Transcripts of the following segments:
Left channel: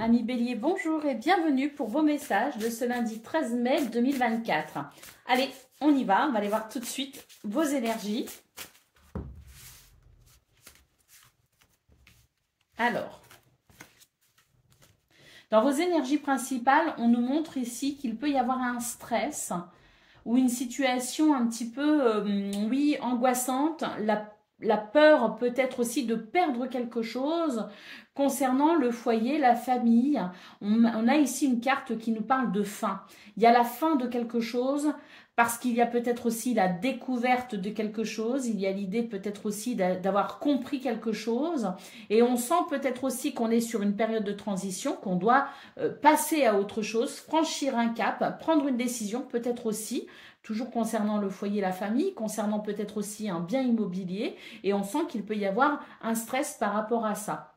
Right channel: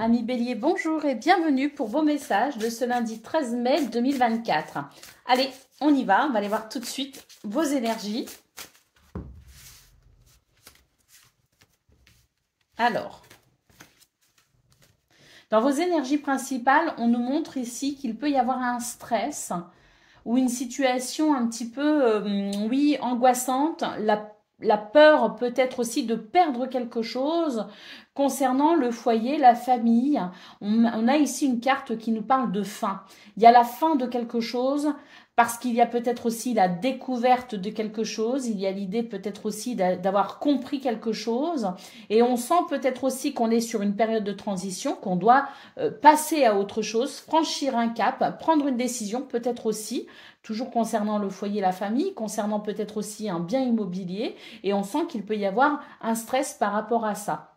Amis Bélier, bonjour et bienvenue pour vos messages de ce lundi 13 mai 2024. Allez, on y va, on va aller voir tout de suite vos énergies. Alors, dans vos énergies principales, on nous montre ici qu'il peut y avoir un stress ou une situation un petit peu, oui, angoissante. La peur peut-être aussi de perdre quelque chose concernant le foyer, la famille. On a ici une carte qui nous parle de fin. Il y a la fin de quelque chose parce qu'il y a peut-être aussi la découverte de quelque chose. Il y a l'idée peut-être aussi d'avoir compris quelque chose. Et on sent peut-être aussi qu'on est sur une période de transition, qu'on doit passer à autre chose, franchir un cap, prendre une décision peut-être aussi. Toujours concernant le foyer, la famille, concernant peut-être aussi un bien immobilier. Et on sent qu'il peut y avoir un stress par rapport à ça.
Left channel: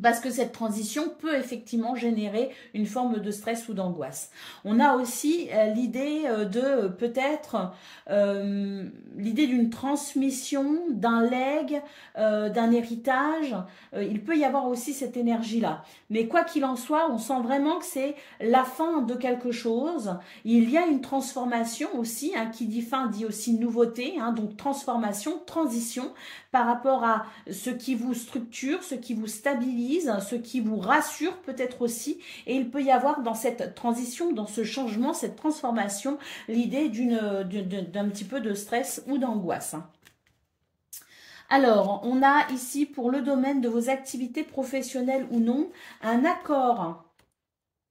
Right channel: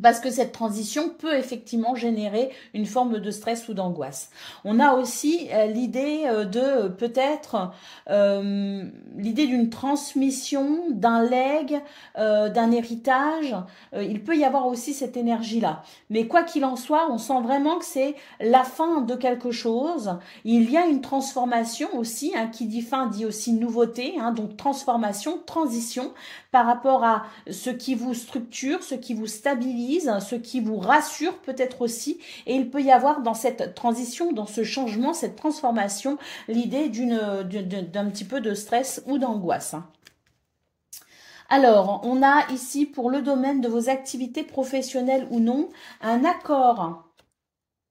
Parce que cette transition peut effectivement générer une forme de stress ou d'angoisse. On a aussi l'idée de peut-être l'idée d'une transmission, d'un legs, d'un héritage. Il peut y avoir aussi cette énergie-là. Mais quoi qu'il en soit, on sent vraiment que c'est la fin de quelque chose. Il y a une transformation aussi, hein, qui dit fin dit aussi nouveauté, hein, donc transformation, transition par rapport à ce qui vous structure, ce qui vous stabilise, ce qui vous rassure peut-être aussi. Et il peut y avoir dans cette transition, dans ce changement, cette transformation, l'idée d'un petit peu de stress ou d'angoisse. Alors, on a ici pour le domaine de vos activités professionnelles ou non, un accord.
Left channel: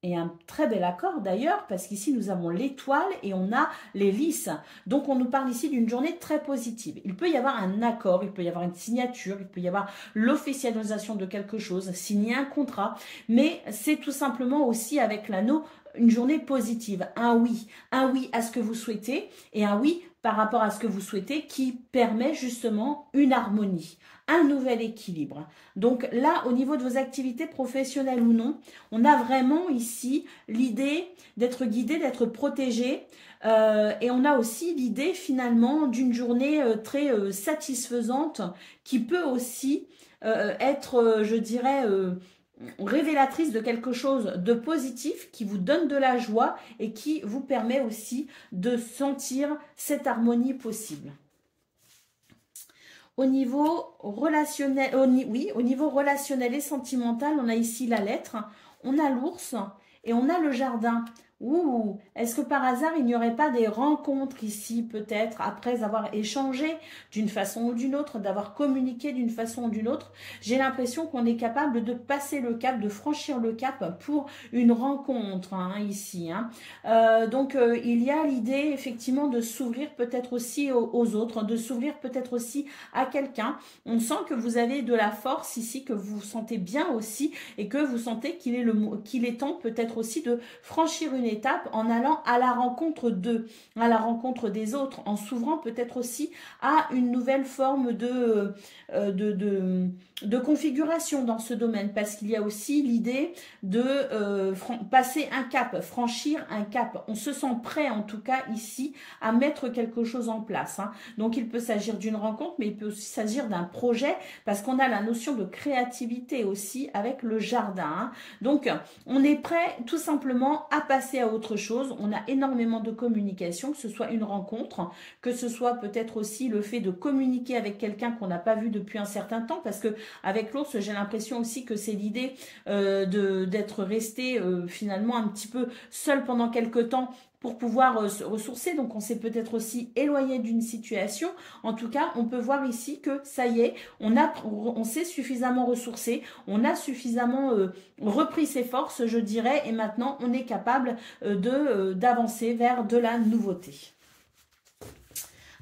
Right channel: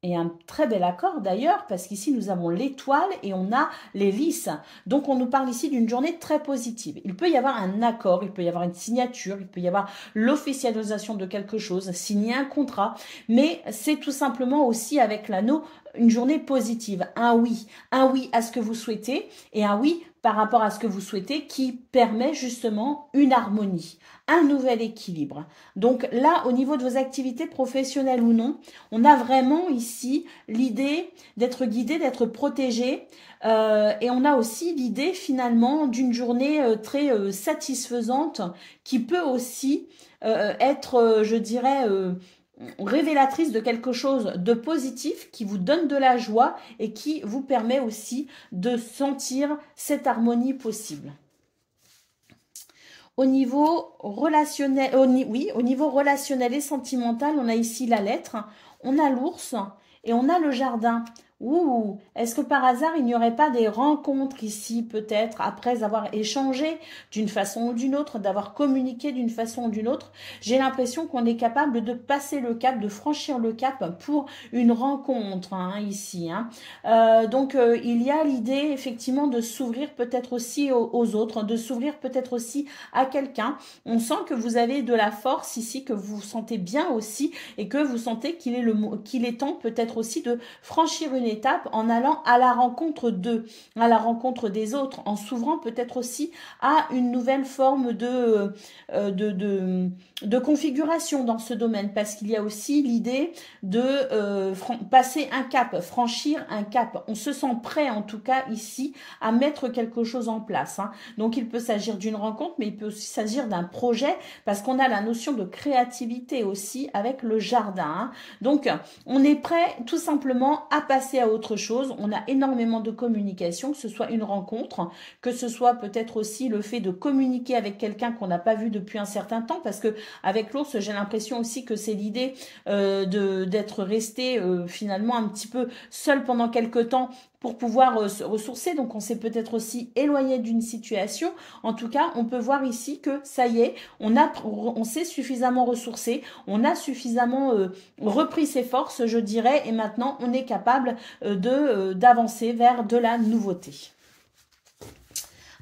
Et un très bel accord d'ailleurs, parce qu'ici nous avons l'étoile et on a les lys. Donc on nous parle ici d'une journée très positive. Il peut y avoir un accord, il peut y avoir une signature, il peut y avoir l'officialisation de quelque chose, signer un contrat. Mais c'est tout simplement aussi avec l'anneau une journée positive. Un oui à ce que vous souhaitez et un oui par rapport à ce que vous souhaitez qui permet justement une harmonie, un nouvel équilibre. Donc là, au niveau de vos activités professionnelles ou non, on a vraiment ici l'idée d'être guidé, d'être protégé. Et on a aussi l'idée finalement d'une journée très satisfaisante qui peut aussi être, je dirais, révélatrice de quelque chose de positif qui vous donne de la joie et qui vous permet aussi de sentir cette harmonie possible. Au niveau relationnel, au niveau relationnel et sentimental, on a ici la lettre, on a l'ours et on a le jardin. Ouh, est-ce que par hasard, il n'y aurait pas des rencontres ici, peut-être, après avoir échangé d'une façon ou d'une autre, d'avoir communiqué d'une façon ou d'une autre? J'ai l'impression qu'on est capable de passer le cap, de franchir le cap pour une rencontre, hein, ici. Hein. Donc, il y a l'idée, effectivement, de s'ouvrir peut-être aussi aux autres, de s'ouvrir peut-être aussi à quelqu'un. On sent que vous avez de la force ici, que vous vous sentez bien aussi et que vous sentez qu'il est temps peut-être aussi de franchir une étape en allant à la rencontre d'eux, à la rencontre des autres, en s'ouvrant peut-être aussi à une nouvelle forme de configuration dans ce domaine, parce qu'il y a aussi l'idée de passer un cap, franchir un cap. On se sent prêt en tout cas ici à mettre quelque chose en place. Hein. Donc il peut s'agir d'une rencontre, mais il peut aussi s'agir d'un projet, parce qu'on a la notion de créativité aussi avec le jardin. Hein. Donc on est prêt tout simplement à passer à autre chose. On a énormément de communication, que ce soit une rencontre, que ce soit peut-être aussi le fait de communiquer avec quelqu'un qu'on n'a pas vu depuis un certain temps, parce que avec l'ours, j'ai l'impression aussi que c'est l'idée d'être resté finalement un petit peu seul pendant quelque temps pour pouvoir se ressourcer. Donc on s'est peut-être aussi éloigné d'une situation. En tout cas, on peut voir ici que ça y est, on s'est suffisamment ressourcé, on a suffisamment repris ses forces, je dirais, et maintenant on est capable d'avancer vers de la nouveauté.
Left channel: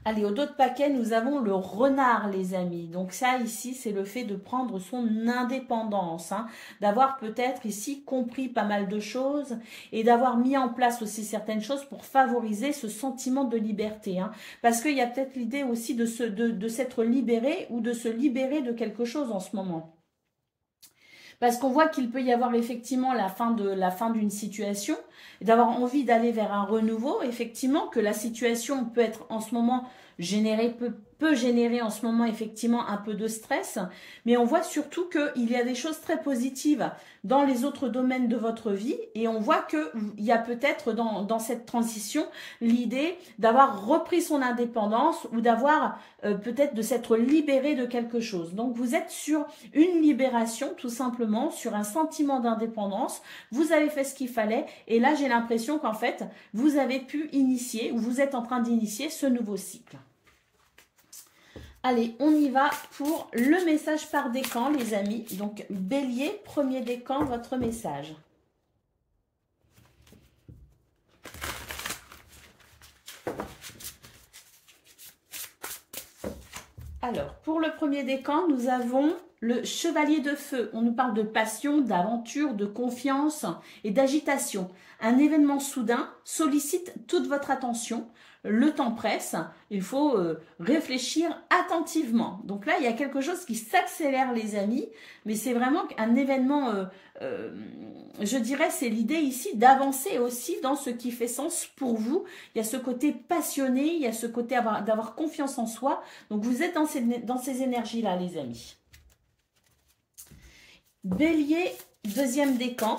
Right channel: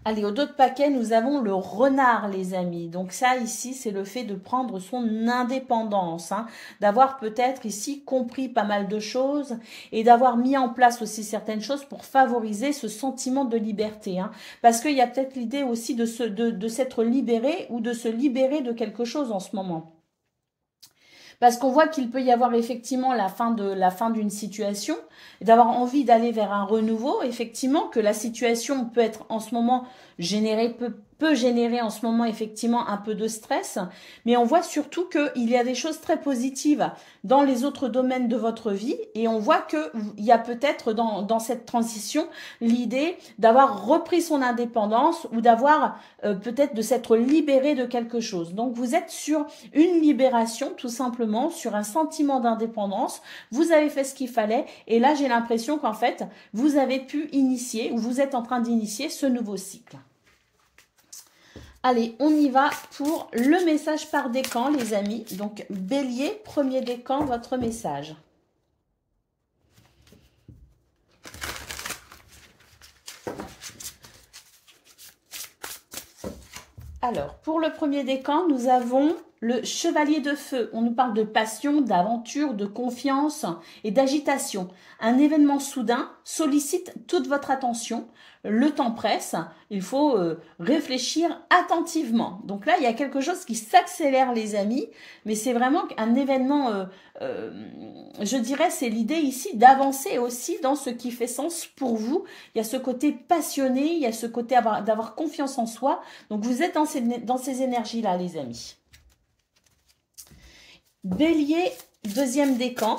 Allez, au dos de paquet, nous avons le renard, les amis. Donc ça, ici, c'est le fait de prendre son indépendance, hein, d'avoir peut-être ici compris pas mal de choses et d'avoir mis en place aussi certaines choses pour favoriser ce sentiment de liberté. Hein, parce qu'il y a peut-être l'idée aussi de s'être libéré ou de se libérer de quelque chose en ce moment. Parce qu'on voit qu'il peut y avoir effectivement la fin d'une situation, d'avoir envie d'aller vers un renouveau, effectivement, que la situation peut être en ce moment peut générer en ce moment effectivement un peu de stress, mais on voit surtout qu'il y a des choses très positives dans les autres domaines de votre vie et on voit qu'il y a peut-être dans cette transition l'idée d'avoir repris son indépendance ou d'avoir peut-être de s'être libéré de quelque chose. Donc vous êtes sur une libération tout simplement, sur un sentiment d'indépendance, vous avez fait ce qu'il fallait et là j'ai l'impression qu'en fait vous avez pu initier ou vous êtes en train d'initier ce nouveau cycle. Allez, on y va pour le message par décan, les amis. Donc, Bélier, premier décan, votre message. Alors, pour le premier décan, nous avons le chevalier de feu. On nous parle de passion, d'aventure, de confiance et d'agitation. Un événement soudain sollicite toute votre attention. Le temps presse, il faut réfléchir attentivement. Donc là, il y a quelque chose qui s'accélère, les amis, mais c'est vraiment un événement, je dirais, c'est l'idée ici d'avancer aussi dans ce qui fait sens pour vous. Il y a ce côté passionné, il y a ce côté d'avoir confiance en soi. Donc vous êtes dans ces énergies-là, les amis. Bélier, deuxième décan.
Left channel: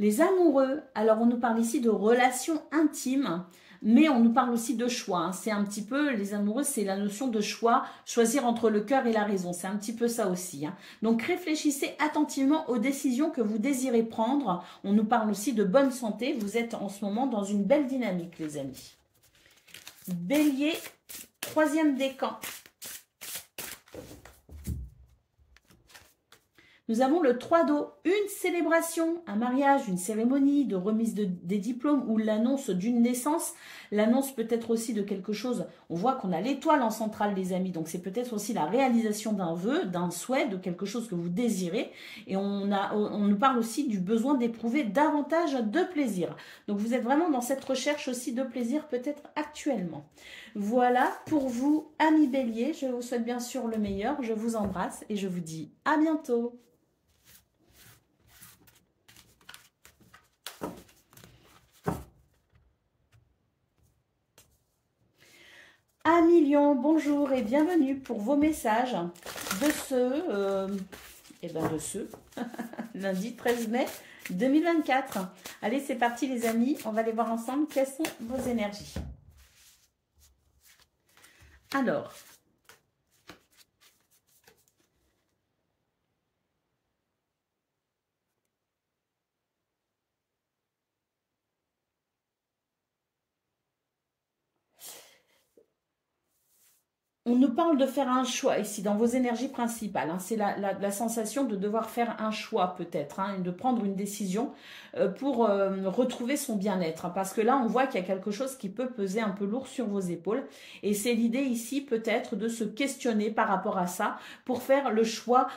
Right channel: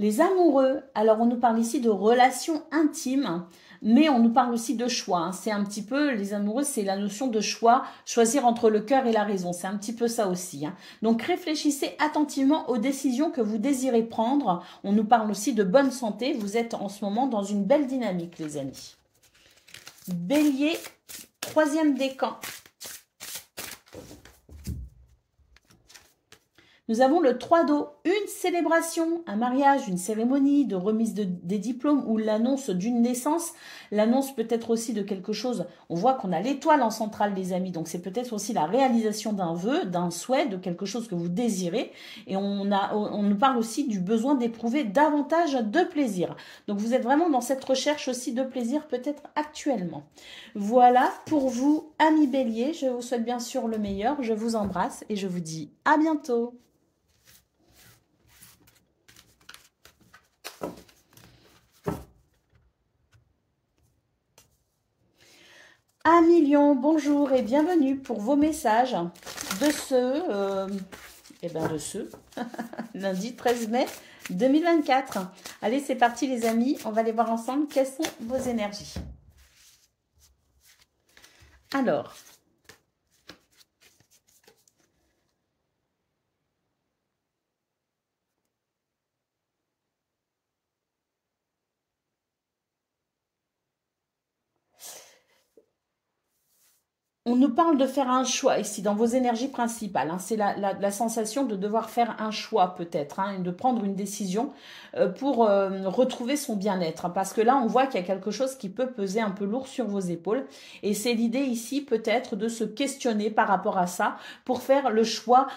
Les amoureux, alors on nous parle ici de relations intimes, mais on nous parle aussi de choix. Hein. C'est un petit peu, les amoureux, c'est la notion de choix, choisir entre le cœur et la raison. C'est un petit peu ça aussi. Hein. Donc réfléchissez attentivement aux décisions que vous désirez prendre. On nous parle aussi de bonne santé. Vous êtes en ce moment dans une belle dynamique, les amis. Bélier, troisième décan. Nous avons le 3 d'eau, une célébration, un mariage, une cérémonie de remise des diplômes ou l'annonce d'une naissance. L'annonce peut être aussi de quelque chose, on voit qu'on a l'étoile en centrale, les amis, donc c'est peut-être aussi la réalisation d'un vœu, d'un souhait, de quelque chose que vous désirez. Et on nous parle aussi du besoin d'éprouver davantage de plaisir. Donc vous êtes vraiment dans cette recherche aussi de plaisir peut-être actuellement. Voilà pour vous, amis Bélier, je vous souhaite bien sûr le meilleur, je vous embrasse et je vous dis à bientôt. Amis Lion, bonjour et bienvenue pour vos messages de ce lundi 13 mai 2024. Allez, c'est parti les amis, on va aller voir ensemble quelles sont vos énergies. Alors, on nous parle de faire un choix ici dans vos énergies principales. Hein. C'est la sensation de devoir faire un choix peut-être, hein, de prendre une décision pour retrouver son bien-être. Hein, parce que là, on voit qu'il y a quelque chose qui peut peser un peu lourd sur vos épaules. Et c'est l'idée ici peut-être de se questionner par rapport à ça pour faire le choix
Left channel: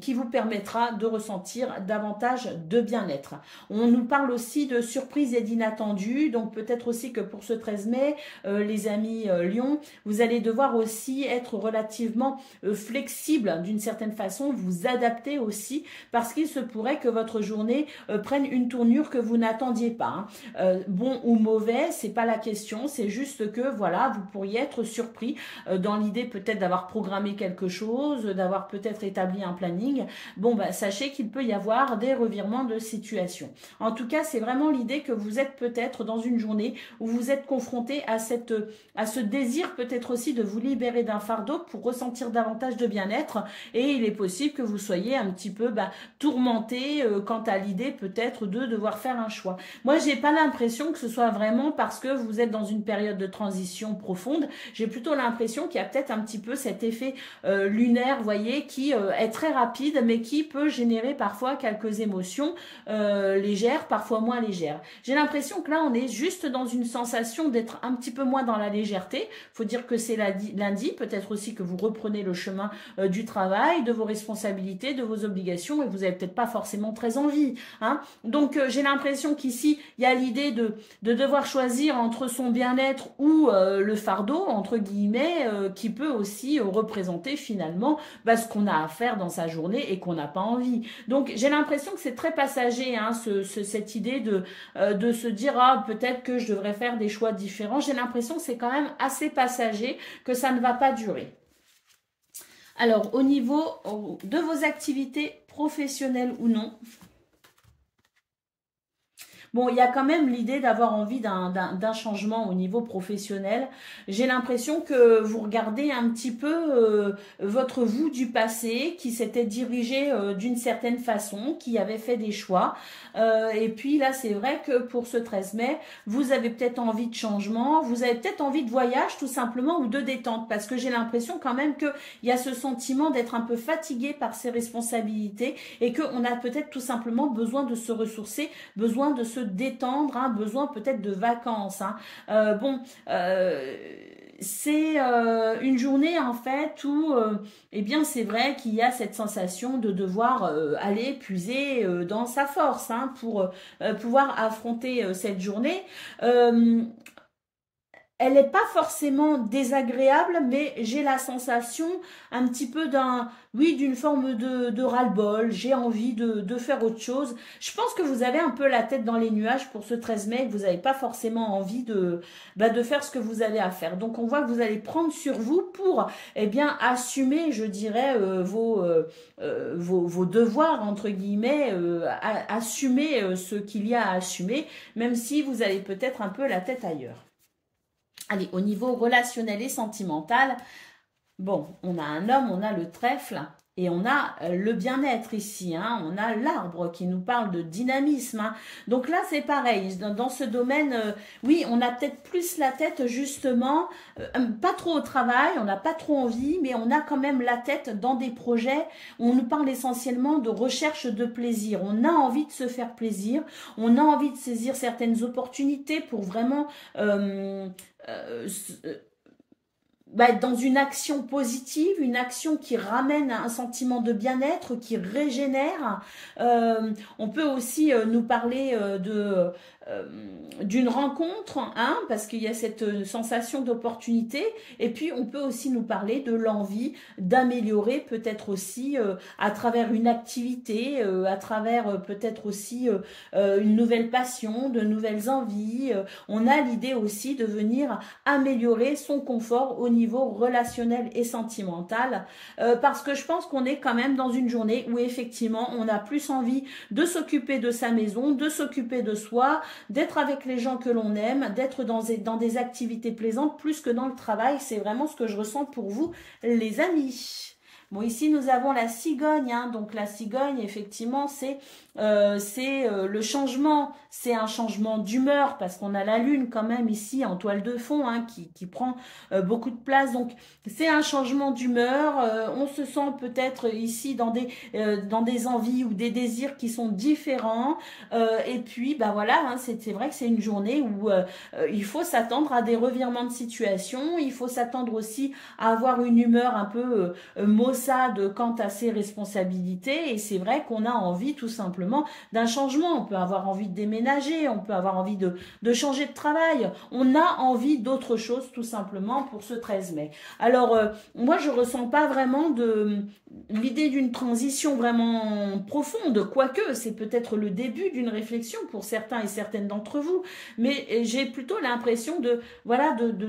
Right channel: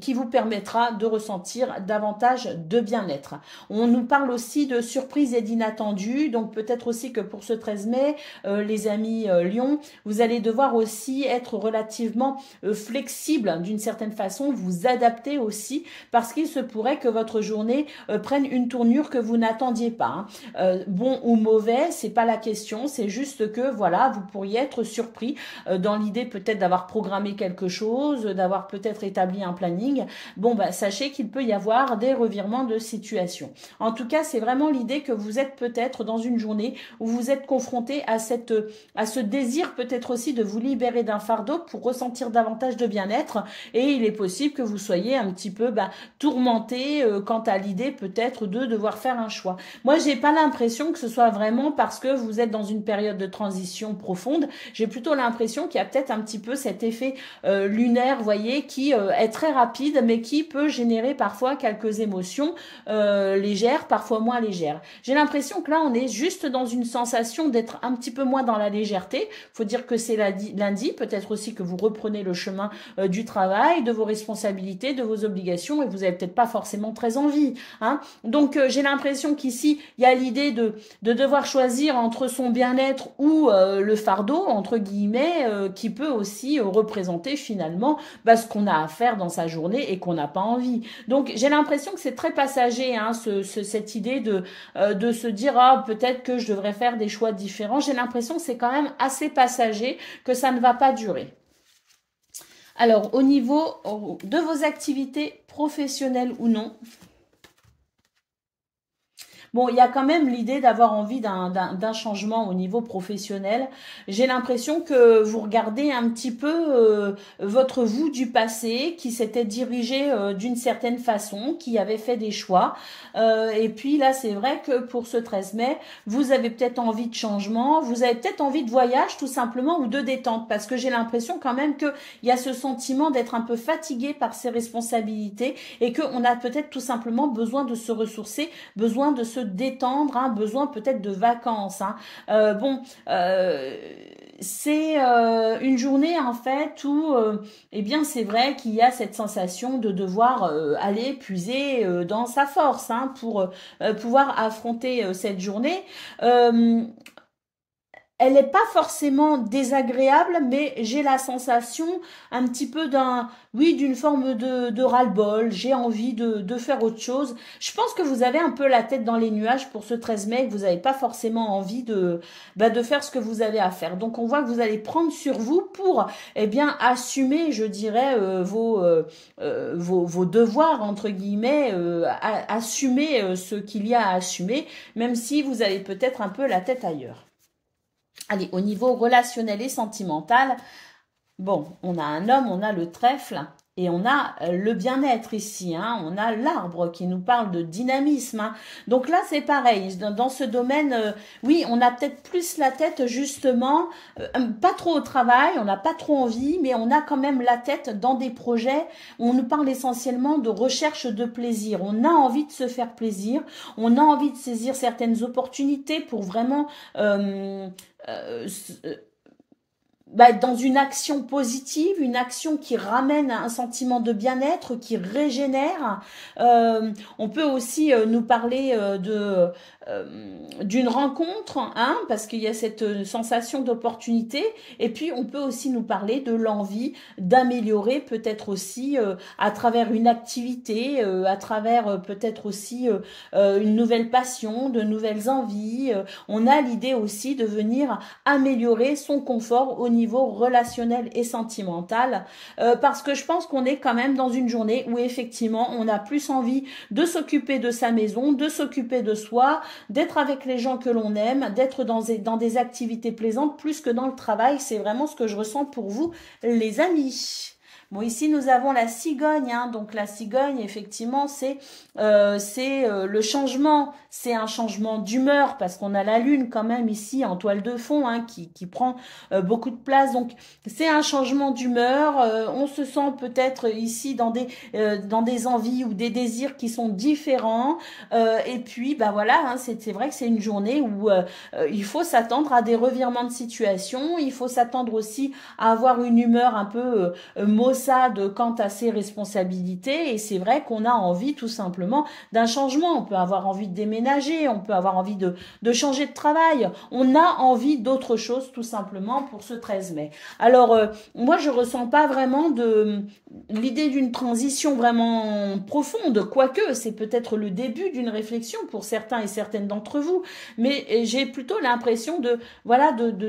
qui vous permettra de ressentir davantage de bien-être. On nous parle aussi de surprises et d'inattendus. Donc peut-être aussi que pour ce 13 mai, les amis Lion, vous allez devoir aussi être relativement flexible d'une certaine façon, vous adapter aussi parce qu'il se pourrait que votre journée prenne une tournure que vous n'attendiez pas. Hein. Bon ou mauvais, c'est pas la question, c'est juste que voilà, vous pourriez être surpris dans l'idée peut-être d'avoir programmé quelque chose, d'avoir peut-être établi un planning. Bon, bah, sachez qu'il peut y avoir des revirements de situation. En tout cas, c'est vraiment l'idée que vous êtes peut-être dans une journée où vous êtes confronté à ce désir peut-être aussi de vous libérer d'un fardeau pour ressentir davantage de bien-être et il est possible que vous soyez un petit peu tourmenté quant à l'idée peut-être de devoir faire un choix. Moi, j'ai pas l'impression que ce soit vraiment parce que vous êtes dans une période de transition profonde. J'ai plutôt l'impression qu'il y a peut-être un petit peu cet effet lunaire, vous voyez, qui est très rapide mais qui peut générer parfois quelques émotions légères, parfois moins légères. J'ai l'impression que là, on est juste dans une sensation d'être un petit peu moins dans la légèreté. Faut dire que c'est la lundi, peut-être aussi que vous reprenez le chemin du travail, de vos responsabilités, de vos obligations, et vous n'avez peut-être pas forcément très envie. Hein. Donc, j'ai l'impression qu'ici, il y a l'idée de devoir choisir entre son bien-être ou le fardeau, entre guillemets, qui peut aussi représenter finalement ce qu'on a à faire dans sa journée et qu'on n'a pas envie. Donc, j'ai l'impression que c'est très passager, hein, cette idée de se dire, ah, peut-être que je devrais faire des choix différents. J'ai l'impression que c'est quand même assez passager, que ça ne va pas durer. Alors, au niveau de vos activités professionnelles ou non, bon, il y a quand même l'idée d'avoir envie d'un changement au niveau professionnel. J'ai l'impression que vous regardez un petit peu votre vous du passé qui s'était dirigé d'une certaine façon, qui avait fait des choix. Et puis là, c'est vrai que pour ce 13 mai, vous avez peut-être envie de changement, vous avez peut-être envie de voyage tout simplement ou de détente parce que j'ai l'impression quand même qu'il y a ce sentiment d'être un peu fatigué par ses responsabilités et qu'on a peut-être tout simplement besoin de se ressourcer, besoin de se détendre, hein, besoin peut-être de vacances. Hein. C'est une journée en fait où, eh bien, c'est vrai qu'il y a cette sensation de devoir aller puiser dans sa force hein, pour pouvoir affronter cette journée. Elle n'est pas forcément désagréable, mais j'ai la sensation un petit peu d'une forme de ras-le-bol. J'ai envie de faire autre chose. Je pense que vous avez un peu la tête dans les nuages pour ce 13 mai, que vous n'avez pas forcément envie de faire ce que vous avez à faire. Donc, on voit que vous allez prendre sur vous pour, eh bien, assumer, je dirais, vos devoirs, entre guillemets, assumer ce qu'il y a à assumer, même si vous avez peut-être un peu la tête ailleurs. Allez, au niveau relationnel et sentimental, bon, on a un homme, on a le trèfle et on a le bien-être ici. Hein, on a l'arbre qui nous parle de dynamisme. Hein. Donc là, c'est pareil. Dans ce domaine, oui, on a peut-être plus la tête justement, pas trop au travail, on n'a pas trop envie, mais on a quand même la tête dans des projets où on nous parle essentiellement de recherche de plaisir. On a envie de se faire plaisir, on a envie de saisir certaines opportunités pour vraiment... dans une action positive, une action qui ramène un sentiment de bien-être, qui régénère. On peut aussi nous parler d'une rencontre, hein, parce qu'il y a cette sensation d'opportunité, et puis on peut aussi nous parler de l'envie d'améliorer peut-être aussi à travers une activité, à travers peut-être aussi une nouvelle passion, de nouvelles envies. On a l'idée aussi de venir améliorer son confort au niveau relationnel et sentimental, parce que je pense qu'on est quand même dans une journée où effectivement on a plus envie de s'occuper de sa maison, de s'occuper de soi, d'être avec les gens que l'on aime, d'être dans des activités plaisantes plus que dans le travail. C'est vraiment ce que je ressens pour vous, les amis. Bon, ici, nous avons la cigogne. Hein. Donc, la cigogne, effectivement, c'est le changement. C'est un changement d'humeur parce qu'on a la lune quand même ici en toile de fond hein, qui prend beaucoup de place. Donc, c'est un changement d'humeur. On se sent peut-être ici dans des envies ou des désirs qui sont différents. Et puis, voilà, hein, c'est vrai que c'est une journée où il faut s'attendre à des revirements de situation. Il faut s'attendre aussi à avoir une humeur un peu maussade quant à ses responsabilités. Et c'est vrai qu'on a envie tout simplement d'un changement. On peut avoir envie de déménager, on peut avoir envie de changer de travail. On a envie d'autre chose tout simplement pour ce 13 mai. Alors, moi, je ressens pas vraiment l'idée d'une transition vraiment profonde, quoique c'est peut-être le début d'une réflexion pour certains et certaines d'entre vous, mais j'ai plutôt l'impression de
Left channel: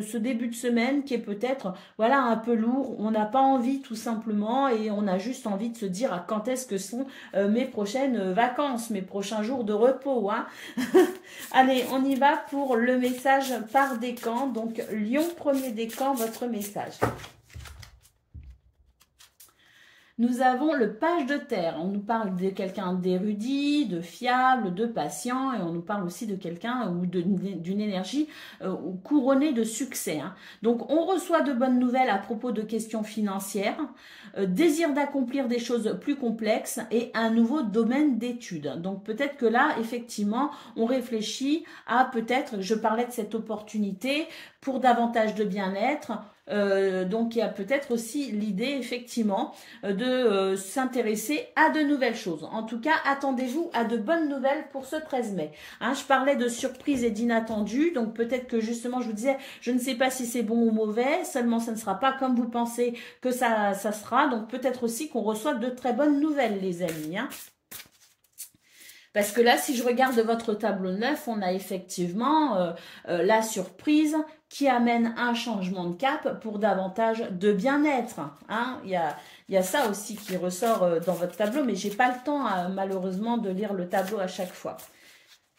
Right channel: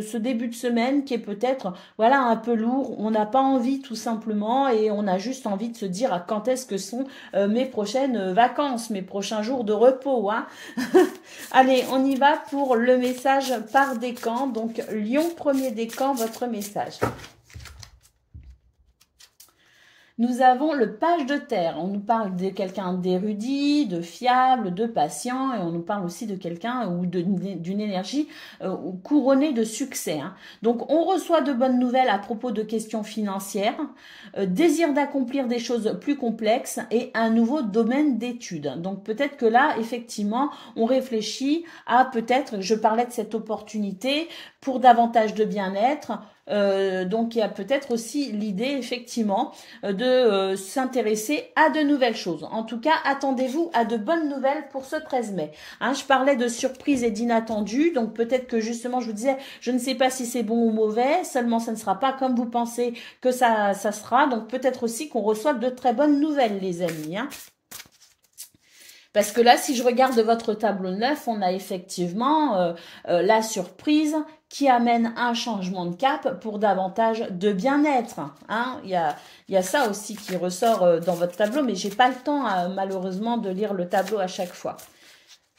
ce début de semaine qui est peut-être un peu lourd. On n'a pas envie tout simplement et on a juste envie de se dire quand est-ce que sont mes prochaines vacances, mes prochains jours de repos. Hein. Allez, on y va pour le message par décan. Donc, Lion, premier décan, votre message. Nous avons le page de terre. On nous parle de quelqu'un d'érudit, de fiable, de patient, et on nous parle aussi de quelqu'un ou d'une énergie couronnée de succès. Hein. Donc, on reçoit de bonnes nouvelles à propos de questions financières, désir d'accomplir des choses plus complexes et un nouveau domaine d'études. Donc, peut-être que là, effectivement, on réfléchit à peut-être, je parlais de cette opportunité pour davantage de bien-être, Donc, il y a peut-être aussi l'idée, effectivement, de s'intéresser à de nouvelles choses. En tout cas, attendez-vous à de bonnes nouvelles pour ce 13 mai. Hein, je parlais de surprise et d'inattendu, donc peut-être que justement, je vous disais, je ne sais pas si c'est bon ou mauvais, seulement ça ne sera pas comme vous pensez que ça sera, donc peut-être aussi qu'on reçoive de très bonnes nouvelles, les amis. Hein. Parce que là, si je regarde votre tableau 9, on a effectivement la surprise qui amène un changement de cap pour davantage de bien-être. Hein. Il y a ça aussi qui ressort dans votre tableau, mais j'ai pas le temps, malheureusement, de lire le tableau à chaque fois.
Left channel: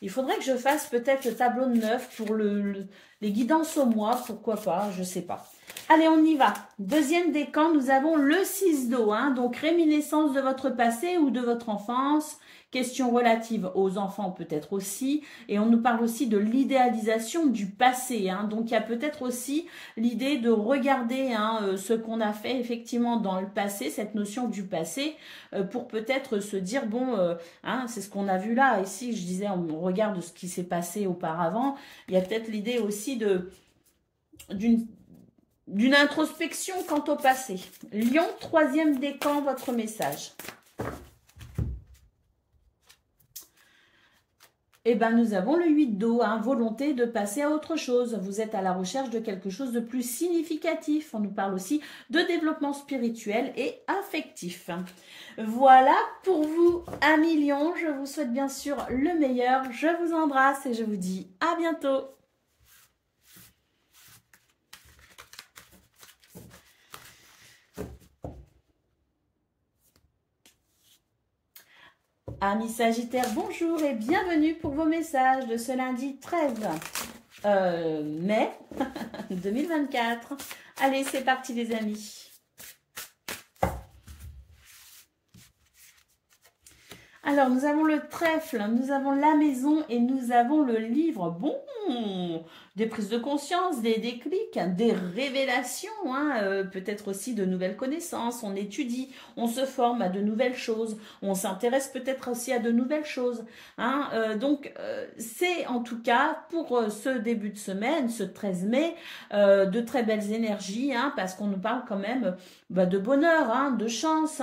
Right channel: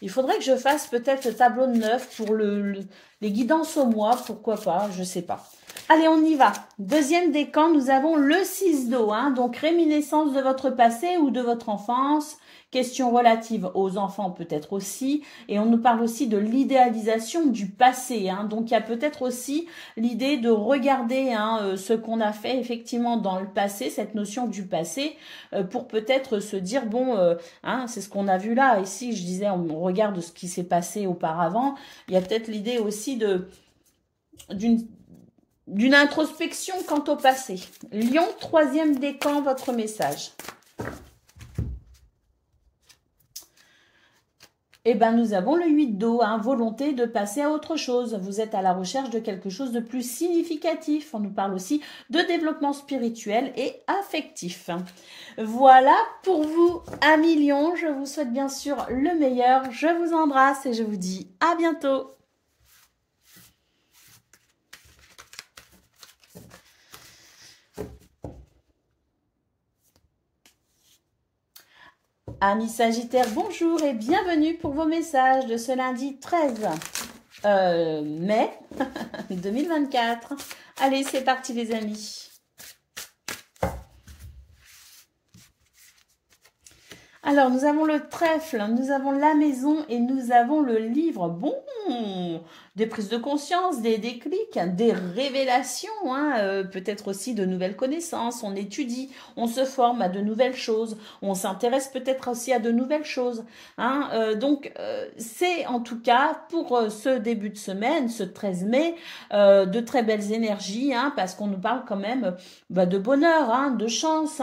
Il faudrait que je fasse peut-être le tableau de 9 pour les guidances au mois, pourquoi pas, je sais pas. Allez, on y va. Deuxième décan, nous avons le 6 d'eau, hein, donc réminiscence de votre passé ou de votre enfance. Questions relatives aux enfants peut-être aussi. Et on nous parle aussi de l'idéalisation du passé. Hein. Donc, il y a peut-être aussi l'idée de regarder ce qu'on a fait effectivement dans le passé, cette notion du passé, pour peut-être se dire, bon, c'est ce qu'on a vu là. Ici, je disais, on regarde ce qui s'est passé auparavant. Il y a peut-être l'idée aussi d'une introspection quant au passé. Lion, troisième décan, votre message. Eh bien, nous avons le 8 d'eau, volonté de passer à autre chose. Vous êtes à la recherche de quelque chose de plus significatif. On nous parle aussi de développement spirituel et affectif. Voilà pour vous, amis Lion. Je vous souhaite bien sûr le meilleur. Je vous embrasse et je vous dis à bientôt. Amis Sagittaires, bonjour et bienvenue pour vos messages de ce lundi 13 mai 2024. Allez, c'est parti les amis. Alors, nous avons le trèfle, nous avons la maison et nous avons le livre. Bon, des prises de conscience, des déclics, des révélations, peut-être aussi de nouvelles connaissances. On étudie, on se forme à de nouvelles choses, on s'intéresse peut-être aussi à de nouvelles choses. Donc, c'est en tout cas pour ce début de semaine, ce 13 mai, de très belles énergies, parce qu'on nous parle quand même de bonheur, de chance,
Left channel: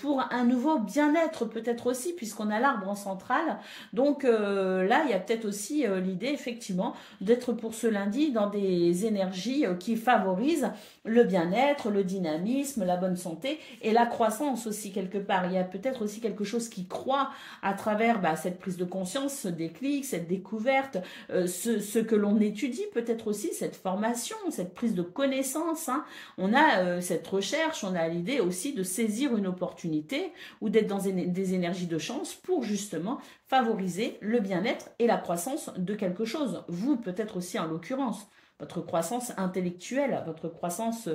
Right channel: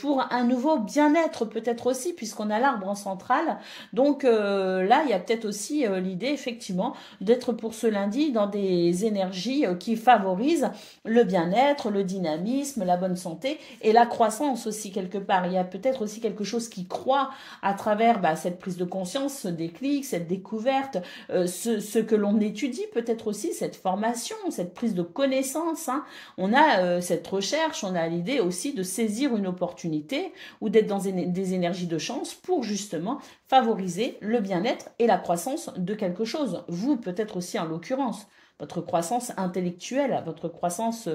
pour un nouveau bien-être peut-être aussi, puisqu'on a l'arbre en centrale. Donc là, il y a peut-être aussi l'idée, effectivement, d'être pour ce lundi dans des énergies qui favorisent le bien-être, le dynamisme, la bonne santé et la croissance aussi quelque part. Il y a peut-être aussi quelque chose qui croît à travers cette prise de conscience, ce déclic, cette découverte, ce que l'on étudie peut-être aussi, cette formation, cette prise de connaissance. On a cette recherche, on a l'idée aussi de saisir une opportunité ou d'être dans des énergies de chance pour justement favoriser le bien-être et la croissance de quelque chose. Vous, peut-être aussi en l'occurrence, votre croissance intellectuelle, votre croissance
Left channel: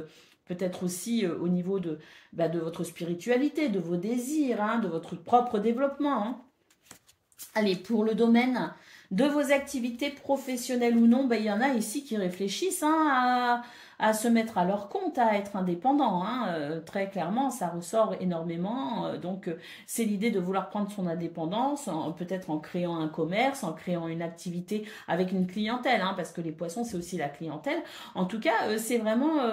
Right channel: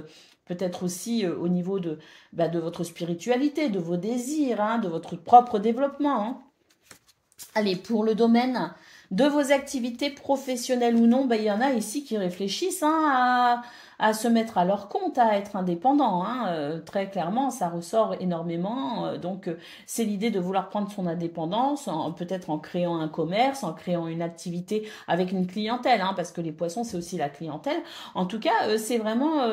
peut-être aussi au niveau de votre spiritualité, de vos désirs, de votre propre développement. Allez, pour le domaine de vos activités professionnelles ou non, il y en a ici qui réfléchissent à se mettre à leur compte, à être indépendant. Très clairement, ça ressort énormément. Donc, c'est l'idée de vouloir prendre son indépendance, peut-être en créant un commerce, en créant une activité avec une clientèle, parce que les poissons, c'est aussi la clientèle. En tout cas, c'est vraiment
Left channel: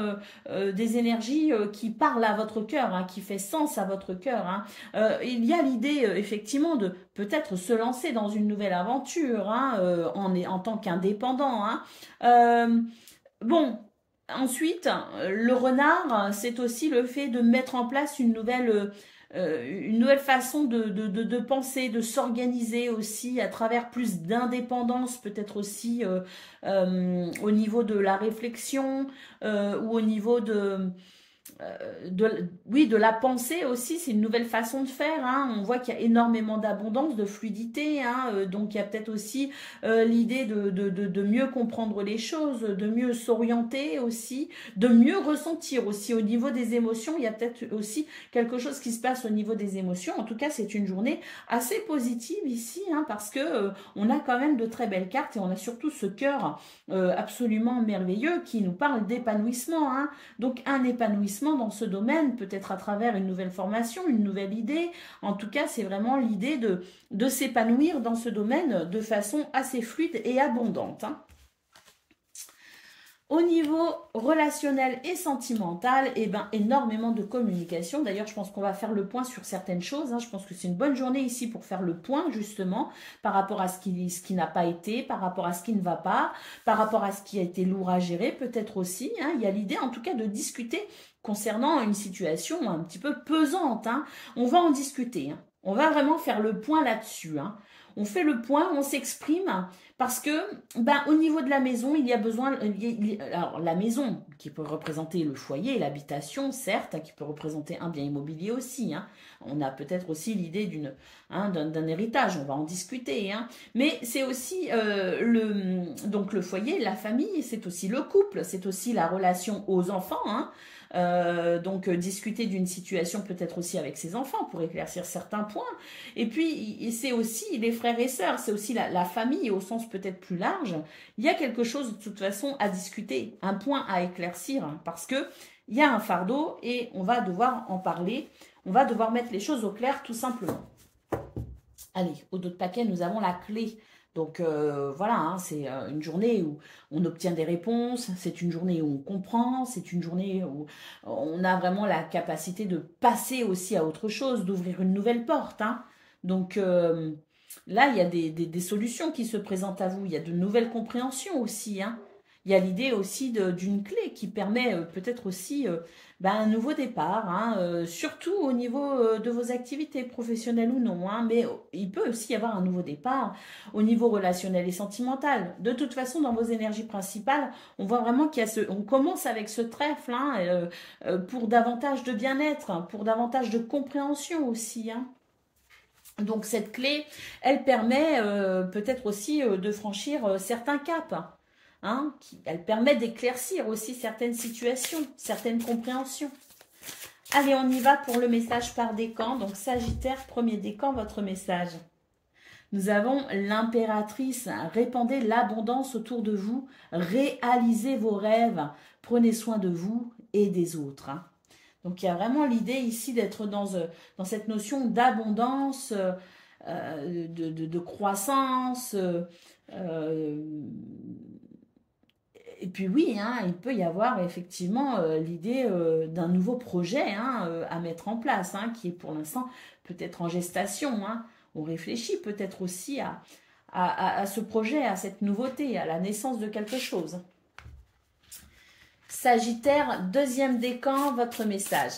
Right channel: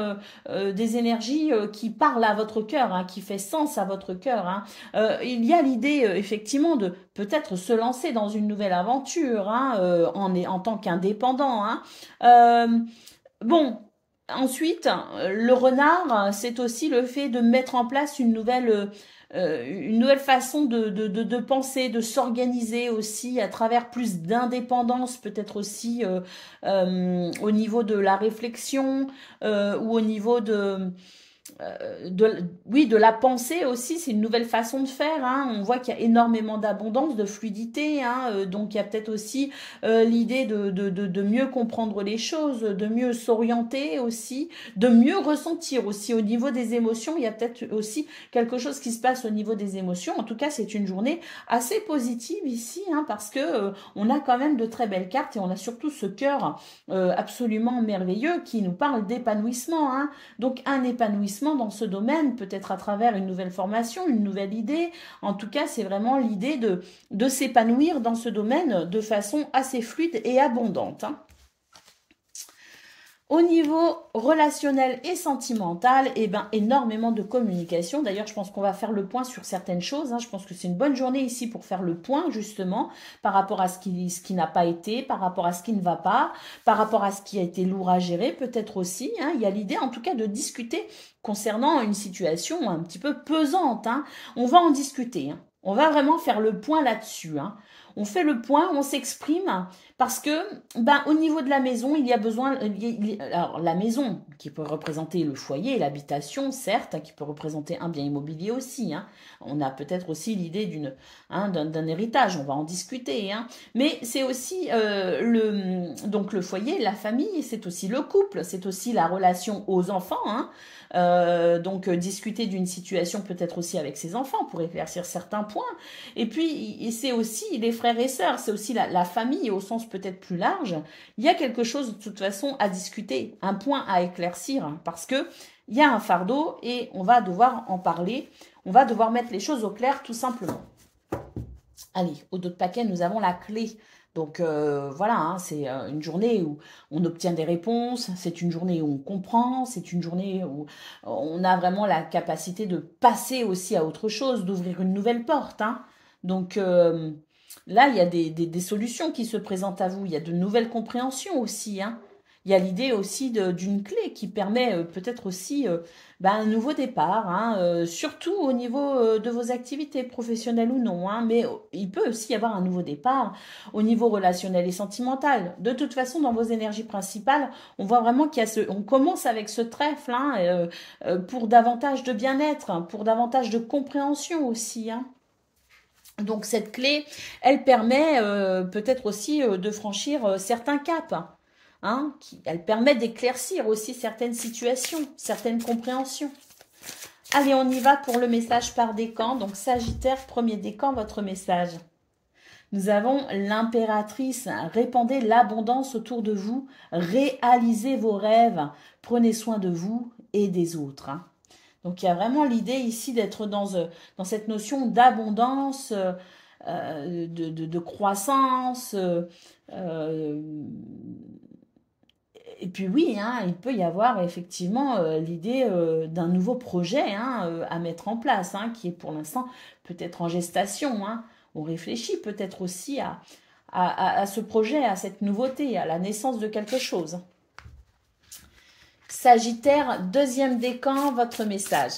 des énergies qui parlent à votre cœur, qui fait sens à votre cœur. Il y a l'idée, effectivement, de peut-être se lancer dans une nouvelle aventure en tant qu'indépendant. Bon. Ensuite, le renard, c'est aussi le fait de mettre en place une nouvelle façon de penser, de s'organiser aussi à travers plus d'indépendance, peut-être aussi au niveau de la réflexion ou au niveau de la pensée aussi. C'est une nouvelle façon de faire. On voit qu'il y a énormément d'abondance, de fluidité. Donc, il y a peut-être aussi l'idée de mieux comprendre les choses, de mieux s'orienter aussi, de mieux ressentir aussi au niveau des émotions. Il y a peut-être aussi quelque chose qui se passe au niveau des émotions. En tout cas, c'est une journée assez positive ici, parce que on a quand même de très belles cartes et on a surtout ce cœur absolument merveilleux qui nous parle d'épanouissement. Donc, un épanouissement dans ce domaine, peut-être à travers une nouvelle formation, une nouvelle idée. En tout cas, c'est vraiment l'idée de s'épanouir dans ce domaine de façon assez fluide et abondante. Au niveau relationnel et sentimental, eh ben, énormément de communication. D'ailleurs, je pense qu'on va faire le point sur certaines choses. Hein. Je pense que c'est une bonne journée ici pour faire le point, justement, par rapport à ce qui n'a pas été, par rapport à ce qui ne va pas, par rapport à ce qui a été lourd à gérer, peut-être aussi. Hein. Il y a l'idée, en tout cas, de discuter concernant une situation un petit peu pesante. Hein. On va en discuter. Hein. On va vraiment faire le point là-dessus. Hein. On fait le point, on s'exprime. Parce que, ben, au niveau de la maison, il y a besoin, alors la maison qui peut représenter le foyer, l'habitation, certes, qui peut représenter un bien immobilier aussi. Hein. On a peut-être aussi l'idée d'un héritage, on va en discuter. Hein. Mais c'est aussi donc le foyer, la famille, c'est aussi le couple, c'est aussi la relation aux enfants. Hein. Donc discuter d'une situation peut-être aussi avec ses enfants pour éclaircir certains points. Et puis c'est aussi les frères et sœurs, c'est aussi la famille au sens peut-être plus large. Il y a quelque chose de toute façon à discuter, un point à éclaircir, hein, parce que il y a un fardeau et on va devoir en parler, on va devoir mettre les choses au clair tout simplement. Allez, au dos de paquet, nous avons la clé. Donc voilà, hein, c'est une journée où on obtient des réponses, c'est une journée où on comprend, c'est une journée où on a vraiment la capacité de passer aussi à autre chose, d'ouvrir une nouvelle porte. Hein. Donc là, il y a des solutions qui se présentent à vous, il y a de nouvelles compréhensions aussi. Hein. Il y a l'idée aussi d'une clé qui permet peut-être aussi un nouveau départ, hein, surtout au niveau de vos activités professionnelles ou non. Hein, mais il peut aussi y avoir un nouveau départ au niveau relationnel et sentimental. De toute façon, dans vos énergies principales, on voit vraiment on commence avec ce trèfle hein, pour davantage de bien-être, hein, pour davantage de compréhension aussi. Hein. Donc cette clé, elle permet peut-être aussi de franchir certains caps. Hein, elle permet d'éclaircir aussi certaines situations, certaines compréhensions. Allez, on y va pour le message par décan. Donc Sagittaire, premier décan, votre message. Nous avons l'impératrice. Répandez l'abondance autour de vous. Réalisez vos rêves. Prenez soin de vous et des autres. Hein. Donc il y a vraiment l'idée ici d'être dans cette notion d'abondance, de croissance, et puis oui, hein, il peut y avoir effectivement l'idée d'un nouveau projet hein, à mettre en place, hein, qui est pour l'instant peut-être en gestation. Hein. On réfléchit peut-être aussi à ce projet, à cette nouveauté, à la naissance de quelque chose. Sagittaire, deuxième décan, votre message.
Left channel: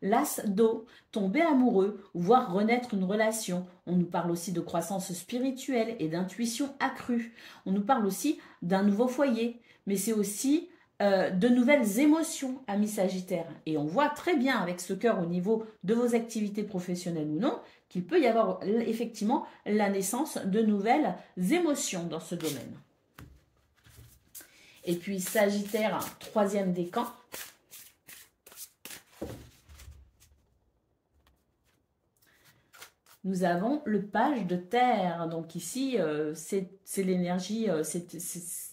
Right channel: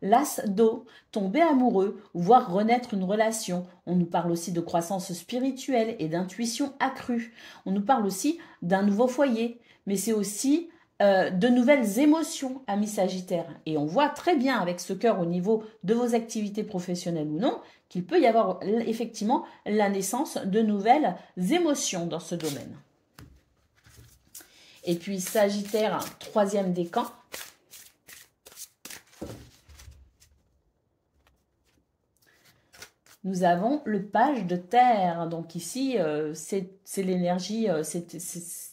L'as d'eau, tomber amoureux, voir renaître une relation. On nous parle aussi de croissance spirituelle et d'intuition accrue. On nous parle aussi d'un nouveau foyer, mais c'est aussi de nouvelles émotions, amis Sagittaires. Et on voit très bien avec ce cœur au niveau de vos activités professionnelles ou non, qu'il peut y avoir effectivement la naissance de nouvelles émotions dans ce domaine. Et puis Sagittaire, troisième décan. Nous avons le page de terre. Donc ici, c'est l'énergie,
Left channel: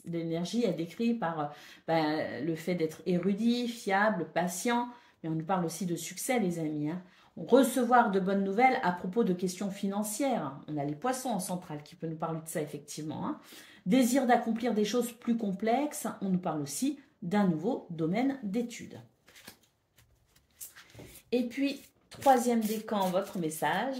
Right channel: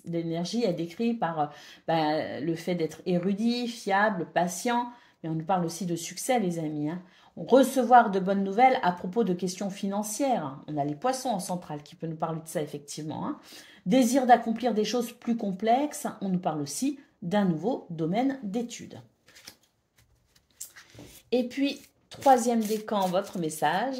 l'énergie est décrite par le fait d'être érudit, fiable, patient. Mais on nous parle aussi de succès, les amis. Hein. Recevoir de bonnes nouvelles à propos de questions financières. On a les poissons en centrale qui peuvent nous parler de ça, effectivement. Hein. Désir d'accomplir des choses plus complexes. On nous parle aussi d'un nouveau domaine d'études. Et puis, troisième décan, votre message.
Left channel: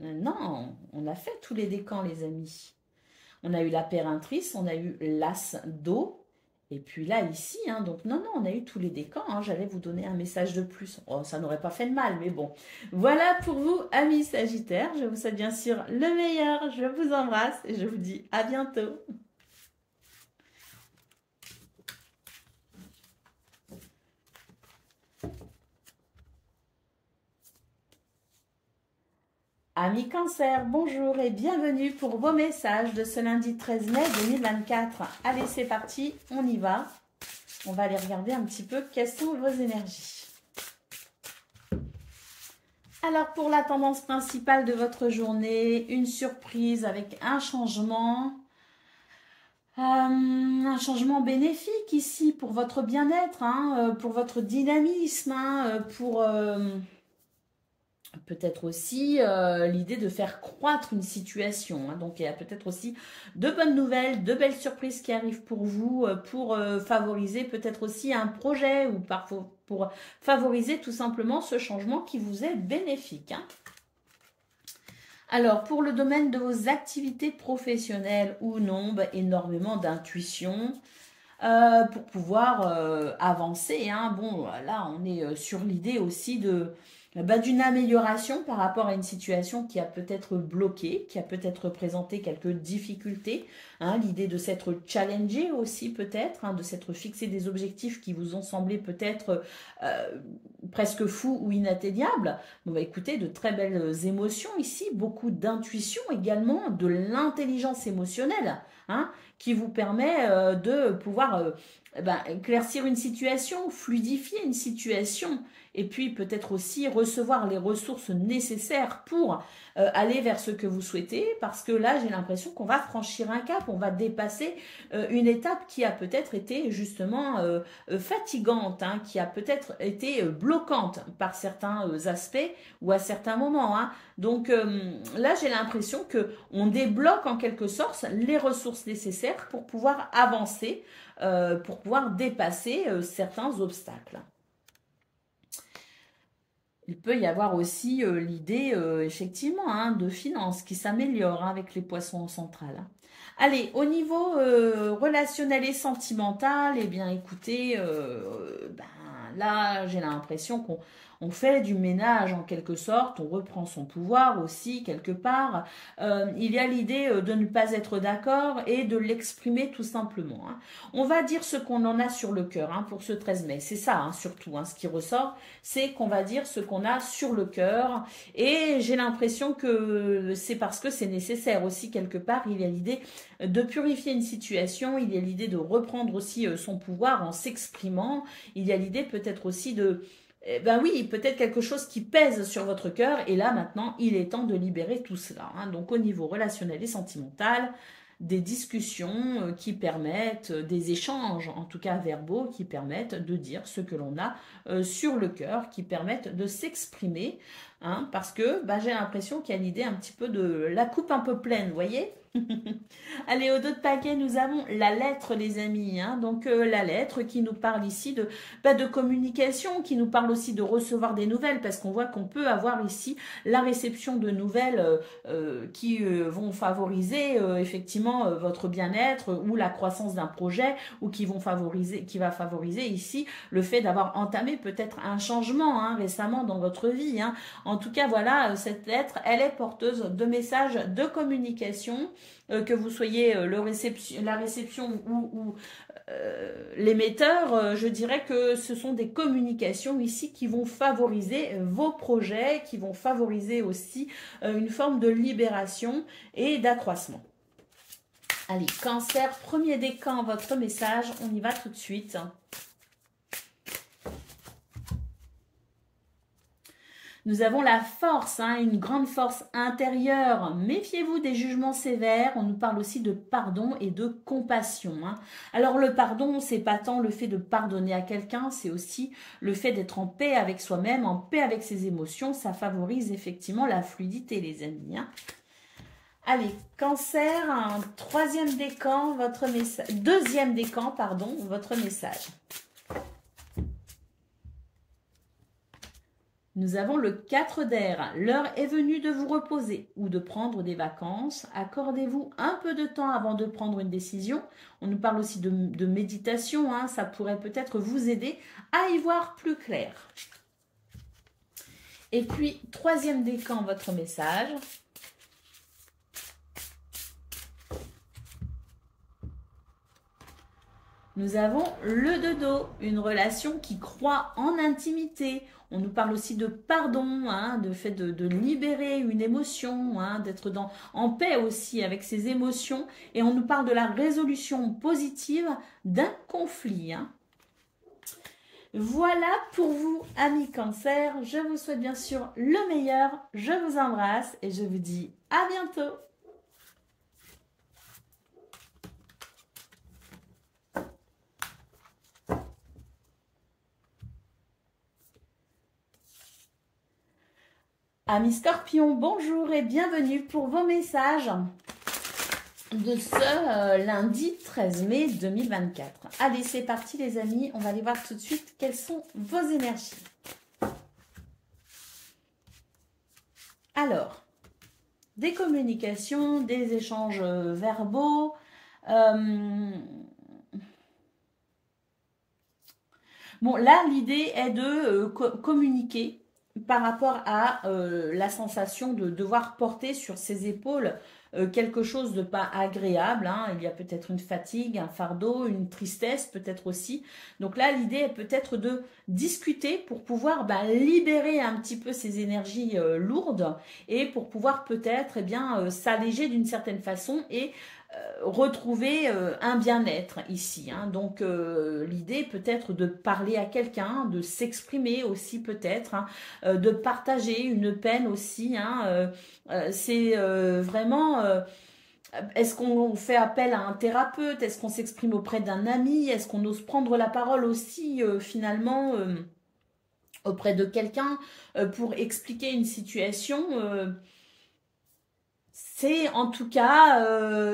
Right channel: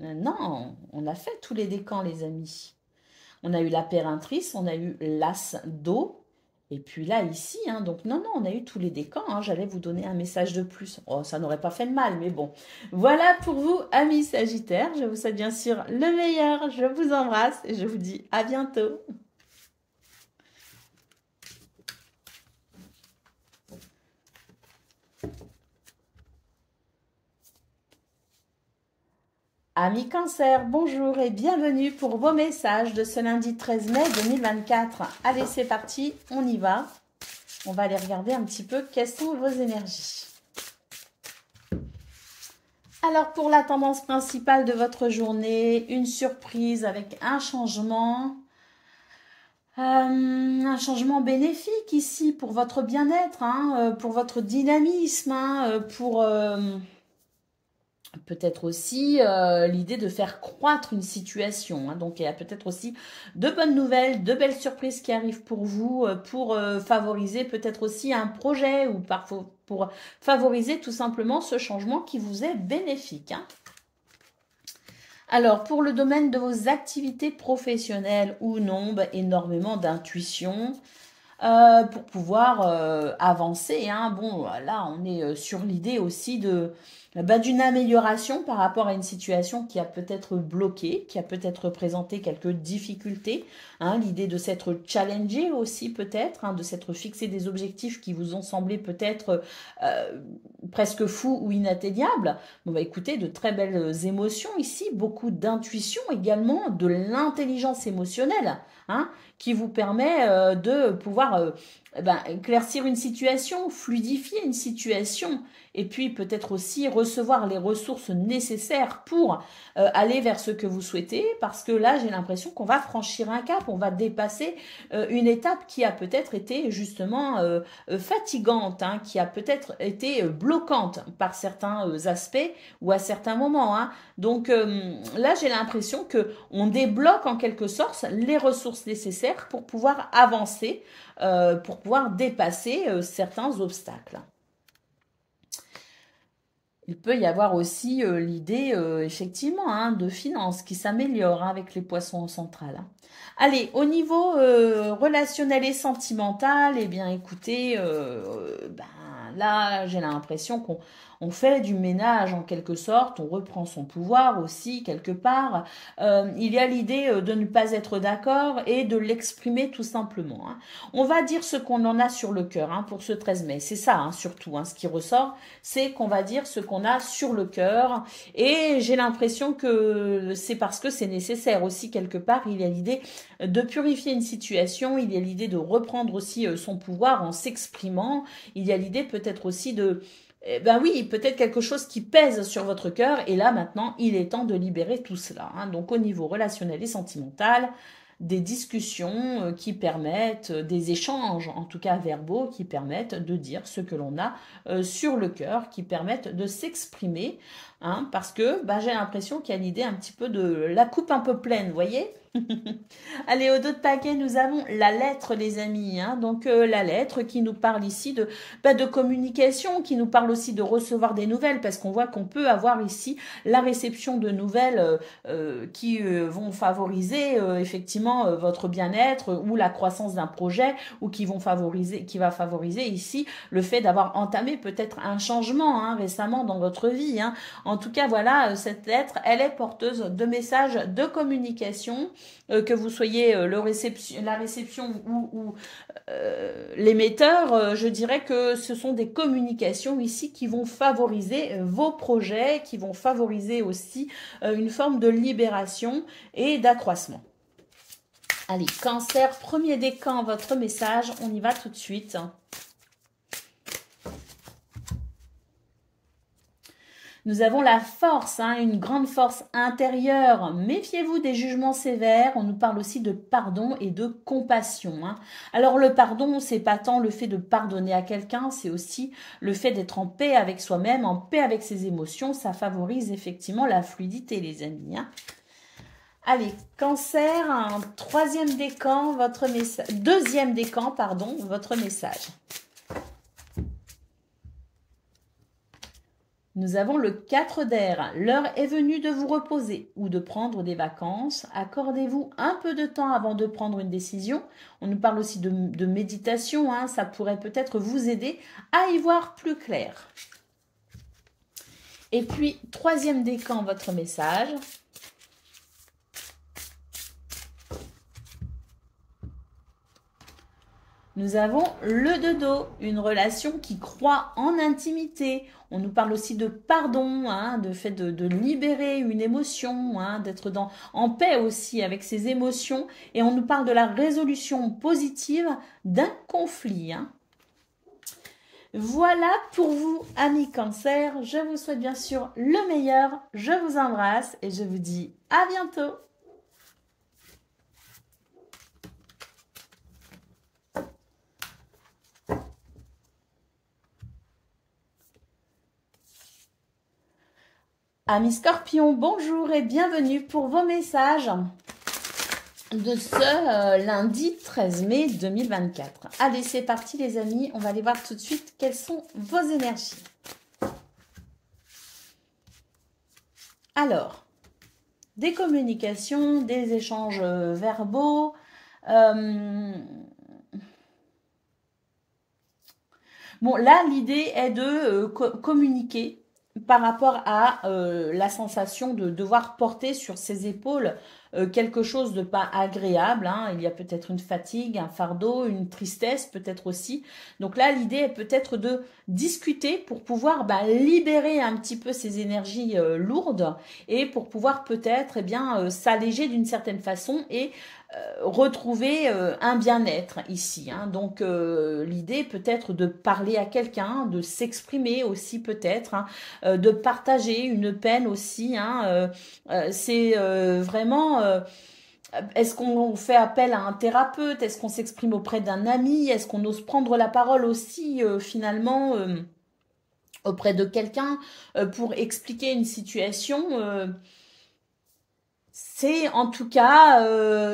Non, on a fait tous les décans, les amis. On a eu la périntrice, on a eu l'as d'eau. Et puis là, ici, hein, donc non, on a eu tous les décans. Hein, j'allais vous donner un message de plus. Oh, ça n'aurait pas fait de mal, mais bon. Voilà pour vous, amis Sagittaires. Je vous souhaite bien sûr le meilleur. Je vous embrasse et je vous dis à bientôt. Amis Cancer, bonjour et bienvenue pour vos messages de ce lundi 13 mai 2024. Allez, c'est parti, on y va. On va aller regarder un petit peu quelles sont vos énergies. Alors, pour la tendance principale de votre journée, une surprise avec un changement bénéfique ici pour votre bien-être, hein, pour votre dynamisme, pour peut-être aussi l'idée de faire croître une situation. Hein. Donc, il y a peut-être aussi de bonnes nouvelles, de belles surprises qui arrivent pour vous, pour favoriser peut-être aussi un projet ou parfois pour favoriser tout simplement ce changement qui vous est bénéfique. Hein. Alors, pour le domaine de vos activités professionnelles ou non, bah, énormément d'intuition pour pouvoir avancer. Hein. Bon, là, on est sur l'idée aussi de d'une amélioration par rapport à une situation qui a peut-être bloqué, qui a peut-être présenté quelques difficultés. Hein, l'idée de s'être challengé aussi peut-être, hein, de s'être fixé des objectifs qui vous ont semblé peut-être presque fous ou inatteignables. Bon, bah, écoutez, de très belles émotions ici, beaucoup d'intuition également, de l'intelligence émotionnelle, hein, qui vous permet de pouvoir éclaircir une situation, fluidifier une situation, et puis peut-être aussi recevoir les ressources nécessaires pour aller vers ce que vous souhaitez, parce que là, j'ai l'impression qu'on va franchir un cap, on va dépasser une étape qui a peut-être été justement fatigante, hein, qui a peut-être été bloquante par certains aspects ou à certains moments. Hein. Donc là, j'ai l'impression qu'on débloque en quelque sorte les ressources nécessaires pour pouvoir avancer, pour pouvoir dépasser certains obstacles. Il peut y avoir aussi l'idée, effectivement, hein, de finances qui s'améliore hein, avec les poissons centrales. Hein. Allez, au niveau relationnel et sentimental, eh bien, écoutez, là, j'ai l'impression qu'on fait du ménage en quelque sorte, on reprend son pouvoir aussi quelque part. Il y a l'idée de ne pas être d'accord et de l'exprimer tout simplement. Hein. On va dire ce qu'on en a sur le cœur hein, pour ce 13 mai. C'est ça hein, surtout, hein, ce qui ressort, c'est qu'on va dire ce qu'on a sur le cœur. Et j'ai l'impression que c'est parce que c'est nécessaire aussi quelque part. Il y a l'idée de purifier une situation, il y a l'idée de reprendre aussi son pouvoir en s'exprimant. Il y a l'idée peut-être aussi de... Ben oui, peut-être quelque chose qui pèse sur votre cœur. Et là, maintenant, il est temps de libérer tout cela. Hein. Donc, au niveau relationnel et sentimental, des discussions qui permettent, des échanges, en tout cas verbaux, qui permettent de dire ce que l'on a sur le cœur, qui permettent de s'exprimer. Hein, parce que ben, j'ai l'impression qu'il y a l'idée un petit peu de la coupe un peu pleine, vous voyez. Allez, au dos de paquet, nous avons la lettre, les amis. Hein, donc, la lettre qui nous parle ici de communication, qui nous parle aussi de recevoir des nouvelles, parce qu'on voit qu'on peut avoir ici la réception de nouvelles qui vont favoriser effectivement votre bien-être ou la croissance d'un projet, ou qui va favoriser ici le fait d'avoir entamé peut-être un changement hein, récemment dans votre vie. Hein. En tout cas, voilà, cette lettre, elle est porteuse de messages de communication, que vous soyez la réception ou l'émetteur, je dirais que ce sont des communications ici qui vont favoriser vos projets, qui vont favoriser aussi une forme de libération et d'accroissement. Allez, Cancer, premier décan, votre message, on y va tout de suite. Nous avons la force, hein, une grande force intérieure. Méfiez-vous des jugements sévères. On nous parle aussi de pardon et de compassion. Hein. Alors le pardon, c'est pas tant le fait de pardonner à quelqu'un, c'est aussi le fait d'être en paix avec soi-même, en paix avec ses émotions. Ça favorise effectivement la fluidité, les amis. Hein. Allez, Cancer, un troisième décan, votre message, deuxième décan, pardon, votre message. Nous avons le 4 d'air. L'heure est venue de vous reposer ou de prendre des vacances. Accordez-vous un peu de temps avant de prendre une décision. On nous parle aussi de méditation. Hein. Ça pourrait peut-être vous aider à y voir plus clair. Et puis, troisième décan, votre message. Nous avons le dodo, une relation qui croît en intimité. On nous parle aussi de pardon, hein, de fait de libérer une émotion, hein, d'être en paix aussi avec ses émotions. Et on nous parle de la résolution positive d'un conflit. Hein. Voilà pour vous, amis Cancer. Je vous souhaite bien sûr le meilleur. Je vous embrasse et je vous dis à bientôt. Amis Scorpions, bonjour et bienvenue pour vos messages de ce lundi 13 mai 2024. Allez, c'est parti les amis, on va aller voir tout de suite quelles sont vos énergies. Alors, des communications, des échanges verbaux, bon, là, l'idée est de communiquer par rapport à la sensation de devoir porter sur ses épaules quelque chose de pas agréable. Hein. Il y a peut-être une fatigue, un fardeau, une tristesse peut-être aussi. Donc là, l'idée est peut-être de discuter pour pouvoir libérer un petit peu ces énergies lourdes et pour pouvoir peut-être s'alléger d'une certaine façon et retrouver un bien-être ici. Hein. Donc, l'idée peut-être de parler à quelqu'un, de s'exprimer aussi peut-être, hein, de partager une peine aussi. Hein. C'est vraiment... est-ce qu'on fait appel à un thérapeute? Est-ce qu'on s'exprime auprès d'un ami? Est-ce qu'on ose prendre la parole aussi finalement auprès de quelqu'un pour expliquer une situation c'est en tout cas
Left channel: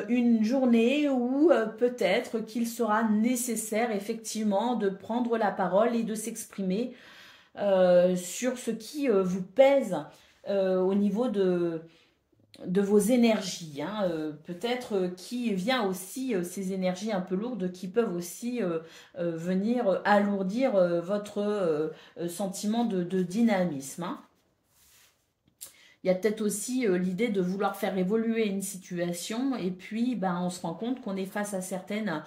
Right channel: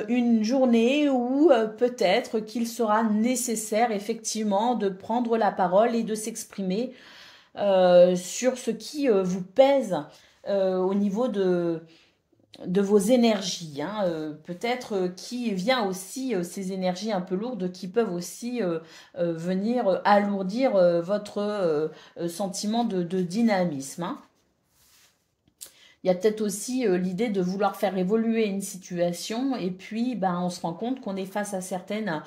une journée où peut-être qu'il sera nécessaire effectivement de prendre la parole et de s'exprimer sur ce qui vous pèse au niveau de vos énergies. Hein, peut-être qui vient aussi ces énergies un peu lourdes qui peuvent aussi venir alourdir votre sentiment de dynamisme. Hein. Il y a peut-être aussi l'idée de vouloir faire évoluer une situation et puis on se rend compte qu'on est face à certaines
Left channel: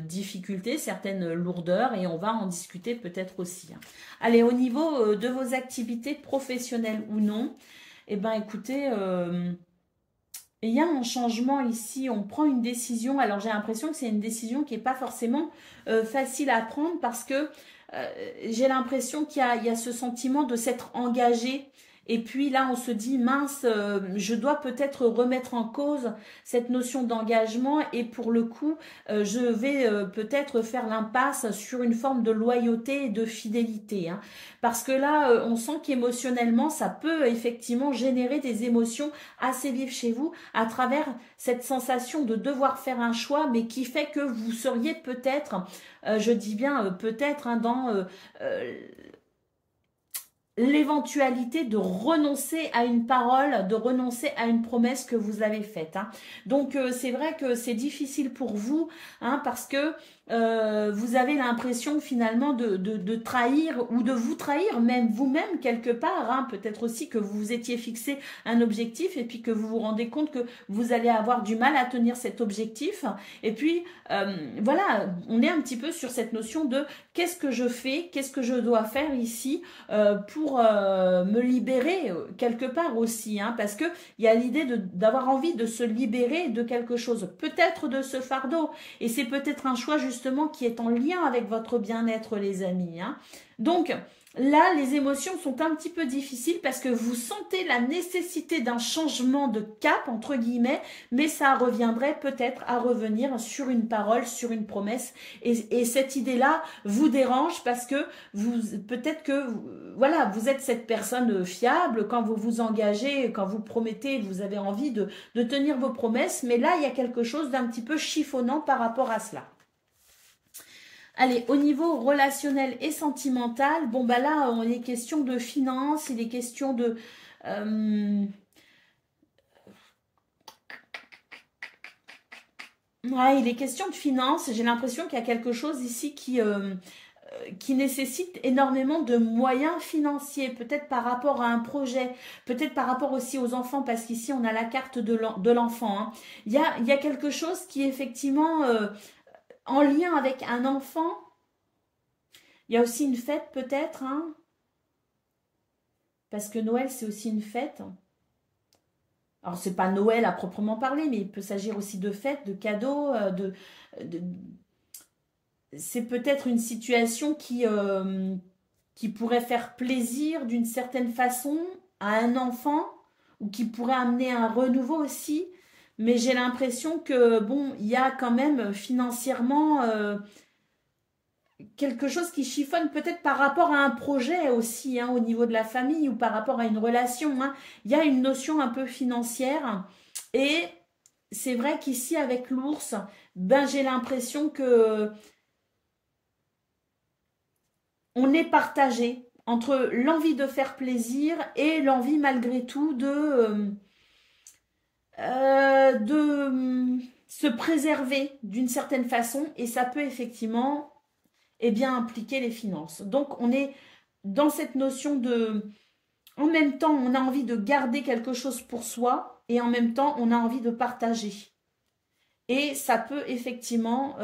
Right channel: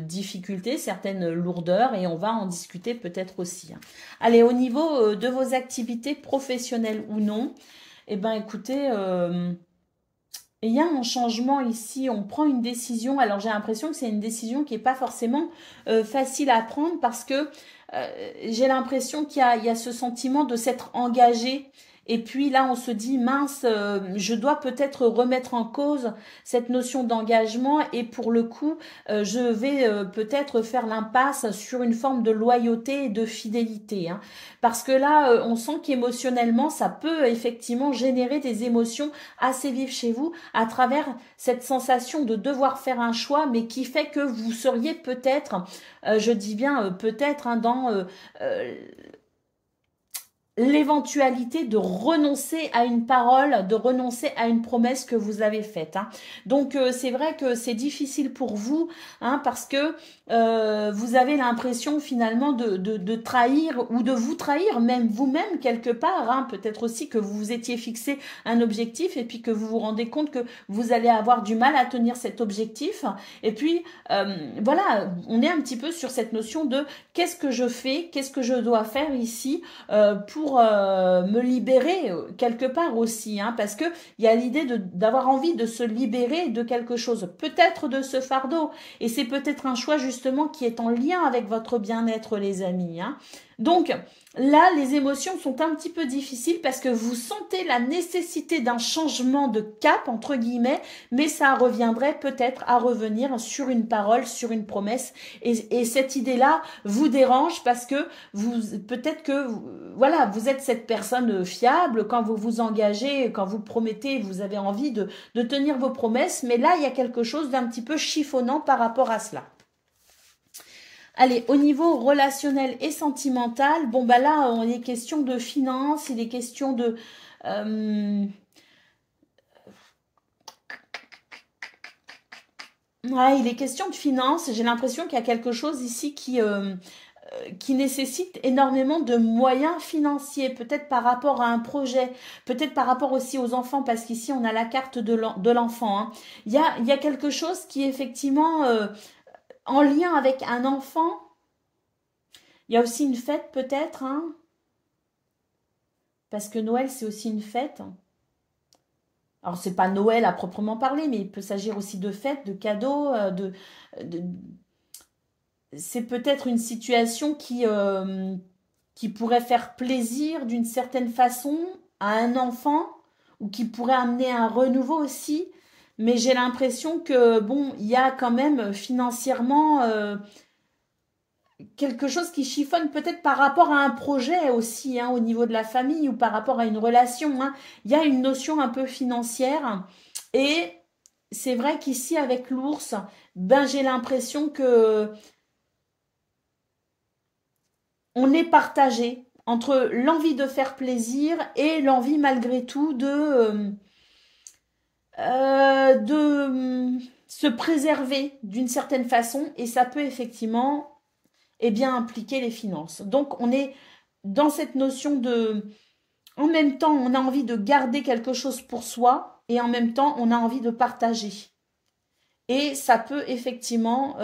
difficultés, certaines lourdeurs et on va en discuter peut-être aussi. Hein. Allez, au niveau de vos activités professionnelles ou non, écoutez, il y a un changement ici, on prend une décision. Alors j'ai l'impression que c'est une décision qui n'est pas forcément facile à prendre parce que j'ai l'impression qu'il y a ce sentiment de s'être engagé. Et puis là, on se dit, mince, je dois peut-être remettre en cause cette notion d'engagement et pour le coup, je vais peut-être faire l'impasse sur une forme de loyauté et de fidélité. Hein. Parce que là, on sent qu'émotionnellement, ça peut effectivement générer des émotions assez vives chez vous à travers cette sensation de devoir faire un choix, mais qui fait que vous seriez peut-être, je dis bien peut-être, hein, dans... l'éventualité de renoncer à une parole, de renoncer à une promesse que vous avez faite. Hein. Donc, c'est vrai que c'est difficile pour vous, hein, parce que vous avez l'impression finalement de trahir ou de vous trahir, même vous-même quelque part. Hein. Peut-être aussi que vous vous étiez fixé un objectif et puis que vous vous rendez compte que vous allez avoir du mal à tenir cet objectif. Et puis, voilà, on est un petit peu sur cette notion de qu'est-ce que je fais, qu'est-ce que je dois faire ici pour me libérer quelque part aussi, hein, parce que il y a l'idée d'avoir envie de se libérer de quelque chose, peut-être de ce fardeau, et c'est peut-être un choix justement qui est en lien avec votre bien-être les amis. Hein. Donc là, les émotions sont un petit peu difficiles parce que vous sentez la nécessité d'un changement de cap, entre guillemets, mais ça reviendrait peut-être à revenir sur une parole, sur une promesse. Et cette idée-là vous dérange parce que peut-être que voilà, vous êtes cette personne fiable. Quand vous vous engagez, quand vous promettez, vous avez envie de tenir vos promesses. Mais là, il y a quelque chose d'un petit peu chiffonnant par rapport à cela. Allez, au niveau relationnel et sentimental, bon là, il est question de finances, il est question de... ouais, il est question de finances. J'ai l'impression qu'il y a quelque chose ici qui nécessite énormément de moyens financiers, peut-être par rapport à un projet, peut-être par rapport aussi aux enfants, parce qu'ici, on a la carte de l'enfant. Hein. Il y a quelque chose qui est effectivement... en lien avec un enfant, il y a aussi une fête peut-être, hein, parce que Noël c'est aussi une fête. Alors c'est pas Noël à proprement parler, mais il peut s'agir aussi de fêtes, de cadeaux, c'est peut-être une situation qui pourrait faire plaisir d'une certaine façon à un enfant, ou qui pourrait amener un renouveau aussi. Mais j'ai l'impression que, bon, il y a quand même financièrement quelque chose qui chiffonne peut-être par rapport à un projet aussi, hein, au niveau de la famille ou par rapport à une relation. Hein. Il y a une notion un peu financière et c'est vrai qu'ici avec l'ours, ben j'ai l'impression que on est partagé entre l'envie de faire plaisir et l'envie malgré tout de se préserver d'une certaine façon et ça peut effectivement eh bien, impliquer les finances. Donc, on est dans cette notion de... En même temps, on a envie de garder quelque chose pour soi et en même temps, on a envie de partager. Et ça peut effectivement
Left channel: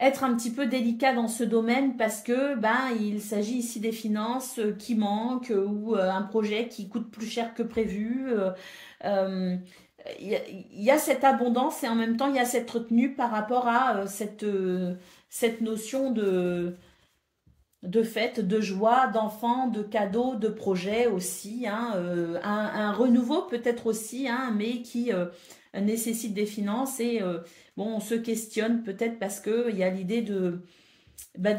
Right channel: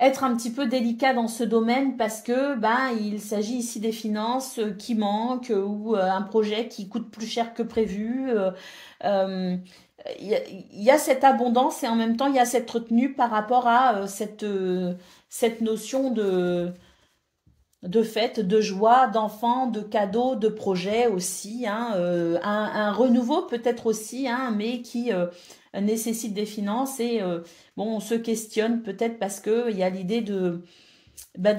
être un petit peu délicat dans ce domaine parce que ben, il s'agit ici des finances qui manquent ou un projet qui coûte plus cher que prévu. Il y a cette abondance et en même temps il y a cette retenue par rapport à cette notion de fête, de joie, d'enfants, de cadeaux, de projets aussi, hein, un renouveau peut-être aussi, hein, mais qui nécessite des finances et bon, on se questionne peut-être parce que il y a l'idée de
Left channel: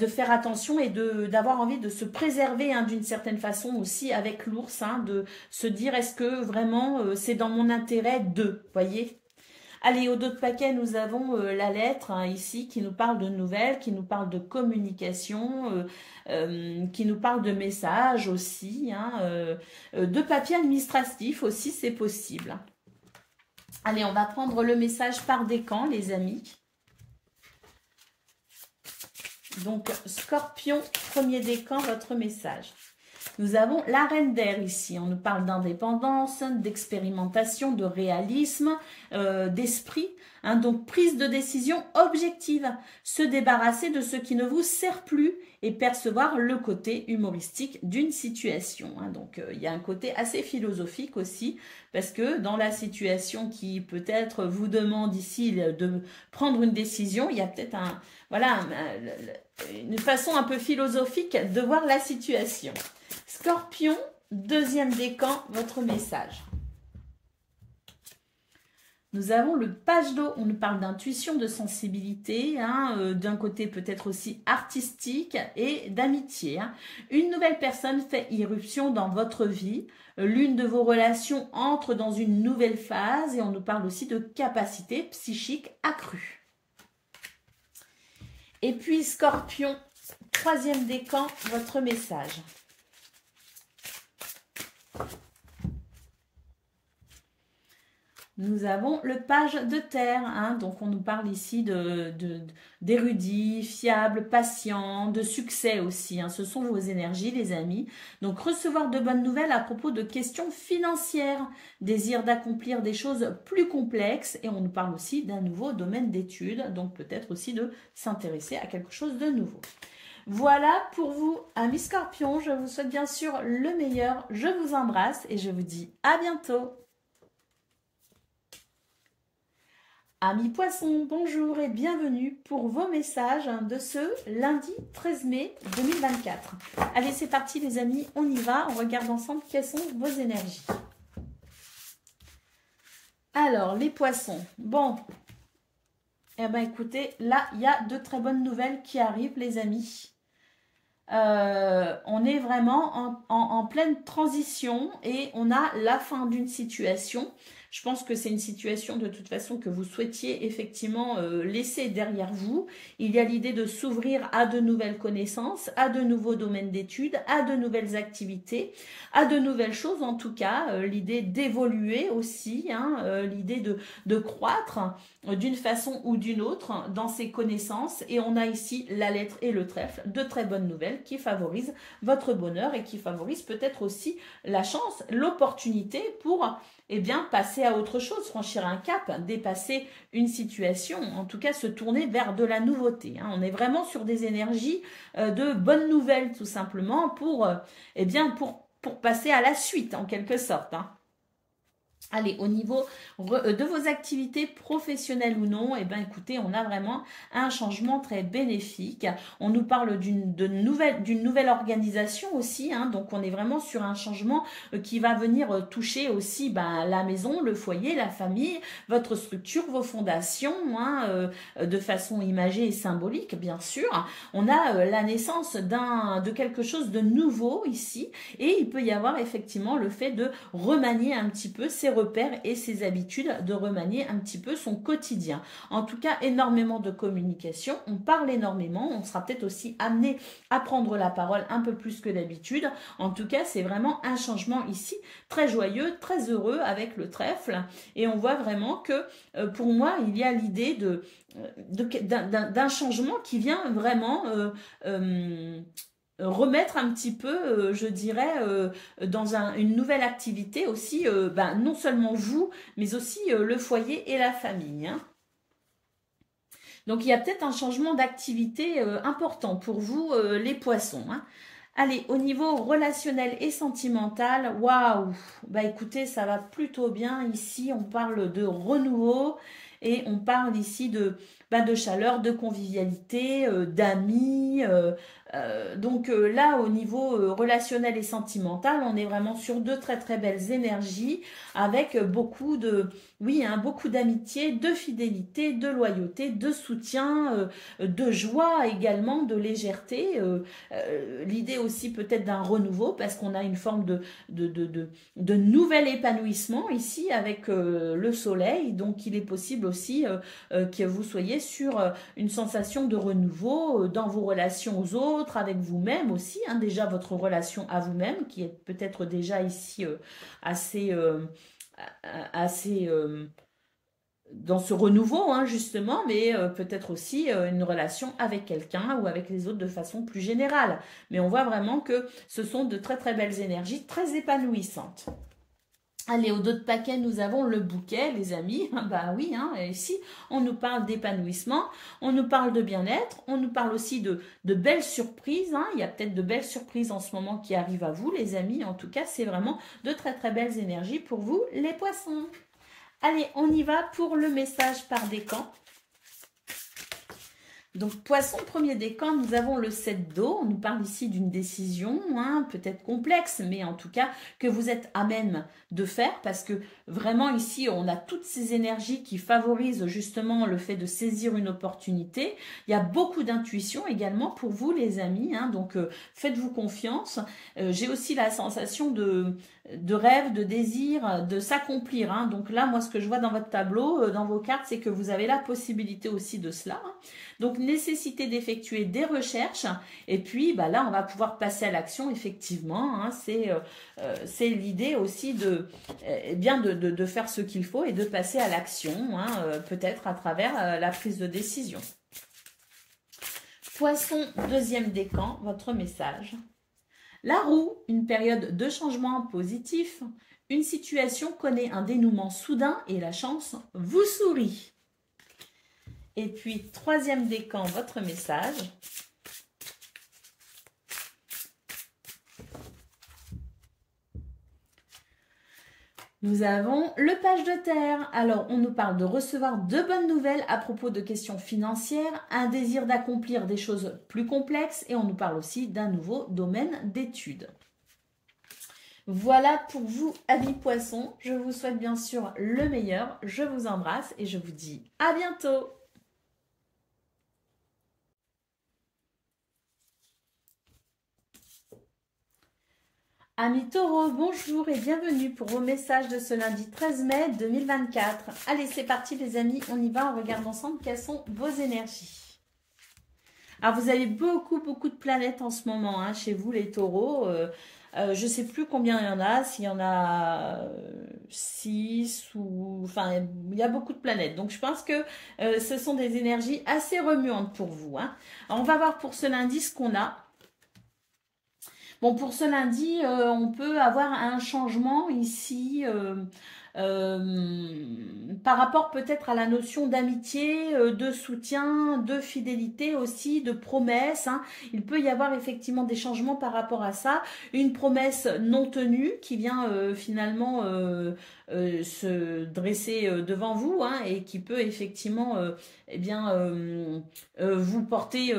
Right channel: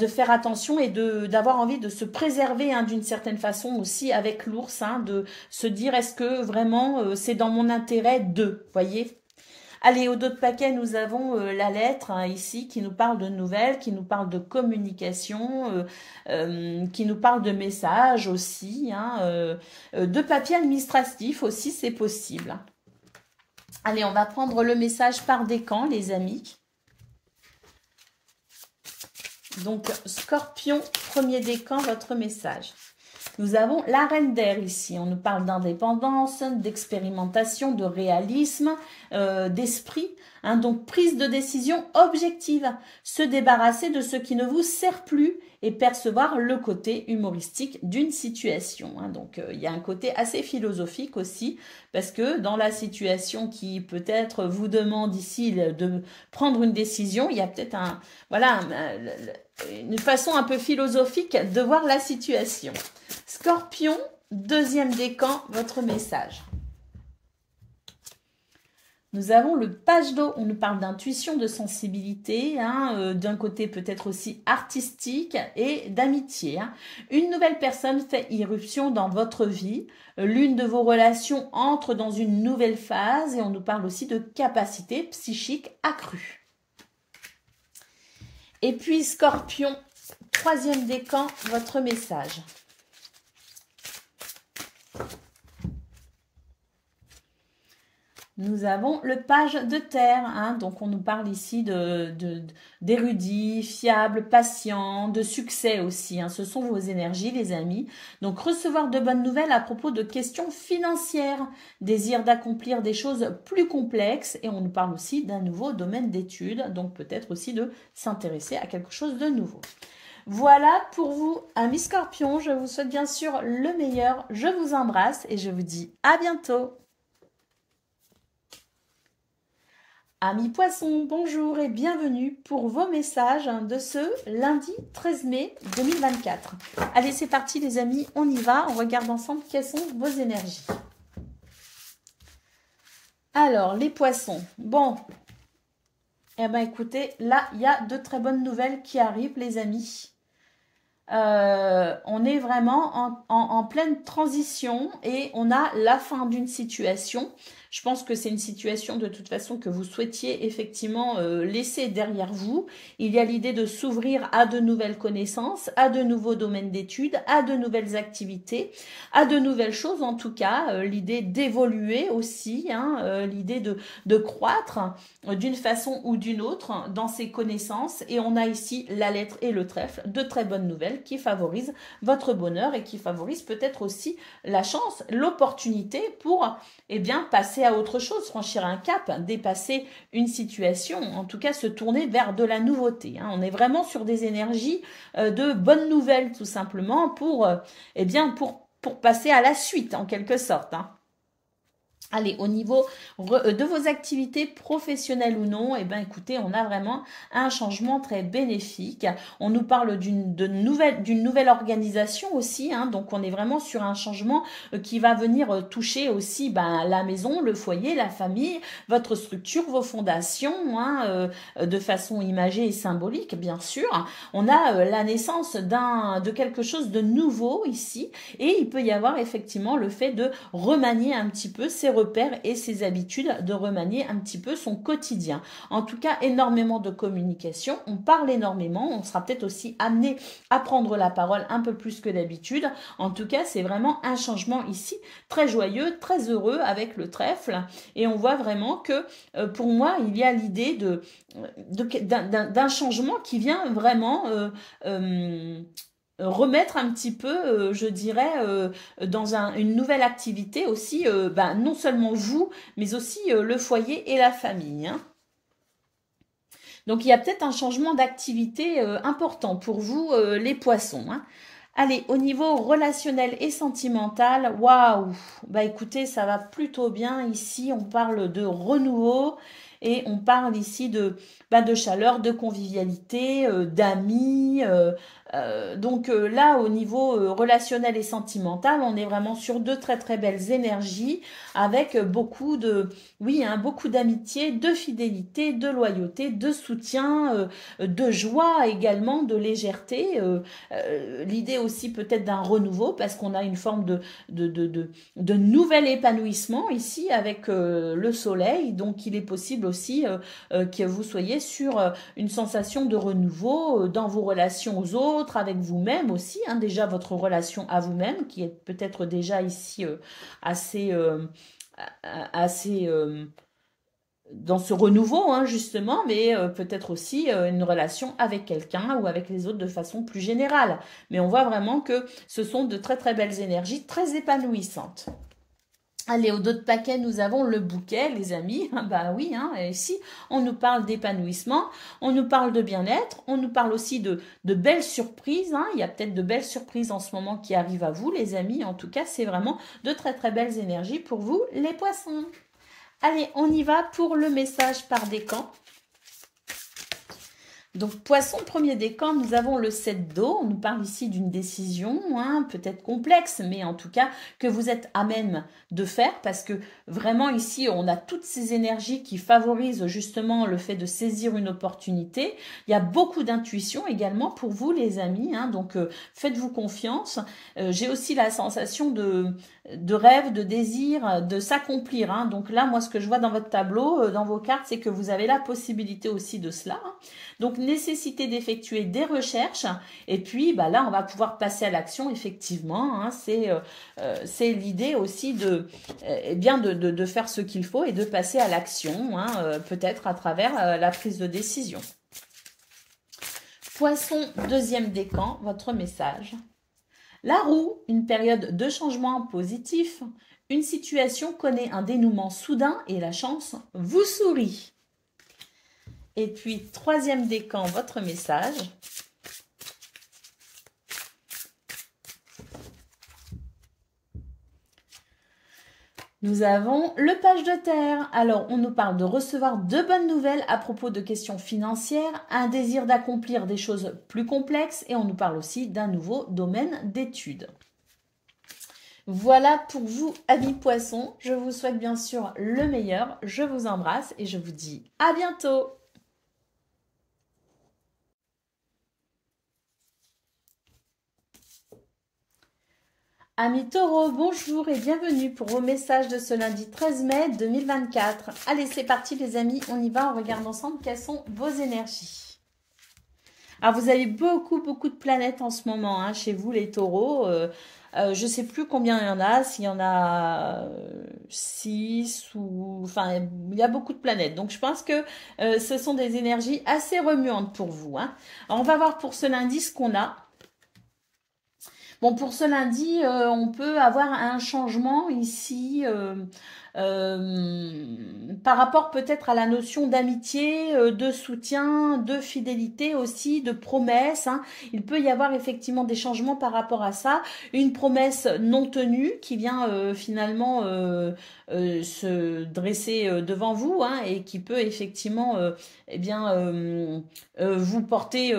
faire attention et d'avoir envie de se préserver hein, d'une certaine façon aussi avec l'ours, hein, de se dire est-ce que vraiment c'est dans mon intérêt de, voyez. Allez, au dos de paquet, nous avons la lettre hein, ici qui nous parle de nouvelles, qui nous parle de communication, qui nous parle de messages aussi, hein, de papier administratif aussi, c'est possible. Allez, on va prendre le message par décan, les amis. Donc, Scorpion, premier décan, votre message. Nous avons la reine d'air ici. On nous parle d'indépendance, d'expérimentation, de réalisme, d'esprit. Hein, donc, prise de décision objective. Se débarrasser de ce qui ne vous sert plus et percevoir le côté humoristique d'une situation. Hein. Donc, il y a un côté assez philosophique aussi parce que dans la situation qui peut-être vous demande ici de prendre une décision, il y a peut-être une façon un peu philosophique de voir la situation. Scorpion, deuxième décan, votre message. Nous avons le page d'eau, on nous parle d'intuition, de sensibilité, hein, d'un côté peut-être aussi artistique et d'amitié. Hein. Une nouvelle personne fait irruption dans votre vie, l'une de vos relations entre dans une nouvelle phase et on nous parle aussi de capacité psychique accrue. Et puis Scorpion, troisième décan, votre message. Nous avons le page de terre, hein, donc on nous parle ici d'érudits, fiables, patients, de succès aussi. Hein, ce sont vos énergies, les amis. Donc recevoir de bonnes nouvelles à propos de questions financières, désir d'accomplir des choses plus complexes et on nous parle aussi d'un nouveau domaine d'études, donc peut-être aussi de s'intéresser à quelque chose de nouveau. Voilà pour vous, amis Scorpions. Je vous souhaite bien sûr le meilleur. Je vous embrasse et je vous dis à bientôt. Amis Poissons, bonjour et bienvenue pour vos messages de ce lundi 13 mai 2024. Allez, c'est parti les amis, on y va. On regarde ensemble quelles sont vos énergies. Alors, les Poissons. Bon, eh bien écoutez, là, il y a de très bonnes nouvelles qui arrivent les amis. On est vraiment en pleine transition et on a la fin d'une situation. Je pense que c'est une situation de toute façon que vous souhaitiez effectivement laisser derrière vous. Il y a l'idée de s'ouvrir à de nouvelles connaissances, à de nouveaux domaines d'études, à de nouvelles activités, à de nouvelles choses en tout cas. L'idée d'évoluer aussi, hein, l'idée de croître d'une façon ou d'une autre dans ses connaissances. Et on a ici la lettre et le trèfle, de très bonnes nouvelles qui favorisent votre bonheur et qui favorisent peut-être aussi la chance, l'opportunité pour passer à autre chose, franchir un cap, dépasser une situation, en tout cas se tourner vers de la nouveauté. Hein. On est vraiment sur des énergies de bonnes nouvelles tout simplement pour passer à la suite en quelque sorte. Hein. Allez, au niveau de vos activités professionnelles ou non, eh bien, écoutez, on a vraiment un changement très bénéfique. On nous parle d'une nouvelle organisation aussi, hein, donc on est vraiment sur un changement qui va venir toucher aussi la maison, le foyer, la famille, votre structure, vos fondations, hein, de façon imagée et symbolique, bien sûr. On a la naissance de quelque chose de nouveau ici, et il peut y avoir effectivement le fait de remanier un petit peu ses repères et ses habitudes, de remanier un petit peu son quotidien. En tout cas, énormément de communication, on parle énormément, on sera peut-être aussi amené à prendre la parole un peu plus que d'habitude. En tout cas, c'est vraiment un changement ici, très joyeux, très heureux avec le trèfle, et on voit vraiment que pour moi, il y a l'idée d'un changement qui vient vraiment remettre un petit peu, je dirais, dans une nouvelle activité aussi, non seulement vous, mais aussi le foyer et la famille, hein. Donc, il y a peut-être un changement d'activité important pour vous, les poissons, hein. Allez, au niveau relationnel et sentimental, waouh, écoutez, ça va plutôt bien ici. On parle de renouveau et on parle ici de chaleur, de convivialité, d'amis. Donc là, au niveau relationnel et sentimental, on est vraiment sur de très très belles énergies avec beaucoup beaucoup d'amitié, de fidélité, de loyauté, de soutien, de joie également, de légèreté. L'idée aussi peut-être d'un renouveau parce qu'on a une forme de nouvel épanouissement ici avec le soleil. Donc il est possible aussi que vous soyez sur une sensation de renouveau dans vos relations aux autres, avec vous-même aussi, hein, déjà votre relation à vous-même qui est peut-être déjà ici assez dans ce renouveau, hein, justement, mais peut-être aussi une relation avec quelqu'un ou avec les autres de façon plus générale. Mais on voit vraiment que ce sont de très très belles énergies, très épanouissantes. Allez, au dos de paquet, nous avons le bouquet, les amis. Bah oui, hein, ici, on nous parle d'épanouissement, on nous parle de bien-être, on nous parle aussi de belles surprises, hein. Il y a peut-être de belles surprises en ce moment qui arrivent à vous, les amis. En tout cas, c'est vraiment de très très belles énergies pour vous, les poissons. Allez, on y va pour le message par décan. Donc, poisson, premier décan, nous avons le 7 d'eau. On nous parle ici d'une décision, hein, peut-être complexe, mais en tout cas que vous êtes à même de faire parce que vraiment ici, on a toutes ces énergies qui favorisent justement le fait de saisir une opportunité. Il y a beaucoup d'intuition également pour vous, les amis, hein, donc faites-vous confiance. J'ai aussi la sensation de rêve, de désir, de s'accomplir, hein. Donc là, moi, ce que je vois dans votre tableau, dans vos cartes, c'est que vous avez la possibilité aussi de cela, hein. Donc, nécessité d'effectuer des recherches. Et puis, là, on va pouvoir passer à l'action, effectivement, hein. C'est l'idée aussi de faire ce qu'il faut et de passer à l'action, hein, peut-être à travers la prise de décision. Poisson, deuxième décan, votre message. La roue, une période de changement positif. Une situation connaît un dénouement soudain et la chance vous sourit. Et puis, troisième décan, votre message. Nous avons le page de terre. Alors, on nous parle de recevoir de bonnes nouvelles à propos de questions financières, un désir d'accomplir des choses plus complexes et on nous parle aussi d'un nouveau domaine d'études. Voilà pour vous, amis poissons. Je vous souhaite bien sûr le meilleur. Je vous embrasse et je vous dis à bientôt. Amis taureaux, bonjour et bienvenue pour vos messages de ce lundi 13 mai 2024. Allez, c'est parti les amis, on y va, on regarde ensemble quelles sont vos énergies. Alors, vous avez beaucoup de planètes en ce moment, hein, chez vous les taureaux. Je ne sais plus combien il y en a, s'il y en a 6 ou... Enfin, il y a beaucoup de planètes. Donc, je pense que ce sont des énergies assez remuantes pour vous, hein. Alors, on va voir pour ce lundi ce qu'on a. Bon, pour ce lundi, on peut avoir un changement ici par rapport peut-être à la notion d'amitié, de soutien, de fidélité aussi, de promesse, hein. Il peut y avoir effectivement des changements par rapport à ça. Une promesse non tenue qui vient finalement se dresser devant vous, hein, et qui peut effectivement eh bien, vous porter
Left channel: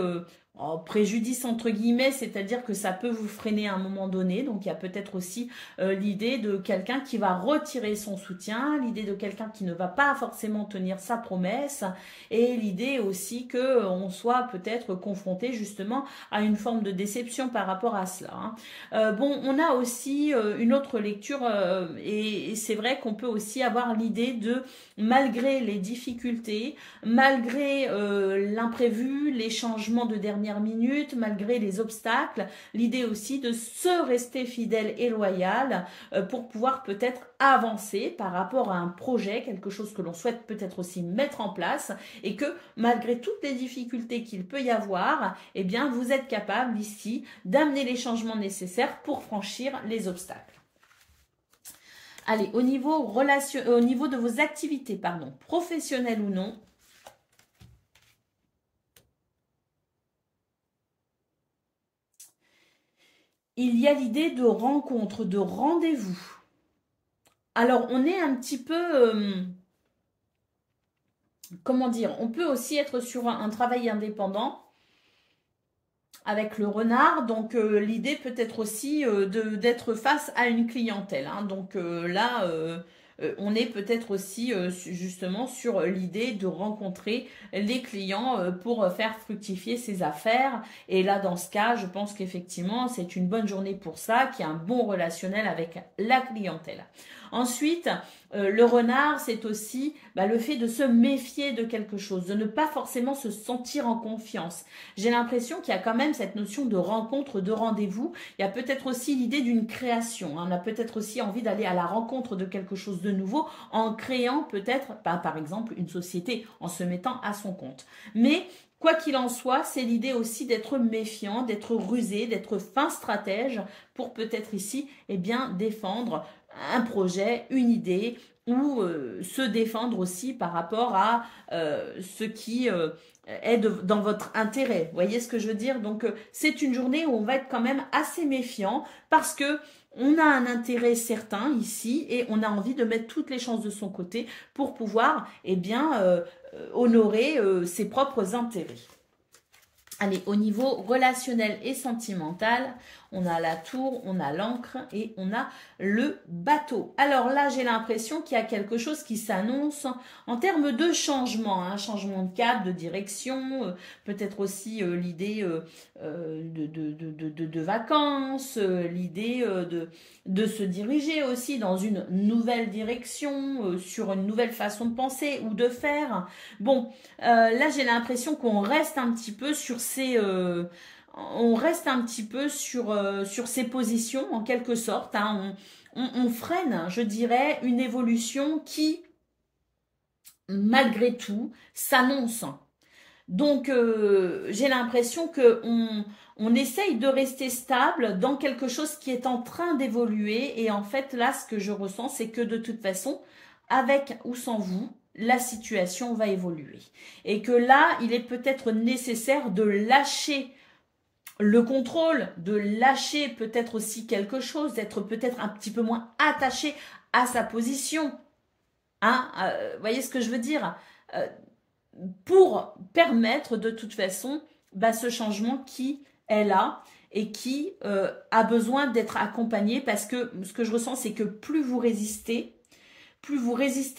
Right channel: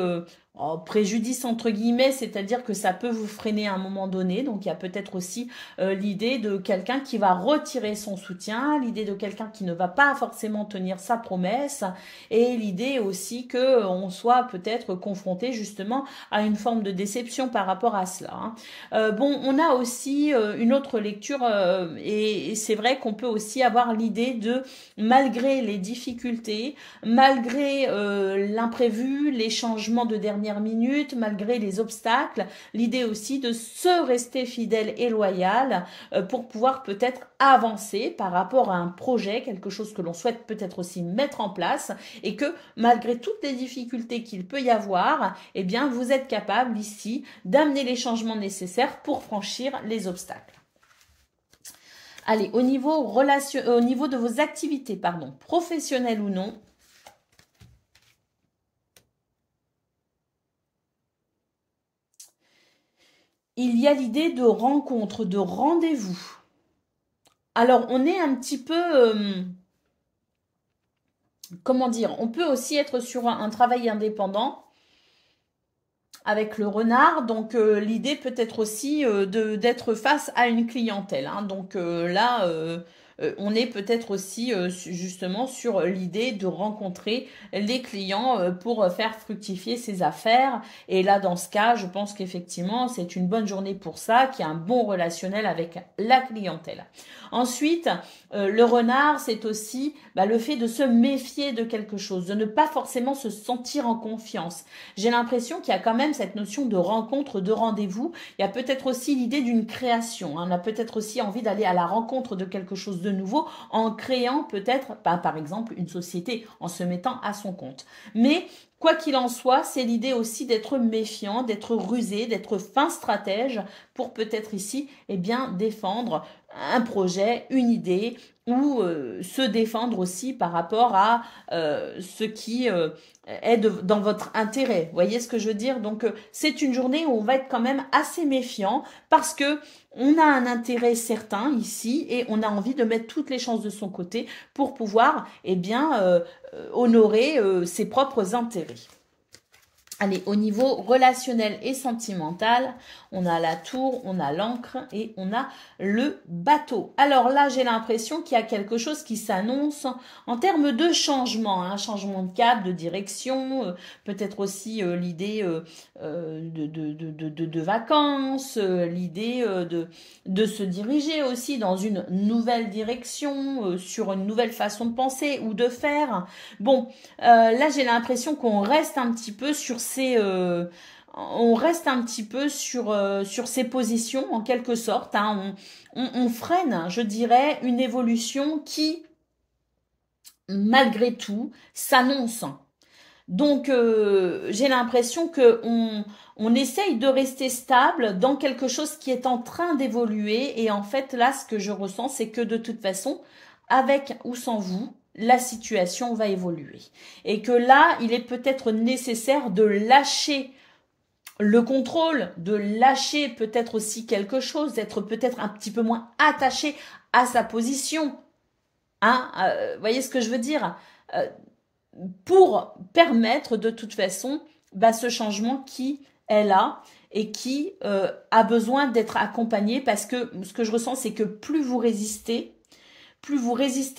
préjudice entre guillemets, c'est-à-dire que ça peut vous freiner à un moment donné. Donc il y a peut-être aussi l'idée de quelqu'un qui va retirer son soutien, l'idée de quelqu'un qui ne va pas forcément tenir sa promesse, et l'idée aussi que on soit peut-être confronté justement à une forme de déception par rapport à cela, hein. Bon, on a aussi une autre lecture et c'est vrai qu'on peut aussi avoir l'idée de, malgré les difficultés, malgré l'imprévu, les changements de dernière minute, malgré les obstacles, l'idée aussi de se rester fidèle et loyal pour pouvoir peut-être avancer par rapport à un projet, quelque chose que l'on souhaite peut-être aussi mettre en place, et que malgré toutes les difficultés qu'il peut y avoir, eh bien vous êtes capable ici d'amener les changements nécessaires pour franchir les obstacles. Allez, au niveau de vos activités, pardon, professionnelles ou non, il y a l'idée de rencontre, de rendez-vous. Alors, on est un petit peu, comment dire, on peut aussi être sur un travail indépendant avec le renard. Donc, l'idée peut être aussi d'être face à une clientèle, hein. Donc là, on est peut-être aussi justement sur l'idée de rencontrer les clients pour faire fructifier ses affaires. Et là, dans ce cas, je pense qu'effectivement, c'est une bonne journée pour ça, qu'il y a un bon relationnel avec la clientèle. Ensuite, le renard, c'est aussi le fait de se méfier de quelque chose, de ne pas forcément se sentir en confiance. J'ai l'impression qu'il y a quand même cette notion de rencontre, de rendez-vous. Il y a peut-être aussi l'idée d'une création, hein. On a peut-être aussi envie d'aller à la rencontre de quelque chose de nouveau en créant peut-être, par exemple, une société, en se mettant à son compte. Mais quoi qu'il en soit, c'est l'idée aussi d'être méfiant, d'être rusé, d'être fin stratège pour peut-être ici défendre un projet, une idée, ou se défendre aussi par rapport à ce qui est dans votre intérêt. Vous voyez ce que je veux dire? Donc, c'est une journée où on va être quand même assez méfiant parce que on a un intérêt certain ici et on a envie de mettre toutes les chances de son côté pour pouvoir honorer ses propres intérêts. Allez, au niveau relationnel et sentimental, on a la tour, on a l'encre et on a le bateau. Alors là, j'ai l'impression qu'il y a quelque chose qui s'annonce en termes de changement, un changement de cap, de direction, peut-être aussi l'idée de vacances, l'idée de se diriger aussi dans une nouvelle direction, sur une nouvelle façon de penser ou de faire. Bon, là, j'ai l'impression qu'on reste un petit peu sur ces positions en quelque sorte, hein. On freine, je dirais, une évolution qui, malgré tout, s'annonce. Donc, j'ai l'impression qu'on essaye de rester stable dans quelque chose qui est en train d'évoluer. Et en fait, là, ce que je ressens, c'est que de toute façon, avec ou sans vous, la situation va évoluer. Et que là, il est peut-être nécessaire de lâcher le contrôle, de lâcher peut-être aussi quelque chose, d'être peut-être un petit peu moins attaché à sa position. Hein, voyez ce que je veux dire, pour permettre de toute façon ce changement qui est là et qui a besoin d'être accompagné, parce que ce que je ressens, c'est que plus vous résistez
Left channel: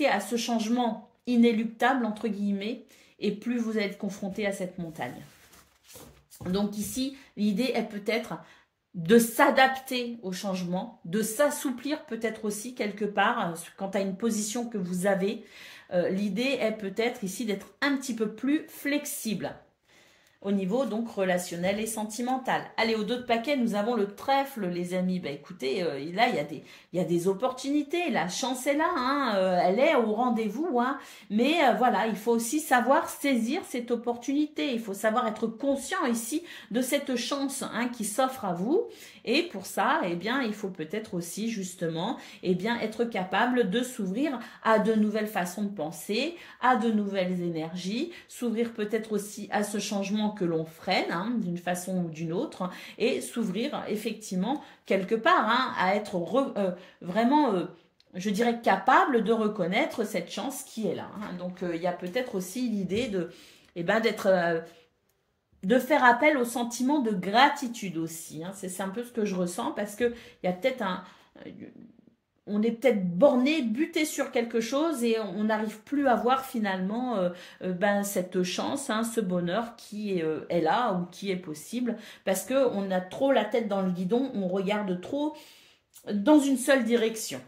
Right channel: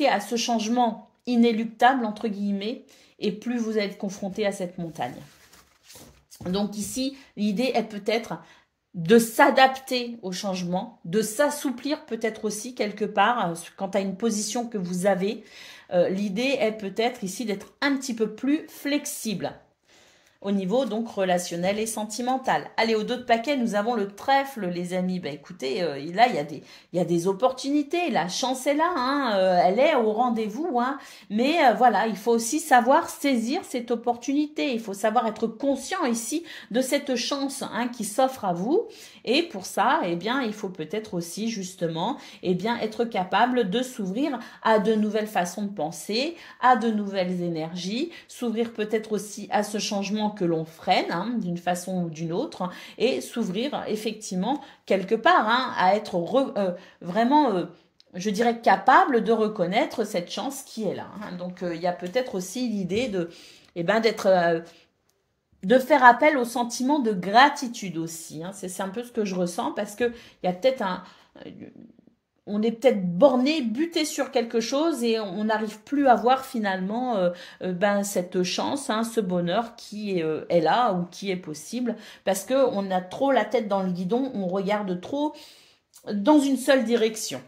à ce changement inéluctable, entre guillemets, et plus vous allez être confronté à cette montagne. Donc ici, l'idée est peut-être de s'adapter au changement, de s'assouplir peut-être aussi quelque part quant à une position que vous avez. L'idée est peut-être ici d'être un petit peu plus flexible. au niveau donc relationnel et sentimental. Allez, au dos de paquet, nous avons le trèfle, les amis. Ben, écoutez, là, il y a des opportunités. La chance est là, hein, elle est au rendez-vous. Hein, mais voilà, il faut aussi savoir saisir cette opportunité. Il faut savoir être conscient ici de cette chance hein, qui s'offre à vous. Et pour ça, eh bien, il faut peut-être aussi justement eh bien, être capable de s'ouvrir à de nouvelles façons de penser, à de nouvelles énergies, s'ouvrir peut-être aussi à ce changement que l'on freine hein, d'une façon ou d'une autre et s'ouvrir effectivement quelque part hein, à être vraiment, je dirais, capable de reconnaître cette chance qui est là. Hein. Donc, il y a peut-être aussi l'idée de, eh ben, de faire appel au sentiment de gratitude aussi. Hein. C'est un peu ce que je ressens parce qu'il y a peut-être on est peut-être borné, buté sur quelque chose et on n'arrive plus à voir finalement ben, cette chance, hein, ce bonheur qui est là ou qui est possible parce qu'on a trop la tête dans le guidon, on regarde trop dans une seule direction.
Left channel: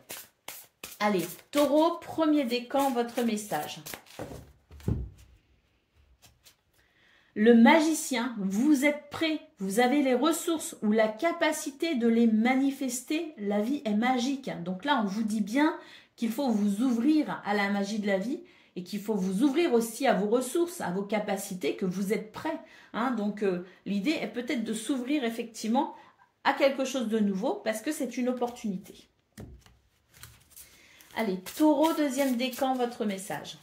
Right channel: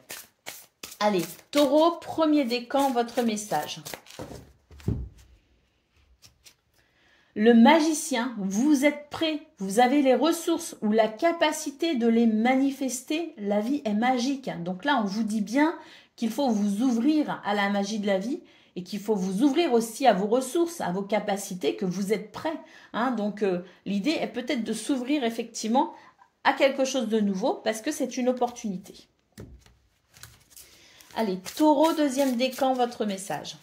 Allez, Taureau, premier décan, votre message. Le magicien, vous êtes prêt, vous avez les ressources ou la capacité de les manifester, la vie est magique. Donc là, on vous dit bien qu'il faut vous ouvrir à la magie de la vie et qu'il faut vous ouvrir aussi à vos ressources, à vos capacités, que vous êtes prêt. Hein. Donc l'idée est peut-être de s'ouvrir effectivement à quelque chose de nouveau parce que c'est une opportunité. Allez, Taureau, deuxième décan, votre message.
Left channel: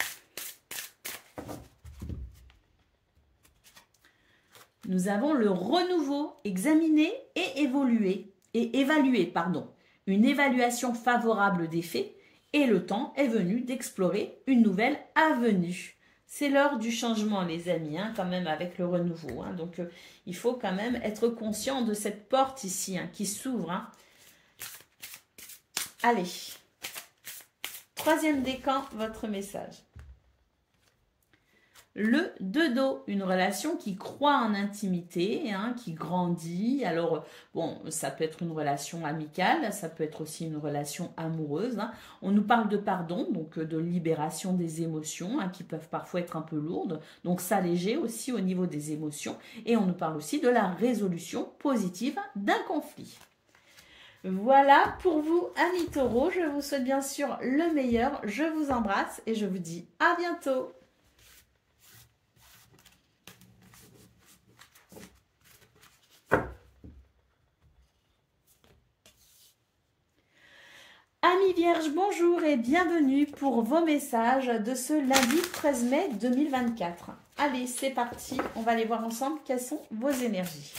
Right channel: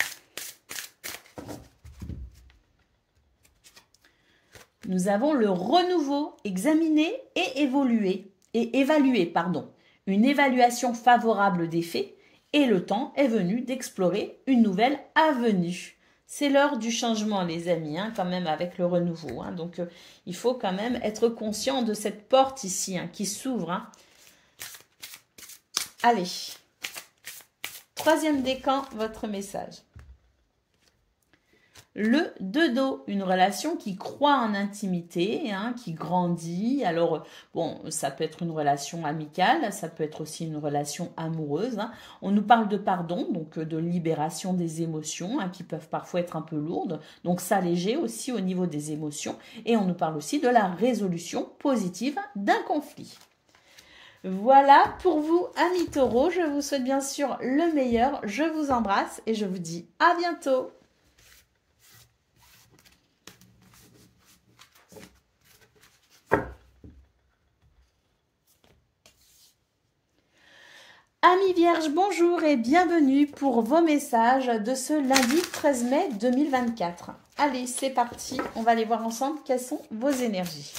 Nous avons le renouveau, examiner et évaluer, pardon. Une évaluation favorable des faits et le temps est venu d'explorer une nouvelle avenue. C'est l'heure du changement, les amis, hein, quand même, avec le renouveau. Hein. Donc, il faut quand même être conscient de cette porte ici hein, qui s'ouvre. Hein. Allez, troisième décan, votre message. Le dodo, une relation qui croît en intimité, hein, qui grandit. Alors, bon, ça peut être une relation amicale, ça peut être aussi une relation amoureuse. Hein. On nous parle de pardon, donc de libération des émotions, hein, qui peuvent parfois être un peu lourdes. Donc, s'alléger aussi au niveau des émotions. Et on nous parle aussi de la résolution positive d'un conflit. Voilà pour vous, amis taureaux. Je vous souhaite bien sûr le meilleur. Je vous embrasse et je vous dis à bientôt. Amis Vierges, bonjour et bienvenue pour vos messages de ce lundi 13 mai 2024. Allez, c'est parti, on va aller voir ensemble quelles sont vos énergies.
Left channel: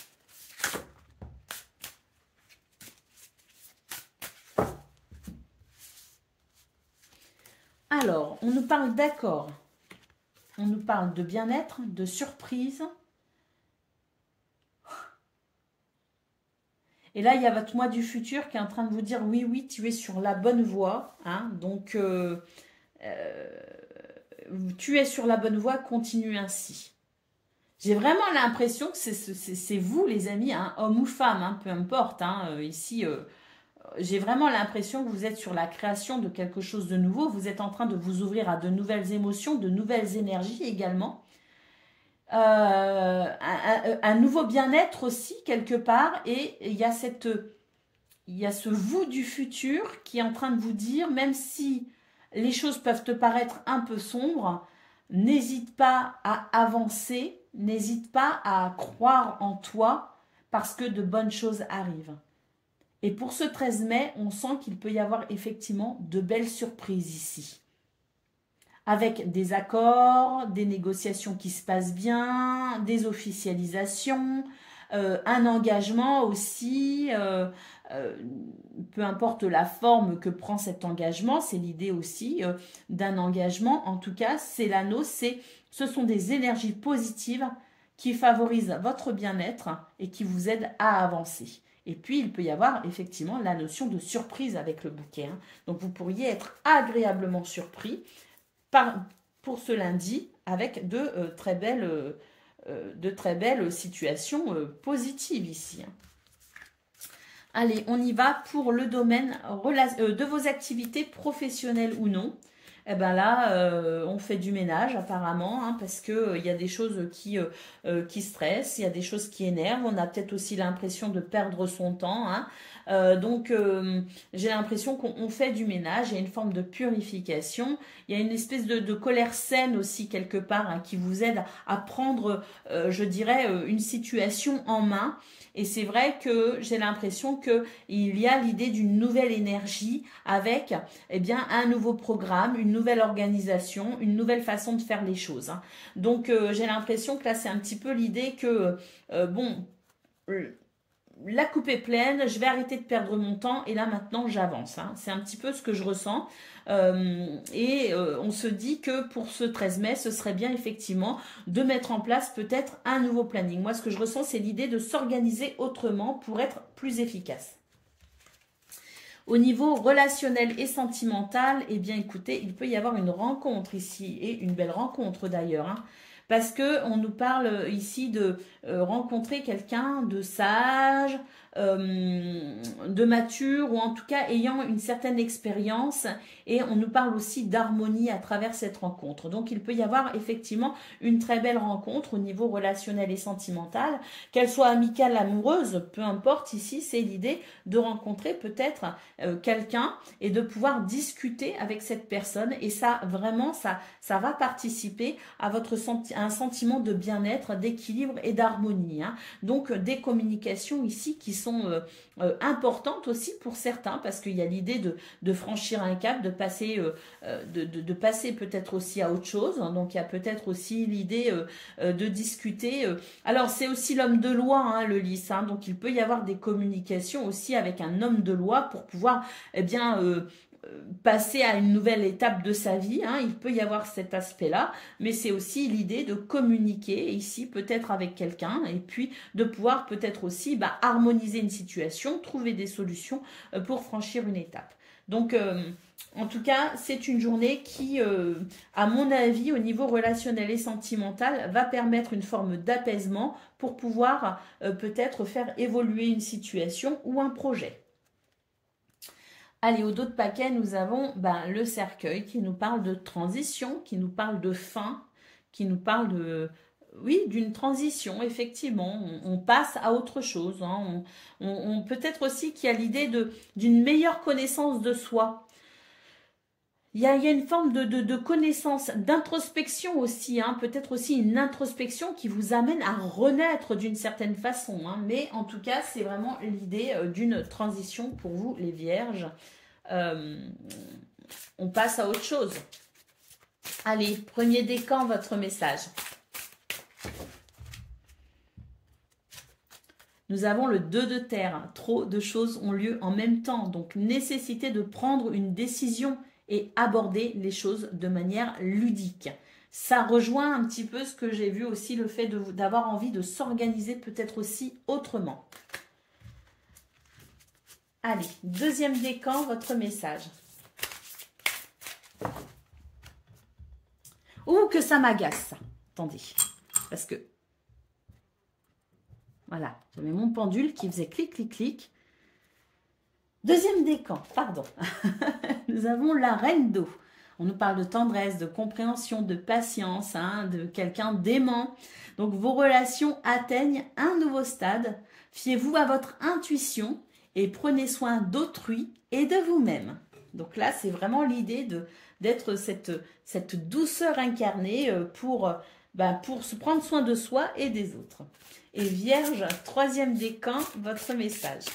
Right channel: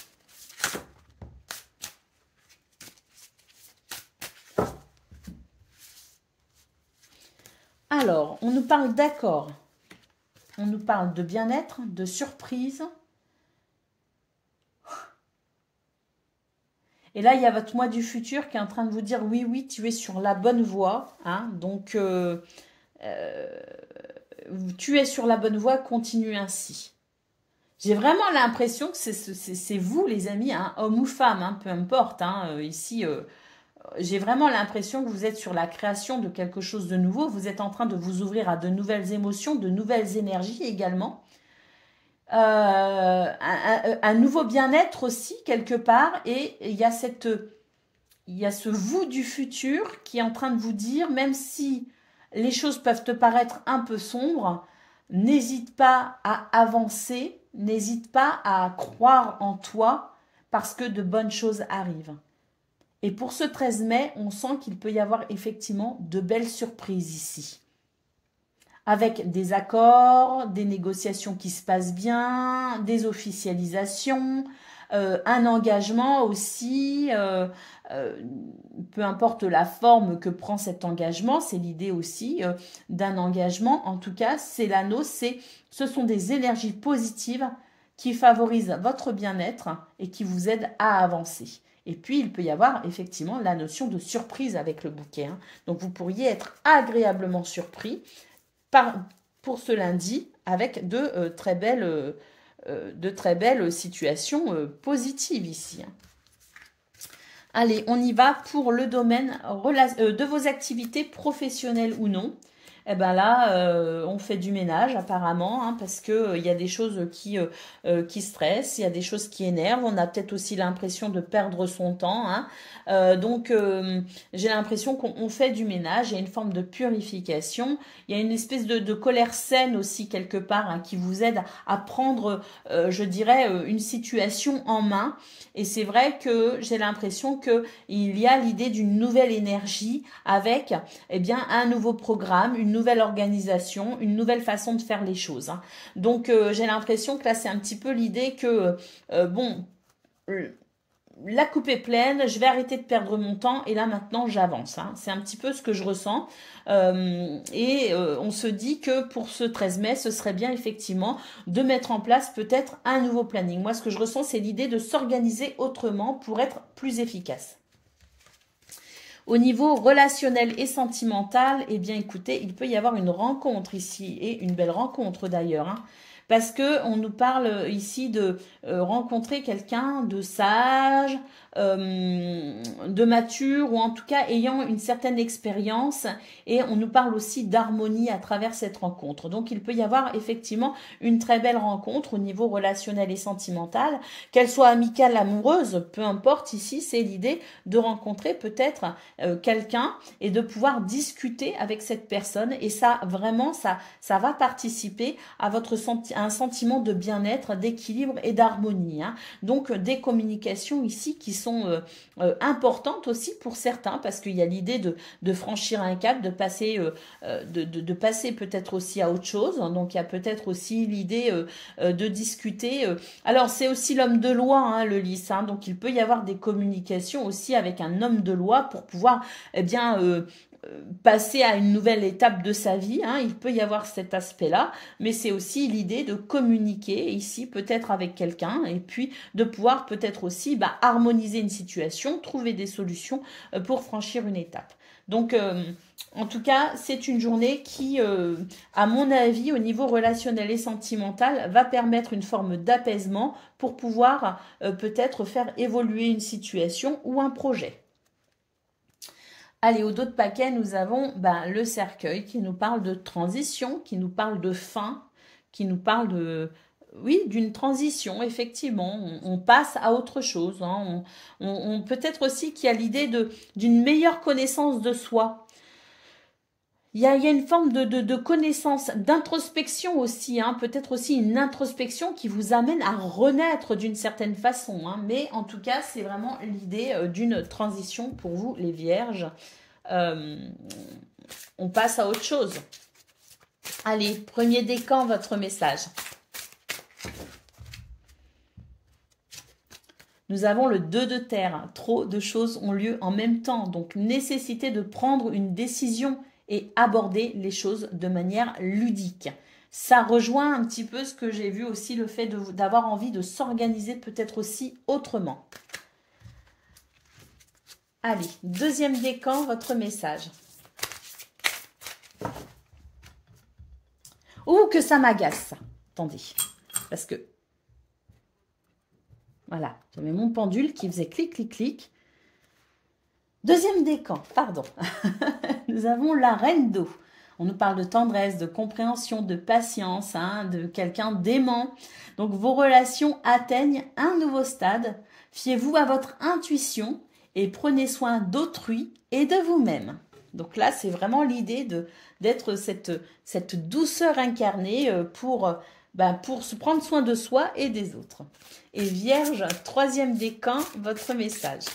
Alors, on nous parle d'accord, on nous parle de bien-être, de surprise. Et là, il y a votre moi du futur qui est en train de vous dire oui, oui, tu es sur la bonne voie. Hein, donc, tu es sur la bonne voie, continue ainsi. J'ai vraiment l'impression que c'est vous, les amis, hein, homme ou femme, hein, peu importe. Hein, ici, j'ai vraiment l'impression que vous êtes sur la création de quelque chose de nouveau. Vous êtes en train de vous ouvrir à de nouvelles émotions, de nouvelles énergies également. Un nouveau bien-être aussi quelque part et il y a ce vous du futur qui est en train de vous dire, même si les choses peuvent te paraître un peu sombres, n'hésite pas à avancer, n'hésite pas à croire en toi parce que de bonnes choses arrivent. Et pour ce 13 mai, on sent qu'il peut y avoir effectivement de belles surprises ici. Avec des accords, des négociations qui se passent bien, des officialisations, un engagement aussi, peu importe la forme que prend cet engagement, c'est l'idée aussi d'un engagement. En tout cas, c'est l'anneau, ce sont des énergies positives qui favorisent votre bien-être et qui vous aident à avancer. Et puis, il peut y avoir effectivement la notion de surprise avec le bouquet. Hein. Donc, vous pourriez être agréablement surpris pour ce lundi avec de très belles situations positives ici. Allez, on y va pour le domaine de vos activités professionnelles ou non. eh ben là, on fait du ménage apparemment, hein, parce que il y a des choses qui stressent, il y a des choses qui énervent. On a peut-être aussi l'impression de perdre son temps, hein. Donc, j'ai l'impression qu'on fait du ménage. Il y a une forme de purification. Il y a une espèce de colère saine aussi quelque part, hein, qui vous aide à prendre, je dirais, une situation en main. Et c'est vrai que j'ai l'impression que il y a l'idée d'une nouvelle énergie avec, eh bien, un nouveau programme, une nouvelle organisation, une nouvelle façon de faire les choses, hein. Donc, j'ai l'impression que là, c'est un petit peu l'idée que, bon, la coupe est pleine, je vais arrêter de perdre mon temps et là maintenant j'avance, hein. C'est un petit peu ce que je ressens. On se dit que pour ce 13 mai, ce serait bien effectivement de mettre en place peut-être un nouveau planning. Moi, ce que je ressens, c'est l'idée de s'organiser autrement pour être plus efficace. Au niveau relationnel et sentimental, eh bien écoutez, il peut y avoir une rencontre ici, et une belle rencontre d'ailleurs, hein, parce que on nous parle ici de rencontrer quelqu'un de sage, de mature, ou en tout cas ayant une certaine expérience, et on nous parle aussi d'harmonie à travers cette rencontre. Donc il peut y avoir effectivement une très belle rencontre au niveau relationnel et sentimental, qu'elle soit amicale, amoureuse, peu importe. Ici c'est l'idée de rencontrer peut-être quelqu'un et de pouvoir discuter avec cette personne, et ça vraiment ça va participer à votre un sentiment de bien-être, d'équilibre et d'harmonie, hein. Donc des communications ici qui sont importantes aussi pour certains, parce qu'il y a l'idée de franchir un cap, de passer passer peut-être aussi à autre chose. Donc il y a peut-être aussi l'idée de discuter. Alors c'est aussi l'homme de loi, hein, le lys, hein. Donc il peut y avoir des communications aussi avec un homme de loi pour pouvoir, eh bien, passer à une nouvelle étape de sa vie, hein. Il peut y avoir cet aspect-là, mais c'est aussi l'idée de communiquer ici peut-être avec quelqu'un, et puis de pouvoir peut-être aussi harmoniser une situation, trouver des solutions pour franchir une étape. Donc, en tout cas, c'est une journée qui, à mon avis, au niveau relationnel et sentimental, va permettre une forme d'apaisement pour pouvoir peut-être faire évoluer une situation ou un projet. Allez, au dos de paquet, nous avons le cercueil qui nous parle de transition, qui nous parle de fin, qui nous parle de, oui, d'une transition, effectivement. On passe à autre chose, hein. Peut-être aussi qu'il y a l'idée d'une meilleure connaissance de soi. Il y a une forme de connaissance, d'introspection aussi, hein. Peut-être aussi une introspection qui vous amène à renaître d'une certaine façon, hein. Mais en tout cas, c'est vraiment l'idée d'une transition pour vous, les vierges. On passe à autre chose. Allez, premier décan, votre message. Nous avons le 2 de terre. Trop de choses ont lieu en même temps. Donc, nécessité de prendre une décision et aborder les choses de manière ludique. Ça rejoint un petit peu ce que j'ai vu aussi, le fait d'avoir envie de s'organiser peut-être aussi autrement. Allez, deuxième décan, votre message. Ouh, que ça m'agace, ça. Attendez, parce que... Voilà, j'avais mon pendule qui faisait clic, clic, clic. Deuxième décan, pardon. Nous avons la reine d'eau. On nous parle de tendresse, de compréhension, de patience, hein, de quelqu'un d'aimant. Donc, vos relations atteignent un nouveau stade. Fiez-vous à votre intuition et prenez soin d'autrui et de vous-même. Donc là, c'est vraiment l'idée d'être cette douceur incarnée pour se prendre soin de soi et des autres. Et Vierge, troisième décan, votre message.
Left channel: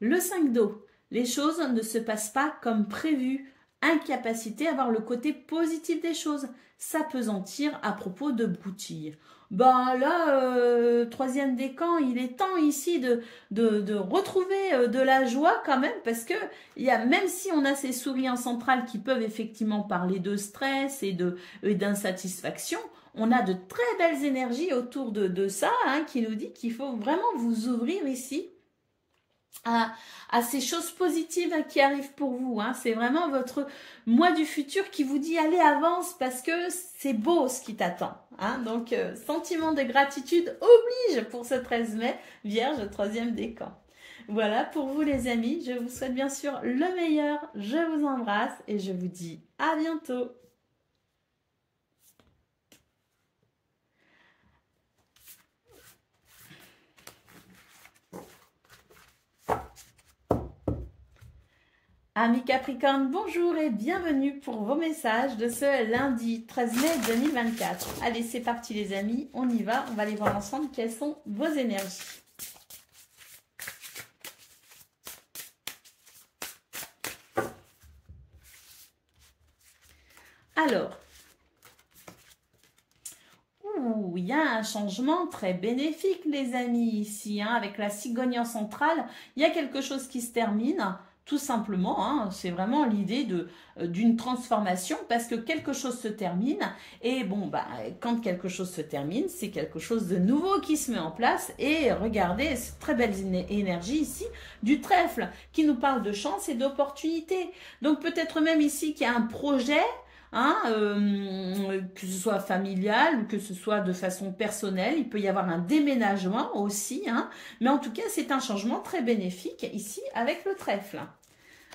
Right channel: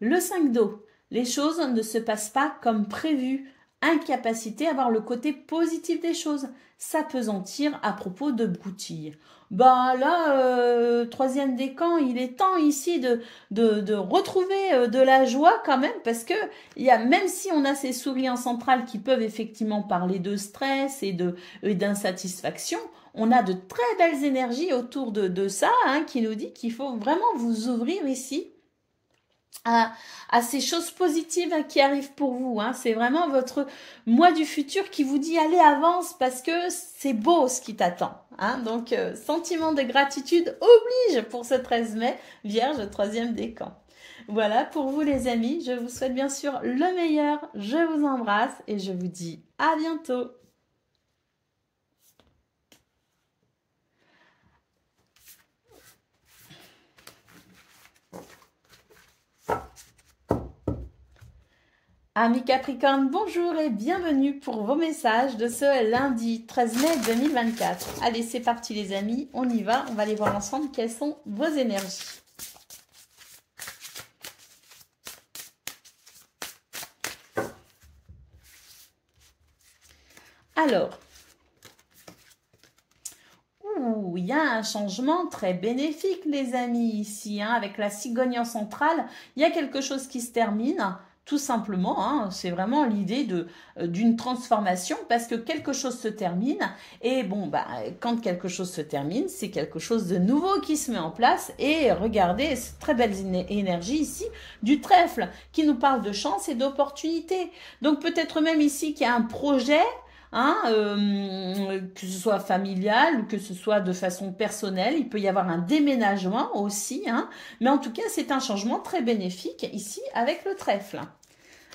Le 5 d'eau. Les choses ne se passent pas comme prévu. Incapacité à voir le côté positif des choses. S'appesantir à propos de broutilles. Là, troisième décan, il est temps ici de retrouver de la joie quand même, parce que même si on a ces souris en centrale qui peuvent effectivement parler de stress et d'insatisfaction, on a de très belles énergies autour de ça, hein, qui nous dit qu'il faut vraiment vous ouvrir ici à ces choses positives, hein, qui arrivent pour vous, hein. C'est vraiment votre moi du futur qui vous dit allez, avance, parce que c'est beau ce qui t'attend, hein. Donc sentiment de gratitude oblige pour ce 13 mai, Vierge, troisième décan. Voilà pour vous les amis. Je vous souhaite bien sûr le meilleur. Je vous embrasse et je vous dis à bientôt. Amis Capricorne, bonjour et bienvenue pour vos messages de ce lundi 13 mai 2024. Allez, c'est parti les amis, on y va. On va aller voir ensemble quelles sont vos énergies. Alors, il y a un changement très bénéfique les amis ici, hein, avec la cigogne centrale. Il y a quelque chose qui se termine. Tout simplement, hein, c'est vraiment l'idée d'une transformation parce que quelque chose se termine et bon, bah, quand quelque chose se termine, c'est quelque chose de nouveau qui se met en place et regardez cette très belle énergie ici du trèfle qui nous parle de chance et d'opportunité. Donc peut-être même ici qu'il y a un projet, hein, que ce soit familial ou que ce soit de façon personnelle, il peut y avoir un déménagement aussi, hein, mais en tout cas c'est un changement très bénéfique ici avec le trèfle.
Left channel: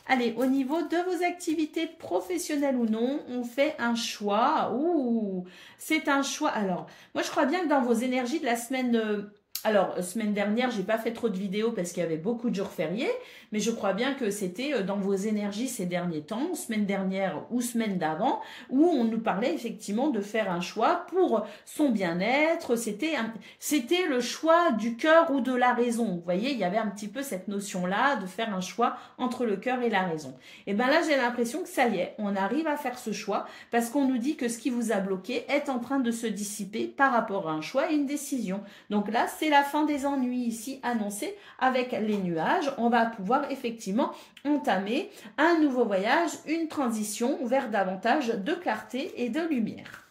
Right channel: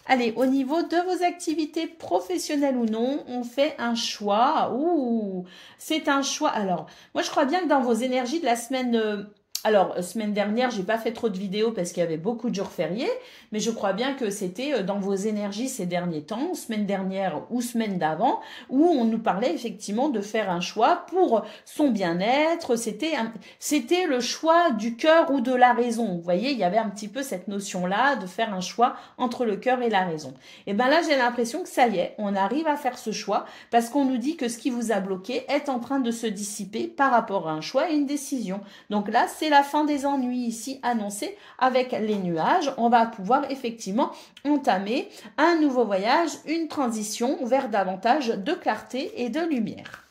Allez, au niveau de vos activités professionnelles ou non, on fait un choix. Ouh, c'est un choix. Alors, moi, je crois bien que dans vos énergies de la semaine... semaine dernière, j'ai pas fait trop de vidéos parce qu'il y avait beaucoup de jours fériés, mais je crois bien que c'était dans vos énergies ces derniers temps, semaine dernière ou semaine d'avant, où on nous parlait effectivement de faire un choix pour son bien-être. C'était le choix du cœur ou de la raison. Vous voyez, il y avait un petit peu cette notion-là de faire un choix entre le cœur et la raison. Et bien là, j'ai l'impression que ça y est, on arrive à faire ce choix parce qu'on nous dit que ce qui vous a bloqué est en train de se dissiper par rapport à un choix et une décision. Donc là, c'est la fin des ennuis ici annoncée avec les nuages. On va pouvoir effectivement entamer un nouveau voyage, une transition vers davantage de clarté et de lumière.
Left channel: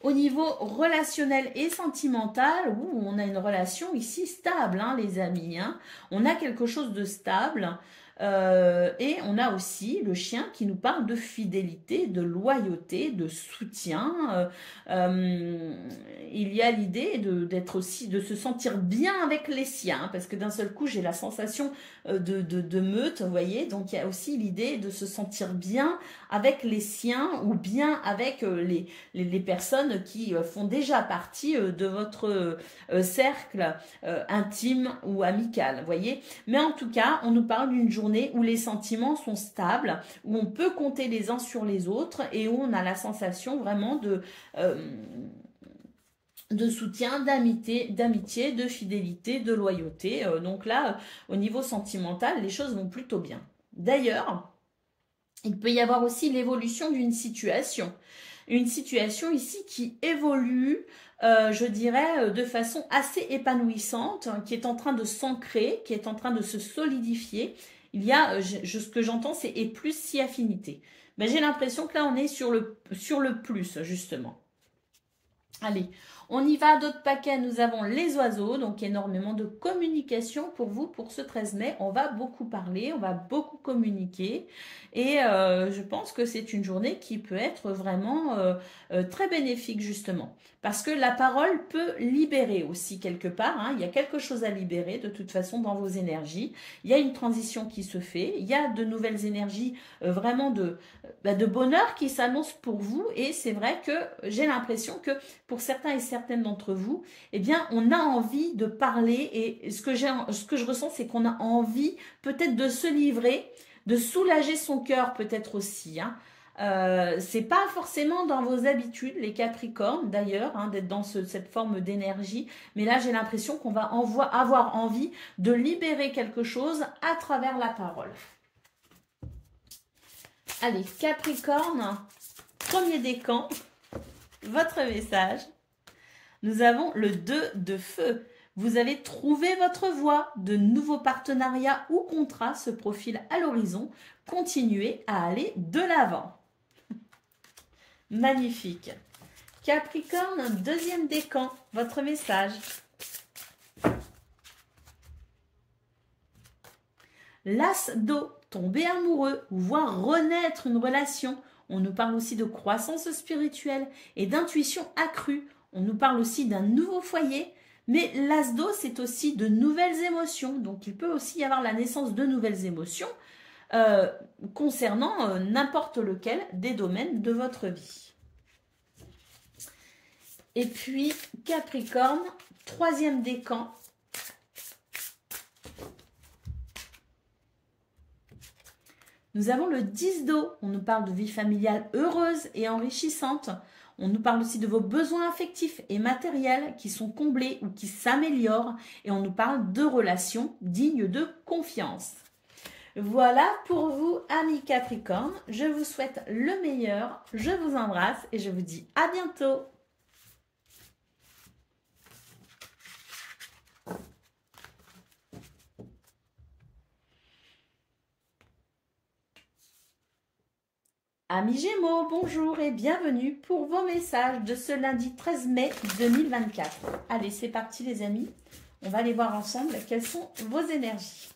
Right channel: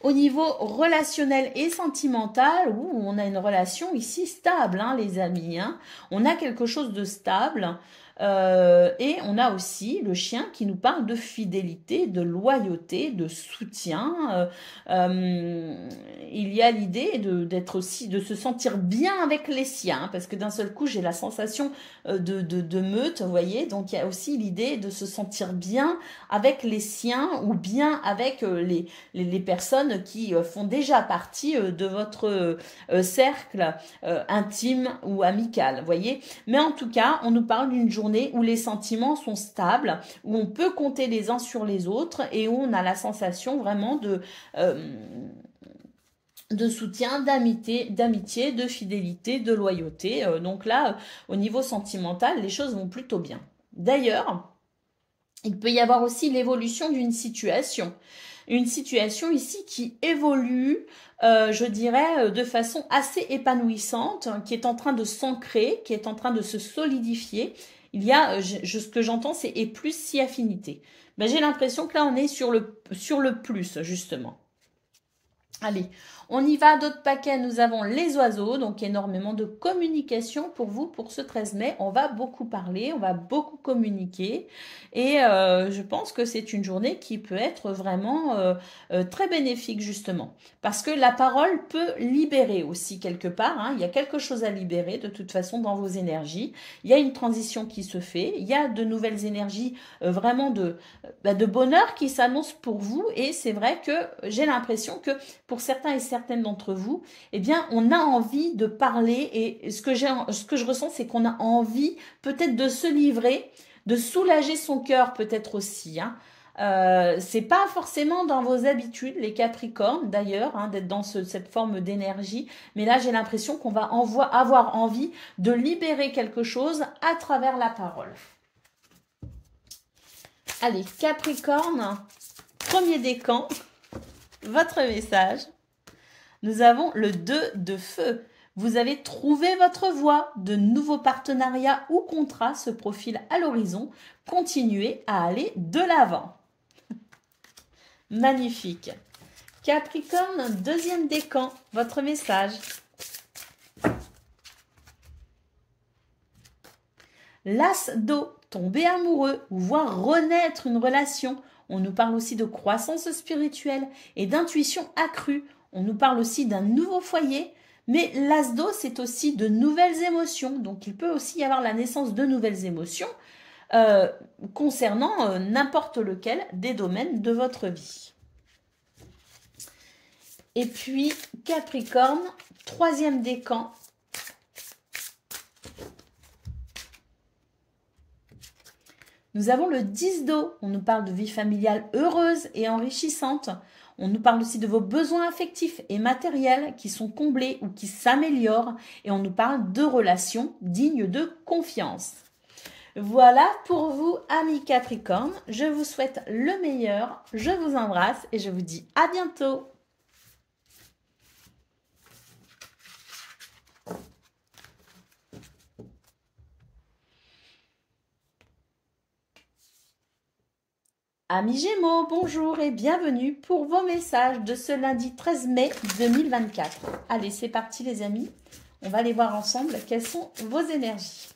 Au niveau relationnel et sentimental, on a une relation ici stable, hein, les amis. Hein. On a quelque chose de stable. Et on a aussi le chien qui nous parle de fidélité, de loyauté, de soutien. Il y a l'idée d'être aussi, de se sentir bien avec les siens, parce que d'un seul coup, j'ai la sensation de meute, vous voyez. Donc, il y a aussi l'idée de se sentir bien avec les siens ou bien avec les personnes qui font déjà partie de votre cercle intime ou amical, vous voyez. Mais en tout cas, on nous parle d'une journée où les sentiments sont stables, où on peut compter les uns sur les autres et où on a la sensation vraiment de soutien, d'amitié, de fidélité, de loyauté. Donc là, au niveau sentimental, les choses vont plutôt bien. D'ailleurs, il peut y avoir aussi l'évolution d'une situation. Une situation ici qui évolue, je dirais, de façon assez épanouissante, qui est en train de s'ancrer, qui est en train de se solidifier. Il y a, ce que j'entends, c'est et plus si affinité. Ben, j'ai l'impression que là, on est sur le plus, justement. Allez, on y va, d'autres paquets. Nous avons les oiseaux, donc énormément de communication pour vous pour ce 13 mai. On va beaucoup parler, on va beaucoup communiquer et je pense que c'est une journée qui peut être vraiment très bénéfique justement. Parce que la parole peut libérer aussi quelque part. Hein. Il y a quelque chose à libérer de toute façon dans vos énergies. Il y a une transition qui se fait. Il y a de nouvelles énergies vraiment de bonheur qui s'annoncent pour vous. Et c'est vrai que j'ai l'impression que pour certains et certaines d'entre vous, eh bien, on a envie de parler. Et ce que je ressens, c'est qu'on a envie peut-être de se livrer, de soulager son cœur peut-être aussi. Hein. C'est pas forcément dans vos habitudes, les Capricornes d'ailleurs, hein, d'être dans cette forme d'énergie. Mais là, j'ai l'impression qu'on va avoir envie de libérer quelque chose à travers la parole. Allez, Capricorne, premier décan, votre message. Nous avons le 2 de feu. Vous avez trouvé votre voie. De nouveaux partenariats ou contrats se profilent à l'horizon. Continuez à aller de l'avant. Magnifique. Capricorne, deuxième décan, votre message. L'as d'eau, tomber amoureux ou voir renaître une relation. On nous parle aussi de croissance spirituelle et d'intuition accrue. On nous parle aussi d'un nouveau foyer, Mais l'as d'eau, c'est aussi de nouvelles émotions. Donc, il peut aussi y avoir la naissance de nouvelles émotions concernant n'importe lequel des domaines de votre vie. Et puis, Capricorne, troisième décan. Nous avons le 10 d'eau. On nous parle de vie familiale heureuse et enrichissante. On nous parle aussi de vos besoins affectifs et matériels qui sont comblés ou qui s'améliorent. Et on nous parle de relations dignes de confiance. Voilà pour vous, amis Capricorne. Je vous souhaite le meilleur. Je vous embrasse et je vous dis à bientôt. Amis Gémeaux, bonjour et bienvenue pour vos messages de ce lundi 13 mai 2024. Allez, c'est parti les amis. On va aller voir ensemble quelles sont vos énergies.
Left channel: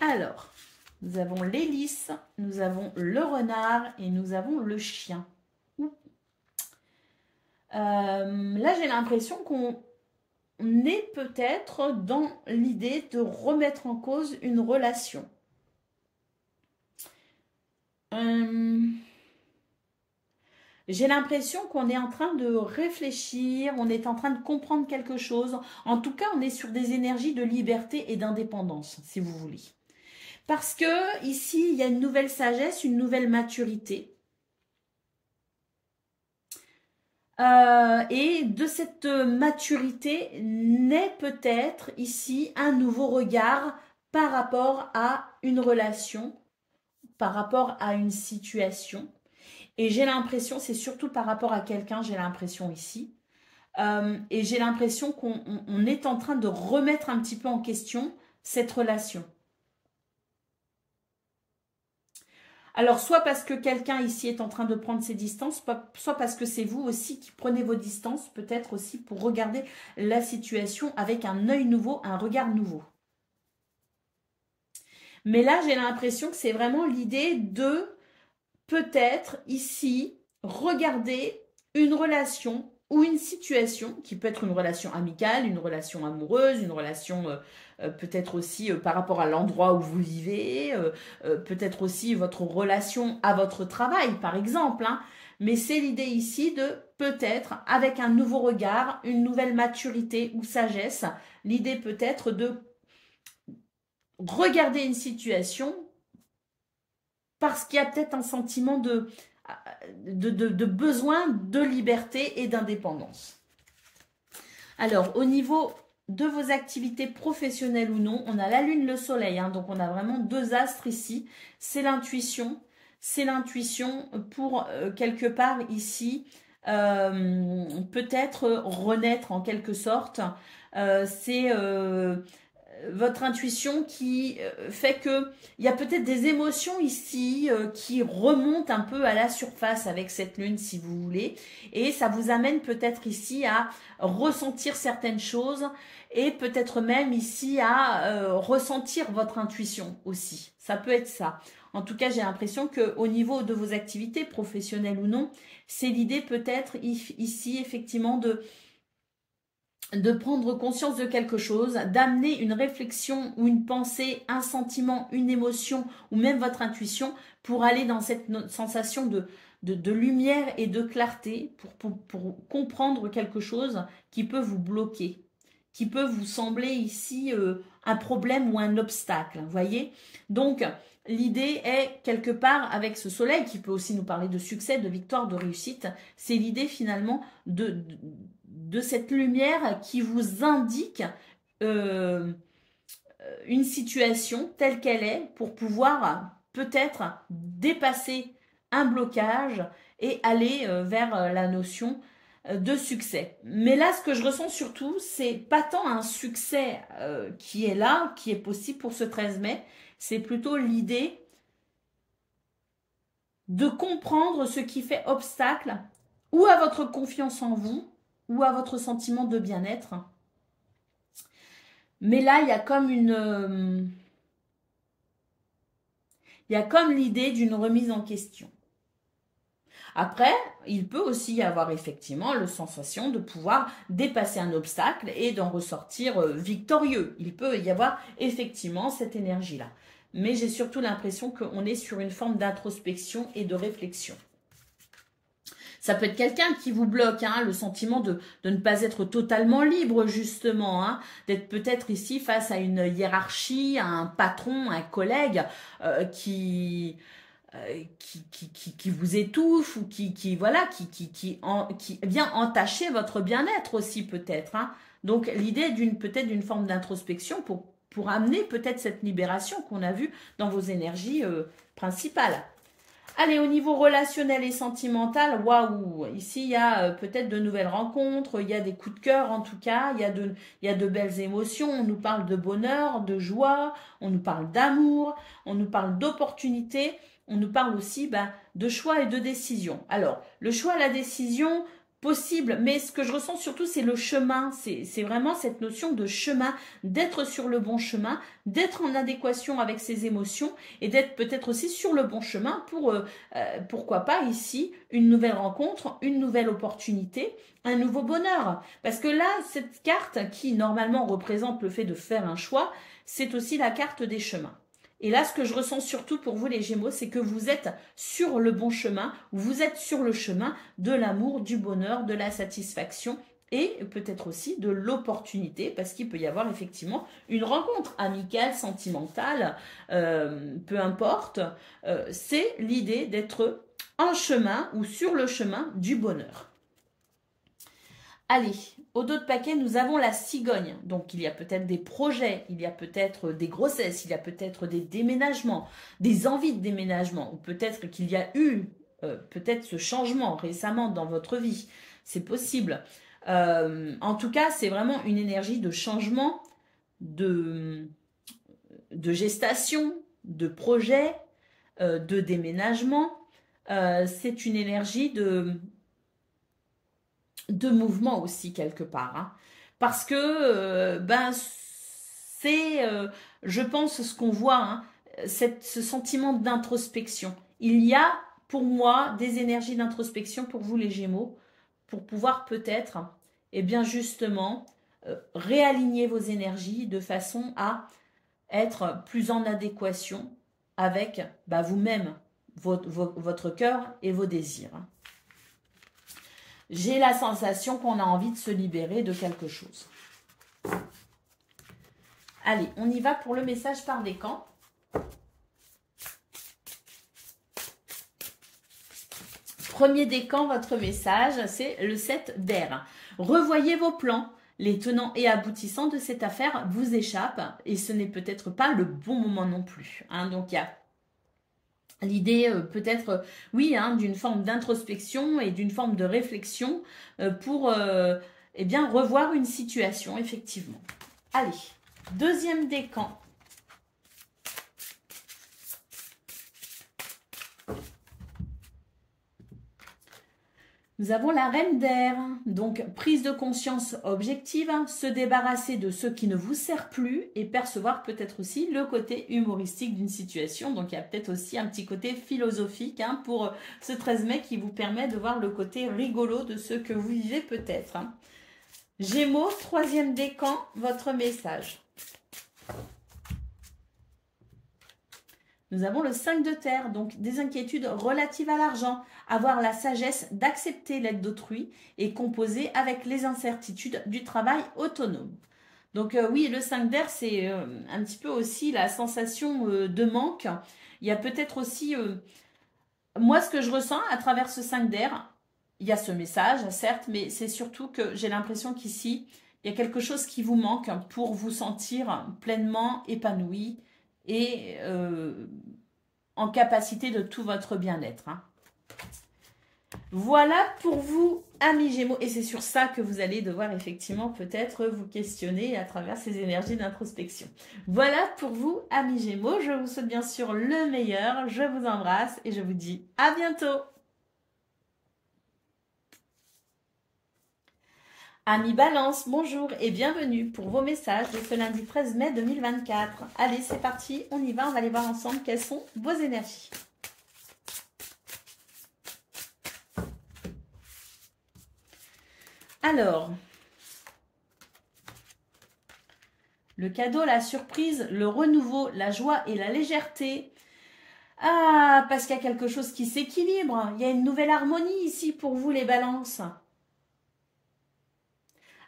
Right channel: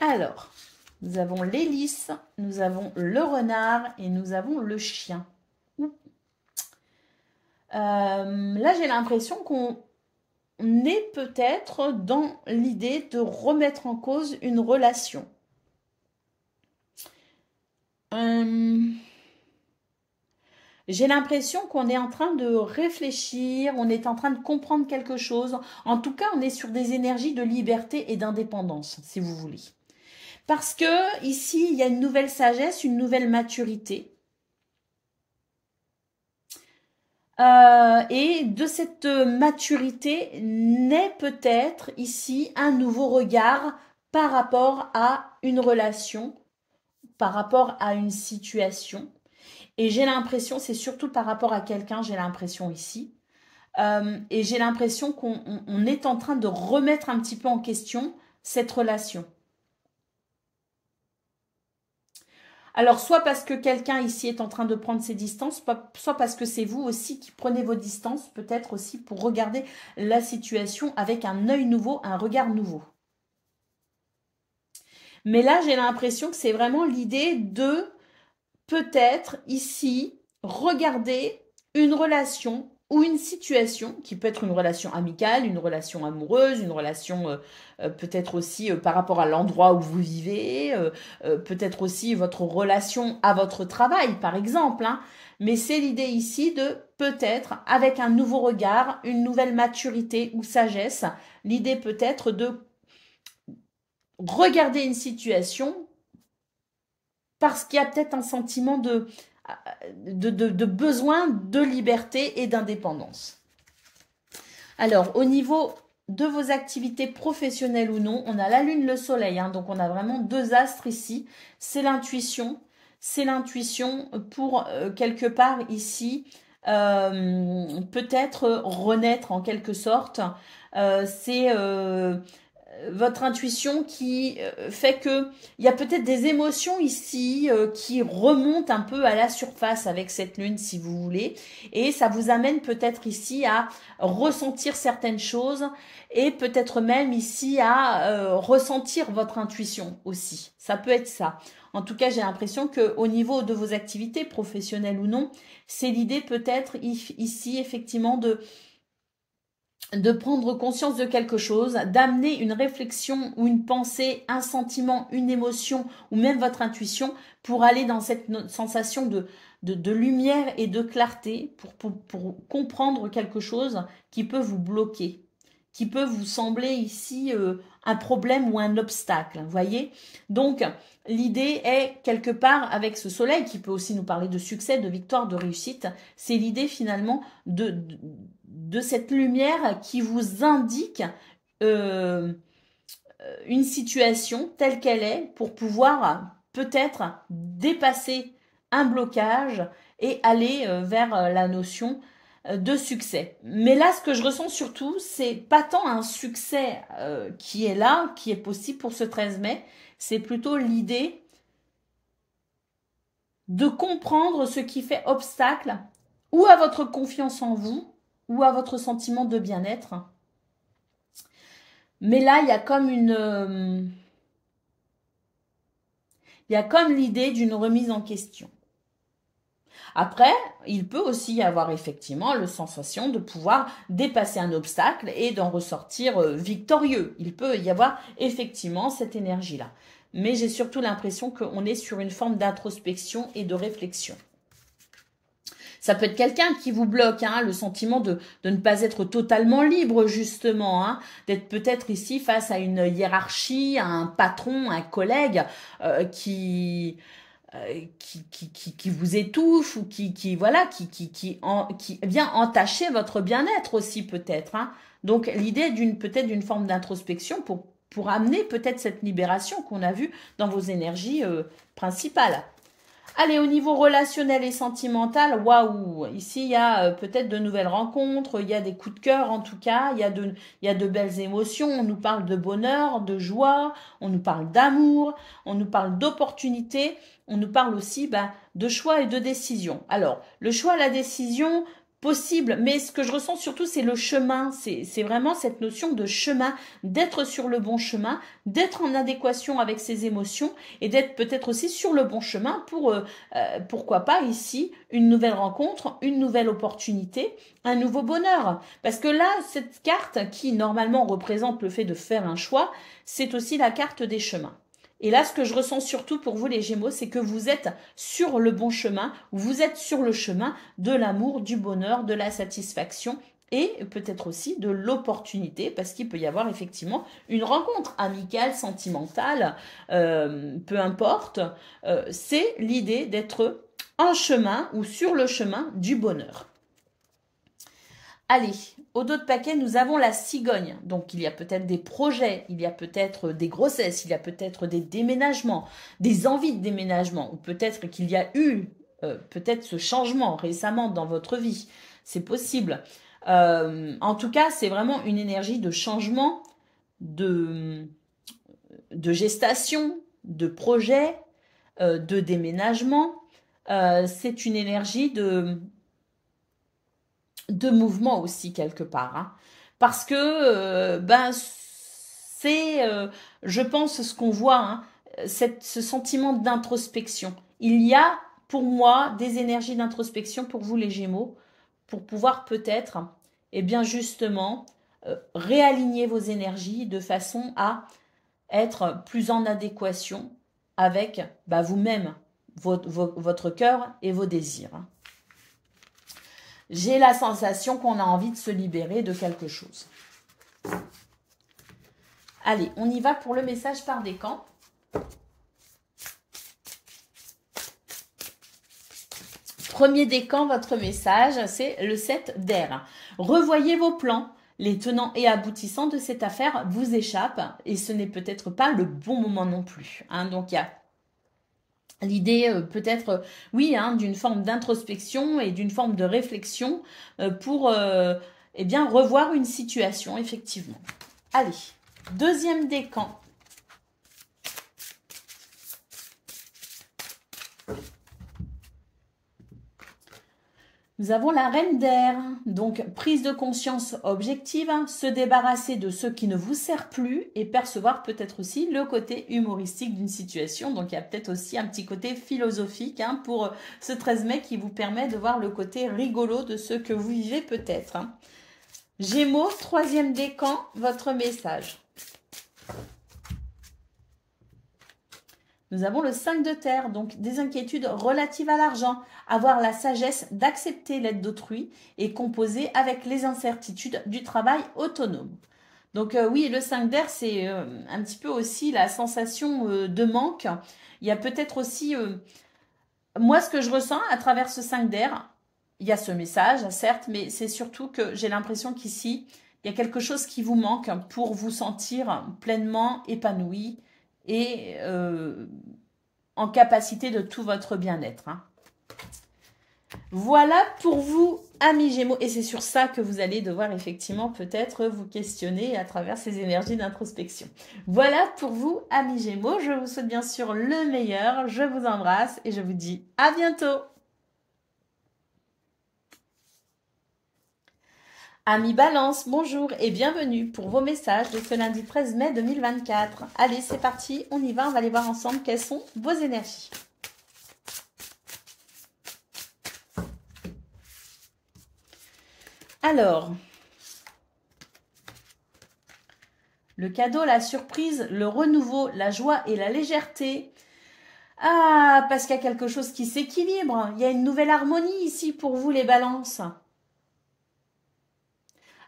Alors, nous avons l'hélice, nous avons le renard et nous avons le chien. Là, j'ai l'impression qu'on est peut-être dans l'idée de remettre en cause une relation. J'ai l'impression qu'on est en train de réfléchir, on est en train de comprendre quelque chose. En tout cas, on est sur des énergies de liberté et d'indépendance, si vous voulez. Parce que ici, il y a une nouvelle sagesse, une nouvelle maturité. Et de cette maturité naît peut-être ici un nouveau regard par rapport à une relation, par rapport à une situation. Et j'ai l'impression, c'est surtout par rapport à quelqu'un, j'ai l'impression ici. Et j'ai l'impression qu'on est en train de remettre un petit peu en question cette relation. Alors, soit parce que quelqu'un ici est en train de prendre ses distances, soit parce que c'est vous aussi qui prenez vos distances, peut-être aussi pour regarder la situation avec un œil nouveau, un regard nouveau. Mais là, j'ai l'impression que c'est vraiment l'idée de peut-être ici regarder une relation ou une situation qui peut être une relation amicale, une relation amoureuse, une relation peut-être aussi par rapport à l'endroit où vous vivez, peut-être aussi votre relation à votre travail par exemple. Hein. Mais c'est l'idée ici de peut-être avec un nouveau regard, une nouvelle maturité ou sagesse, l'idée peut-être de regarder une situation parce qu'il y a peut-être un sentiment de besoin de liberté et d'indépendance. Alors, au niveau de vos activités professionnelles ou non, on a la lune, le soleil, hein, donc on a vraiment deux astres ici. C'est l'intuition pour quelque part ici, peut-être renaître en quelque sorte. C'est votre intuition qui fait que il y a peut-être des émotions ici qui remontent un peu à la surface avec cette lune si vous voulez et ça vous amène peut-être ici à ressentir certaines choses et peut-être même ici à ressentir votre intuition aussi. Ça peut être ça. En tout cas, j'ai l'impression qu'au niveau de vos activités professionnelles ou non, c'est l'idée peut-être ici effectivement de prendre conscience de quelque chose, d'amener une réflexion ou une pensée, un sentiment, une émotion ou même votre intuition pour aller dans cette sensation de lumière et de clarté pour comprendre quelque chose qui peut vous bloquer, qui peut vous sembler ici un problème ou un obstacle, vous voyez. Donc, l'idée est quelque part avec ce soleil qui peut aussi nous parler de succès, de victoire, de réussite, c'est l'idée finalement de cette lumière qui vous indique une situation telle qu'elle est pour pouvoir peut-être dépasser un blocage et aller vers la notion de succès. Mais là, ce que je ressens surtout, c'est pas tant un succès qui est là, qui est possible pour ce 13 mai, c'est plutôt l'idée de comprendre ce qui fait obstacle ou à votre confiance en vous, ou à votre sentiment de bien-être. Mais là, il y a comme il y a comme l'idée d'une remise en question. Après, il peut aussi y avoir effectivement la sensation de pouvoir dépasser un obstacle et d'en ressortir victorieux. Il peut y avoir effectivement cette énergie-là. Mais j'ai surtout l'impression qu'on est sur une forme d'introspection et de réflexion. Ça peut être quelqu'un qui vous bloque, hein, le sentiment de ne pas être totalement libre, justement, hein, d'être peut-être ici face à une hiérarchie, à un patron, un collègue qui vous étouffe ou qui vient entacher votre bien-être aussi peut-être. Hein. Donc l'idée peut-être d'une forme d'introspection pour amener peut-être cette libération qu'on a vue dans vos énergies principales. Allez, au niveau relationnel et sentimental, waouh, ici il y a peut-être de nouvelles rencontres, il y a des coups de cœur en tout cas, il y a de belles émotions, on nous parle de bonheur, de joie, on nous parle d'amour, on nous parle d'opportunités, on nous parle aussi de choix et de décision. Alors, le choix, la décision, possible, mais ce que je ressens surtout, c'est le chemin, c'est vraiment cette notion de chemin, d'être sur le bon chemin, d'être en adéquation avec ses émotions et d'être peut-être aussi sur le bon chemin pour, pourquoi pas ici, une nouvelle rencontre, une nouvelle opportunité, un nouveau bonheur. Parce que là, cette carte qui normalement représente le fait de faire un choix, c'est aussi la carte des chemins. Et là, ce que je ressens surtout pour vous les Gémeaux, c'est que vous êtes sur le bon chemin, vous êtes sur le chemin de l'amour, du bonheur, de la satisfaction et peut-être aussi de l'opportunité, parce qu'il peut y avoir effectivement une rencontre amicale, sentimentale, peu importe. C'est l'idée d'être en chemin ou sur le chemin du bonheur. Allez, au dos de paquet, nous avons la cigogne. Donc, il y a peut-être des projets, il y a peut-être des grossesses, il y a peut-être des déménagements, des envies de déménagement, ou peut-être qu'il y a eu peut-être ce changement récemment dans votre vie. C'est possible. En tout cas, c'est vraiment une énergie de changement, de gestation, de projet, de déménagement. C'est une énergie de mouvement aussi quelque part. Hein. Parce que c'est, je pense, ce qu'on voit, hein, ce sentiment d'introspection. Il y a pour moi des énergies d'introspection pour vous les Gémeaux, pour pouvoir peut-être, eh bien justement, réaligner vos énergies de façon à être plus en adéquation avec vous-même, votre cœur et vos désirs. Hein. J'ai la sensation qu'on a envie de se libérer de quelque chose. Allez, on y va pour le message par décan. Premier décan, votre message, c'est le 7 d'air. Revoyez vos plans. Les tenants et aboutissants de cette affaire vous échappent et ce n'est peut-être pas le bon moment non plus. Hein. Donc, il y a l'idée peut-être, oui, hein, d'une forme d'introspection et d'une forme de réflexion pour eh bien, revoir une situation, effectivement. Allez, deuxième décan. Nous avons la reine d'air, donc prise de conscience objective, hein, se débarrasser de ce qui ne vous sert plus et percevoir peut-être aussi le côté humoristique d'une situation. Donc il y a peut-être aussi un petit côté philosophique hein, pour ce 13 mai qui vous permet de voir le côté rigolo de ce que vous vivez peut-être. Hein. Gémeaux, troisième décan, votre message. Nous avons le 5 de terre, donc des inquiétudes relatives à l'argent. Avoir la sagesse d'accepter l'aide d'autrui et composer avec les incertitudes du travail autonome. Donc oui, le 5 d'air, c'est un petit peu aussi la sensation de manque. Il y a peut-être aussi, moi ce que je ressens à travers ce 5 d'air, il y a ce message, certes, mais c'est surtout que j'ai l'impression qu'ici, il y a quelque chose qui vous manque pour vous sentir pleinement épanoui et en capacité de tout votre bien-être. Hein. Voilà pour vous, amis Gémeaux. Et c'est sur ça que vous allez devoir effectivement peut-être vous questionner à travers ces énergies d'introspection. Voilà pour vous, amis Gémeaux. Je vous souhaite bien sûr le meilleur. Je vous embrasse et je vous dis à bientôt. Amis Balance, bonjour et bienvenue pour vos messages de ce lundi 13 mai 2024. Allez, c'est parti, on y va, on va aller voir ensemble quelles sont vos énergies. Alors, le cadeau, la surprise, le renouveau, la joie et la légèreté. Ah, parce qu'il y a quelque chose qui s'équilibre. Il y a une nouvelle harmonie ici pour vous, les balances.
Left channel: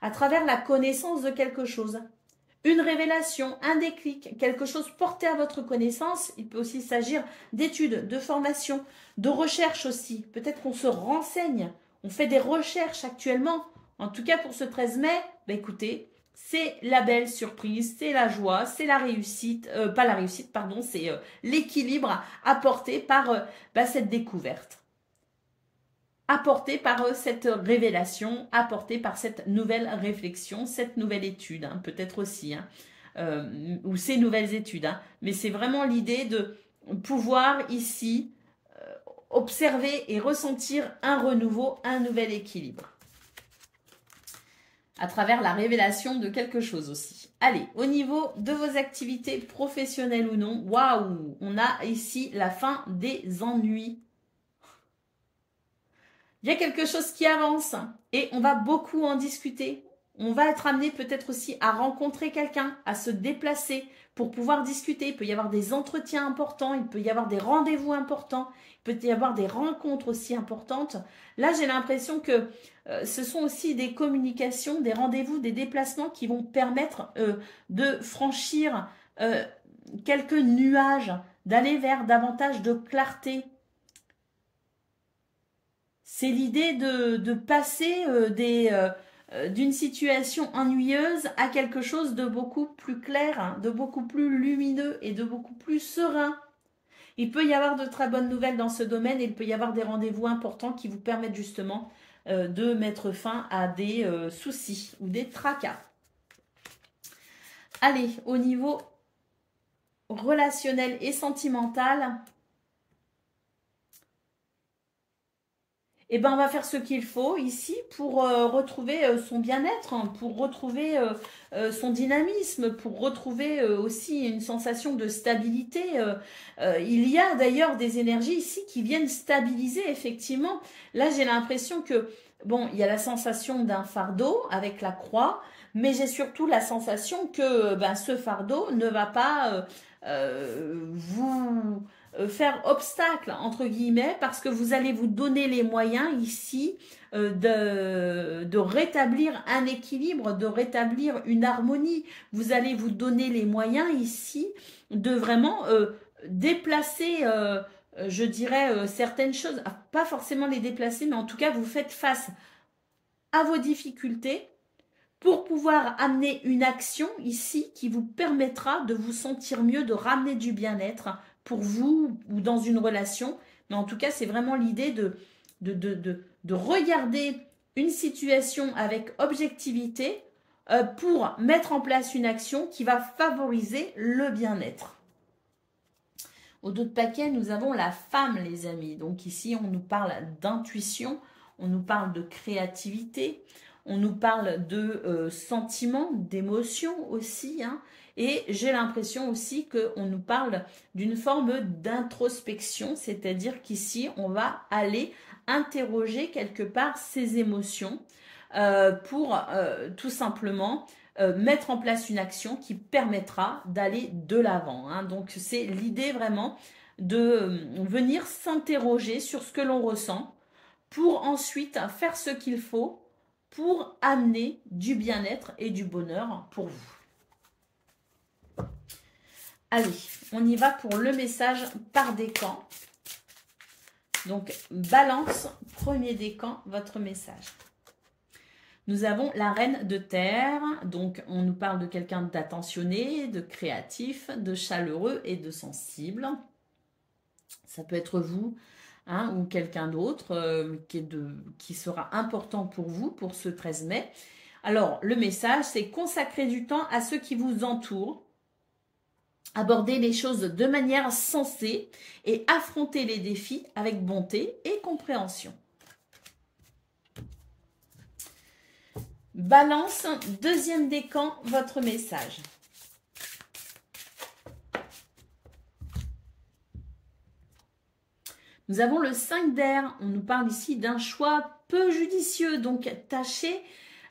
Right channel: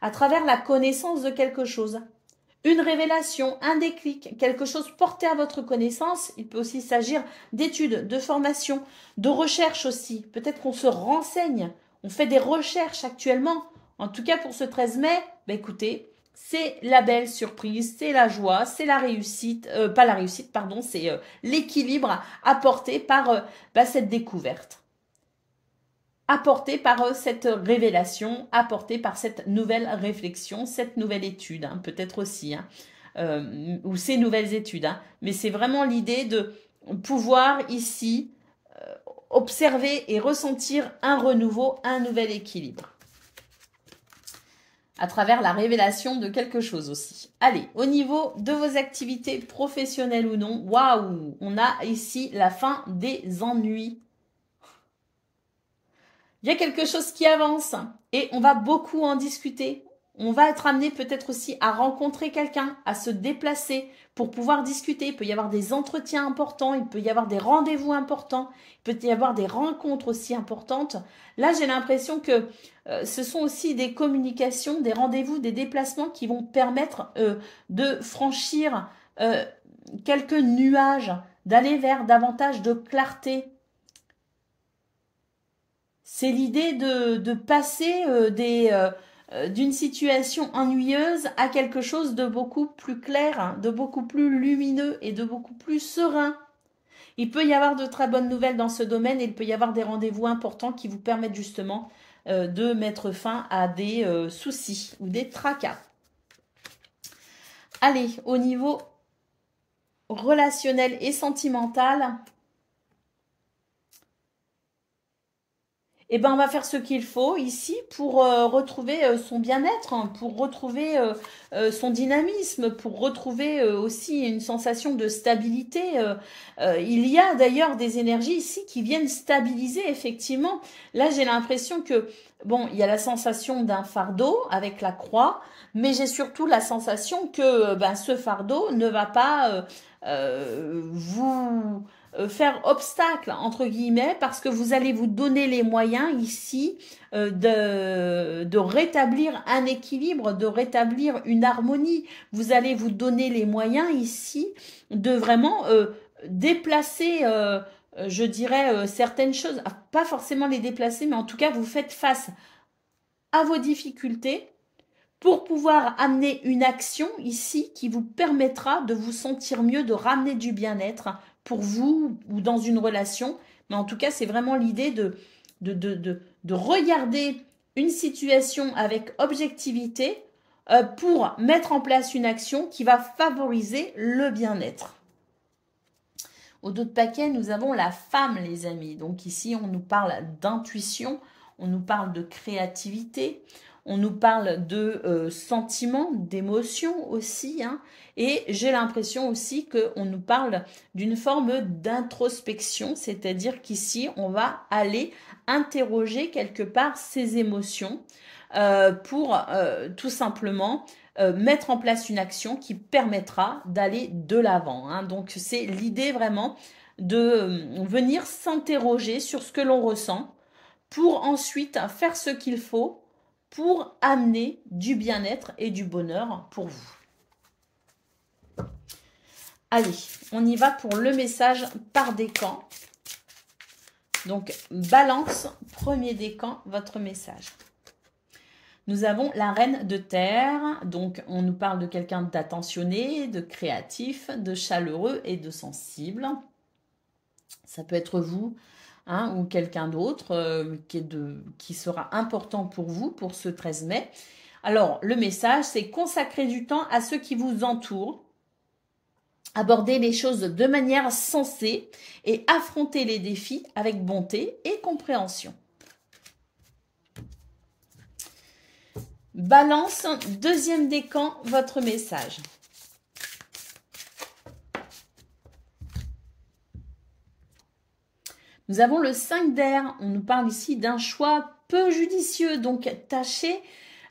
À travers la connaissance de quelque chose. Une révélation, un déclic, quelque chose porté à votre connaissance. Il peut aussi s'agir d'études, de formation, de recherche aussi. Peut-être qu'on se renseigne. On fait des recherches actuellement. En tout cas, pour ce 13 mai, bah écoutez, c'est la belle surprise, c'est la joie, c'est la réussite, pas la réussite, pardon, c'est l'équilibre apporté par cette découverte. Apporté par cette révélation, apporté par cette nouvelle réflexion, cette nouvelle étude, hein, peut-être aussi, hein, ou ces nouvelles études. Hein, mais c'est vraiment l'idée de pouvoir ici observer et ressentir un renouveau, un nouvel équilibre. À travers la révélation de quelque chose aussi. Allez, au niveau de vos activités professionnelles ou non, waouh, on a ici la fin des ennuis. Il y a quelque chose qui avance et on va beaucoup en discuter. On va être amené peut-être aussi à rencontrer quelqu'un, à se déplacer pour pouvoir discuter. Il peut y avoir des entretiens importants, il peut y avoir des rendez-vous importants, il peut y avoir des rencontres aussi importantes. Là, j'ai l'impression que ce sont aussi des communications, des rendez-vous, des déplacements qui vont permettre de franchir quelques nuages, d'aller vers davantage de clarté. C'est l'idée de passer d'une situation ennuyeuse à quelque chose de beaucoup plus clair, hein, de beaucoup plus lumineux et de beaucoup plus serein. Il peut y avoir de très bonnes nouvelles dans ce domaine et il peut y avoir des rendez-vous importants qui vous permettent justement de mettre fin à des soucis ou des tracas. Allez, au niveau relationnel et sentimental, eh ben, on va faire ce qu'il faut ici pour retrouver son bien-être, hein, pour retrouver son dynamisme, pour retrouver aussi une sensation de stabilité. Il y a d'ailleurs des énergies ici qui viennent stabiliser effectivement. Là, j'ai l'impression que, bon, il y a la sensation d'un fardeau avec la croix, mais j'ai surtout la sensation que ce fardeau ne va pas vous faire obstacle, entre guillemets, parce que vous allez vous donner les moyens ici de rétablir un équilibre, de rétablir une harmonie. Vous allez vous donner les moyens ici de vraiment déplacer, je dirais, certaines choses, pas forcément les déplacer, mais en tout cas, vous faites face à vos difficultés pour pouvoir amener une action ici qui vous permettra de vous sentir mieux, de ramener du bien-être pour vous ou dans une relation. Mais en tout cas, c'est vraiment l'idée de regarder une situation avec objectivité pour mettre en place une action qui va favoriser le bien-être. Au dos de paquet, nous avons la femme, les amis. Donc ici, on nous parle d'intuition, on nous parle de créativité, on nous parle de sentiments, d'émotions aussi, hein. Et j'ai l'impression aussi qu'on nous parle d'une forme d'introspection, c'est-à-dire qu'ici, on va aller interroger quelque part ces émotions pour tout simplement mettre en place une action qui permettra d'aller de l'avant, hein. Donc, c'est l'idée vraiment de venir s'interroger sur ce que l'on ressent pour ensuite faire ce qu'il faut pour amener du bien-être et du bonheur pour vous. Allez, on y va pour le message par décan. Donc, balance, premier décan, votre message. Nous avons la reine de terre, donc on nous parle de quelqu'un d'attentionné, de créatif, de chaleureux et de sensible. Ça peut être vous, hein, ou quelqu'un d'autre qui sera important pour vous pour ce 13 mai. Alors, le message, c'est consacrer du temps à ceux qui vous entourent, aborder les choses de manière sensée et affronter les défis avec bonté et compréhension. Balance, deuxième décan, votre message. Nous avons le 5 d'air. On nous parle ici d'un choix peu judicieux. Donc, tâchez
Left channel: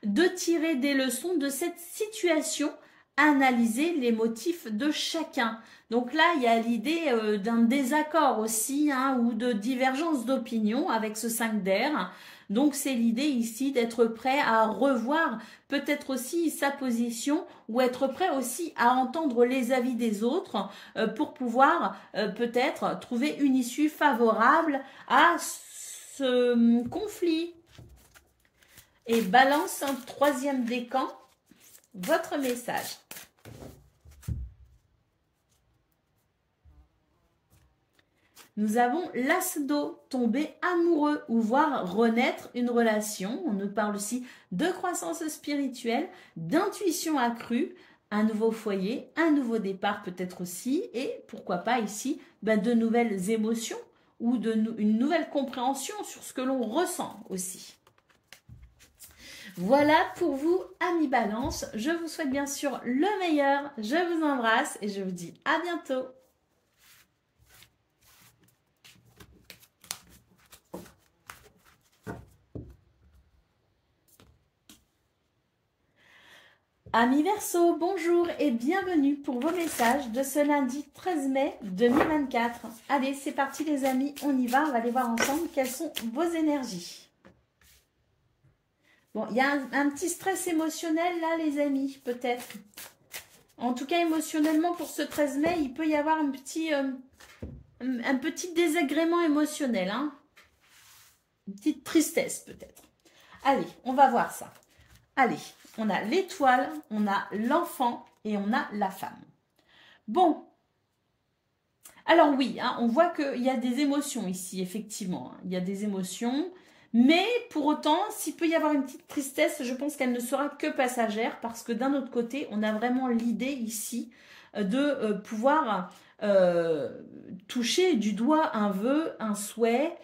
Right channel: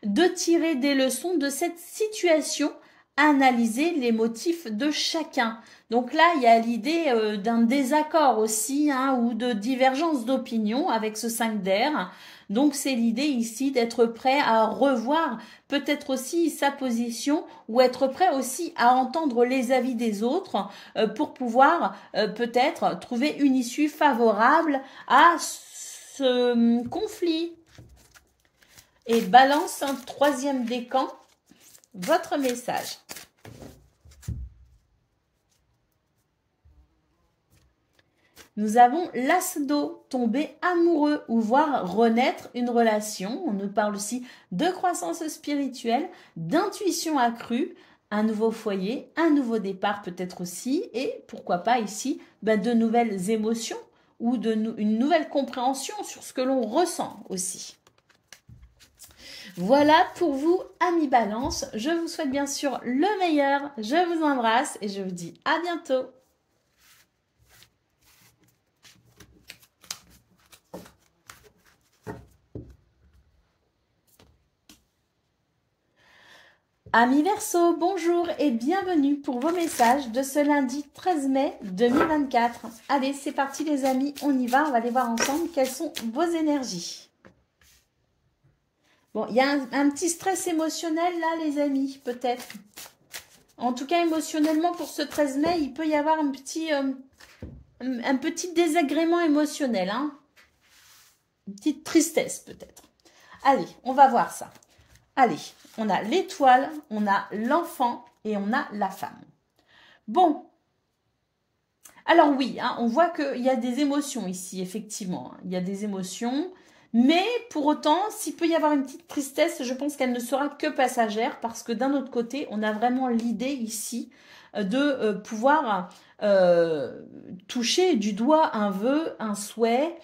de tirer des leçons de cette situation, analyser les motifs de chacun. Donc là, il y a l'idée d'un désaccord aussi, hein, ou de divergence d'opinion avec ce 5 d'air. Donc c'est l'idée ici d'être prêt à revoir peut-être aussi sa position ou être prêt aussi à entendre les avis des autres pour pouvoir peut-être trouver une issue favorable à ce conflit. Et Balance, un 3e décan, votre message. Nous avons l'as d'eau, tomber amoureux ou voir renaître une relation. On nous parle aussi de croissance spirituelle, d'intuition accrue, un nouveau foyer, un nouveau départ peut-être aussi, et pourquoi pas ici, de nouvelles émotions ou une nouvelle compréhension sur ce que l'on ressent aussi. Voilà pour vous, amis Balance. Je vous souhaite bien sûr le meilleur. Je vous embrasse et je vous dis à bientôt. Amis Verseau, bonjour et bienvenue pour vos messages de ce lundi 13 mai 2024. Allez, c'est parti les amis, on y va, on va aller voir ensemble quelles sont vos énergies. Bon, il y a un petit stress émotionnel là, les amis, peut-être. En tout cas, émotionnellement, pour ce 13 mai, il peut y avoir un petit désagrément émotionnel. Hein. Une petite tristesse, peut-être. Allez, on va voir ça. Allez, on a l'étoile, on a l'enfant et on a la femme. Bon. Alors oui, hein, on voit qu'il y a des émotions ici, effectivement. Il y a des émotions. Mais pour autant, s'il peut y avoir une petite tristesse, je pense qu'elle ne sera que passagère parce que d'un autre côté, on a vraiment l'idée ici de pouvoir toucher du doigt un vœu, un souhait.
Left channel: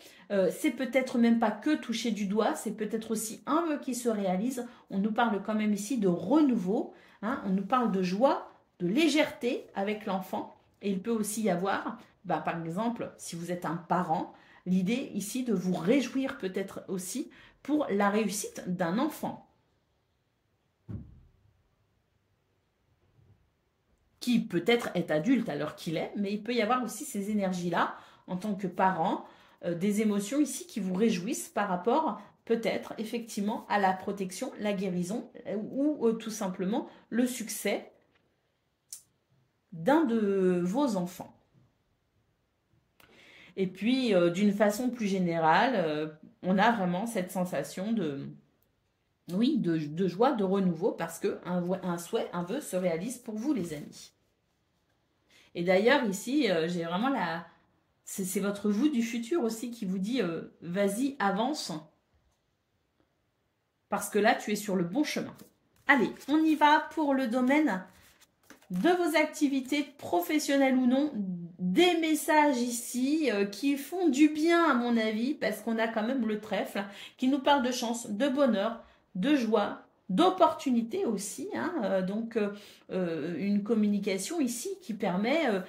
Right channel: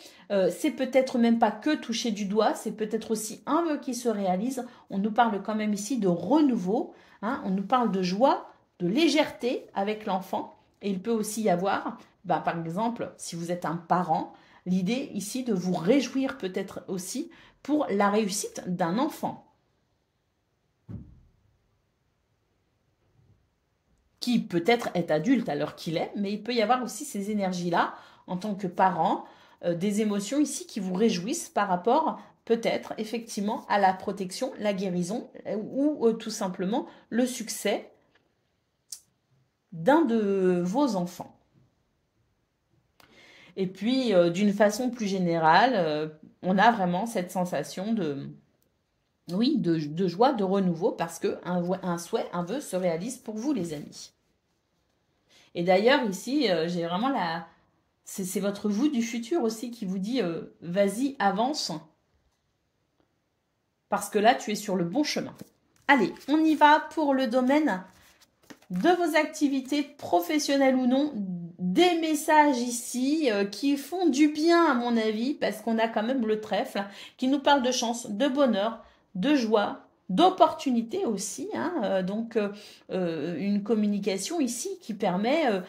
C'est peut-être même pas que toucher du doigt, c'est peut-être aussi un vœu qui se réalise. On nous parle quand même ici de renouveau, hein, on nous parle de joie, de légèreté avec l'enfant. Et il peut aussi y avoir, par exemple, si vous êtes un parent, l'idée ici de vous réjouir peut-être aussi pour la réussite d'un enfant. Qui peut-être est adulte à l'heure qu'il est, mais il peut y avoir aussi ces énergies-là en tant que parent, des émotions ici qui vous réjouissent par rapport peut-être effectivement à la protection, la guérison ou tout simplement le succès d'un de vos enfants. Et puis, d'une façon plus générale, on a vraiment cette sensation de joie, de renouveau, parce qu'un souhait, un vœu se réalise pour vous, les amis. Et d'ailleurs, ici, j'ai vraiment c'est votre vous du futur aussi qui vous dit vas-y, avance. Parce que là, tu es sur le bon chemin. Allez, on y va pour le domaine de vos activités professionnelles ou non, des messages ici qui font du bien à mon avis, parce qu'on a quand même le trèfle qui nous parle de chance, de bonheur, de joie, d'opportunité aussi, hein, donc une communication ici qui permet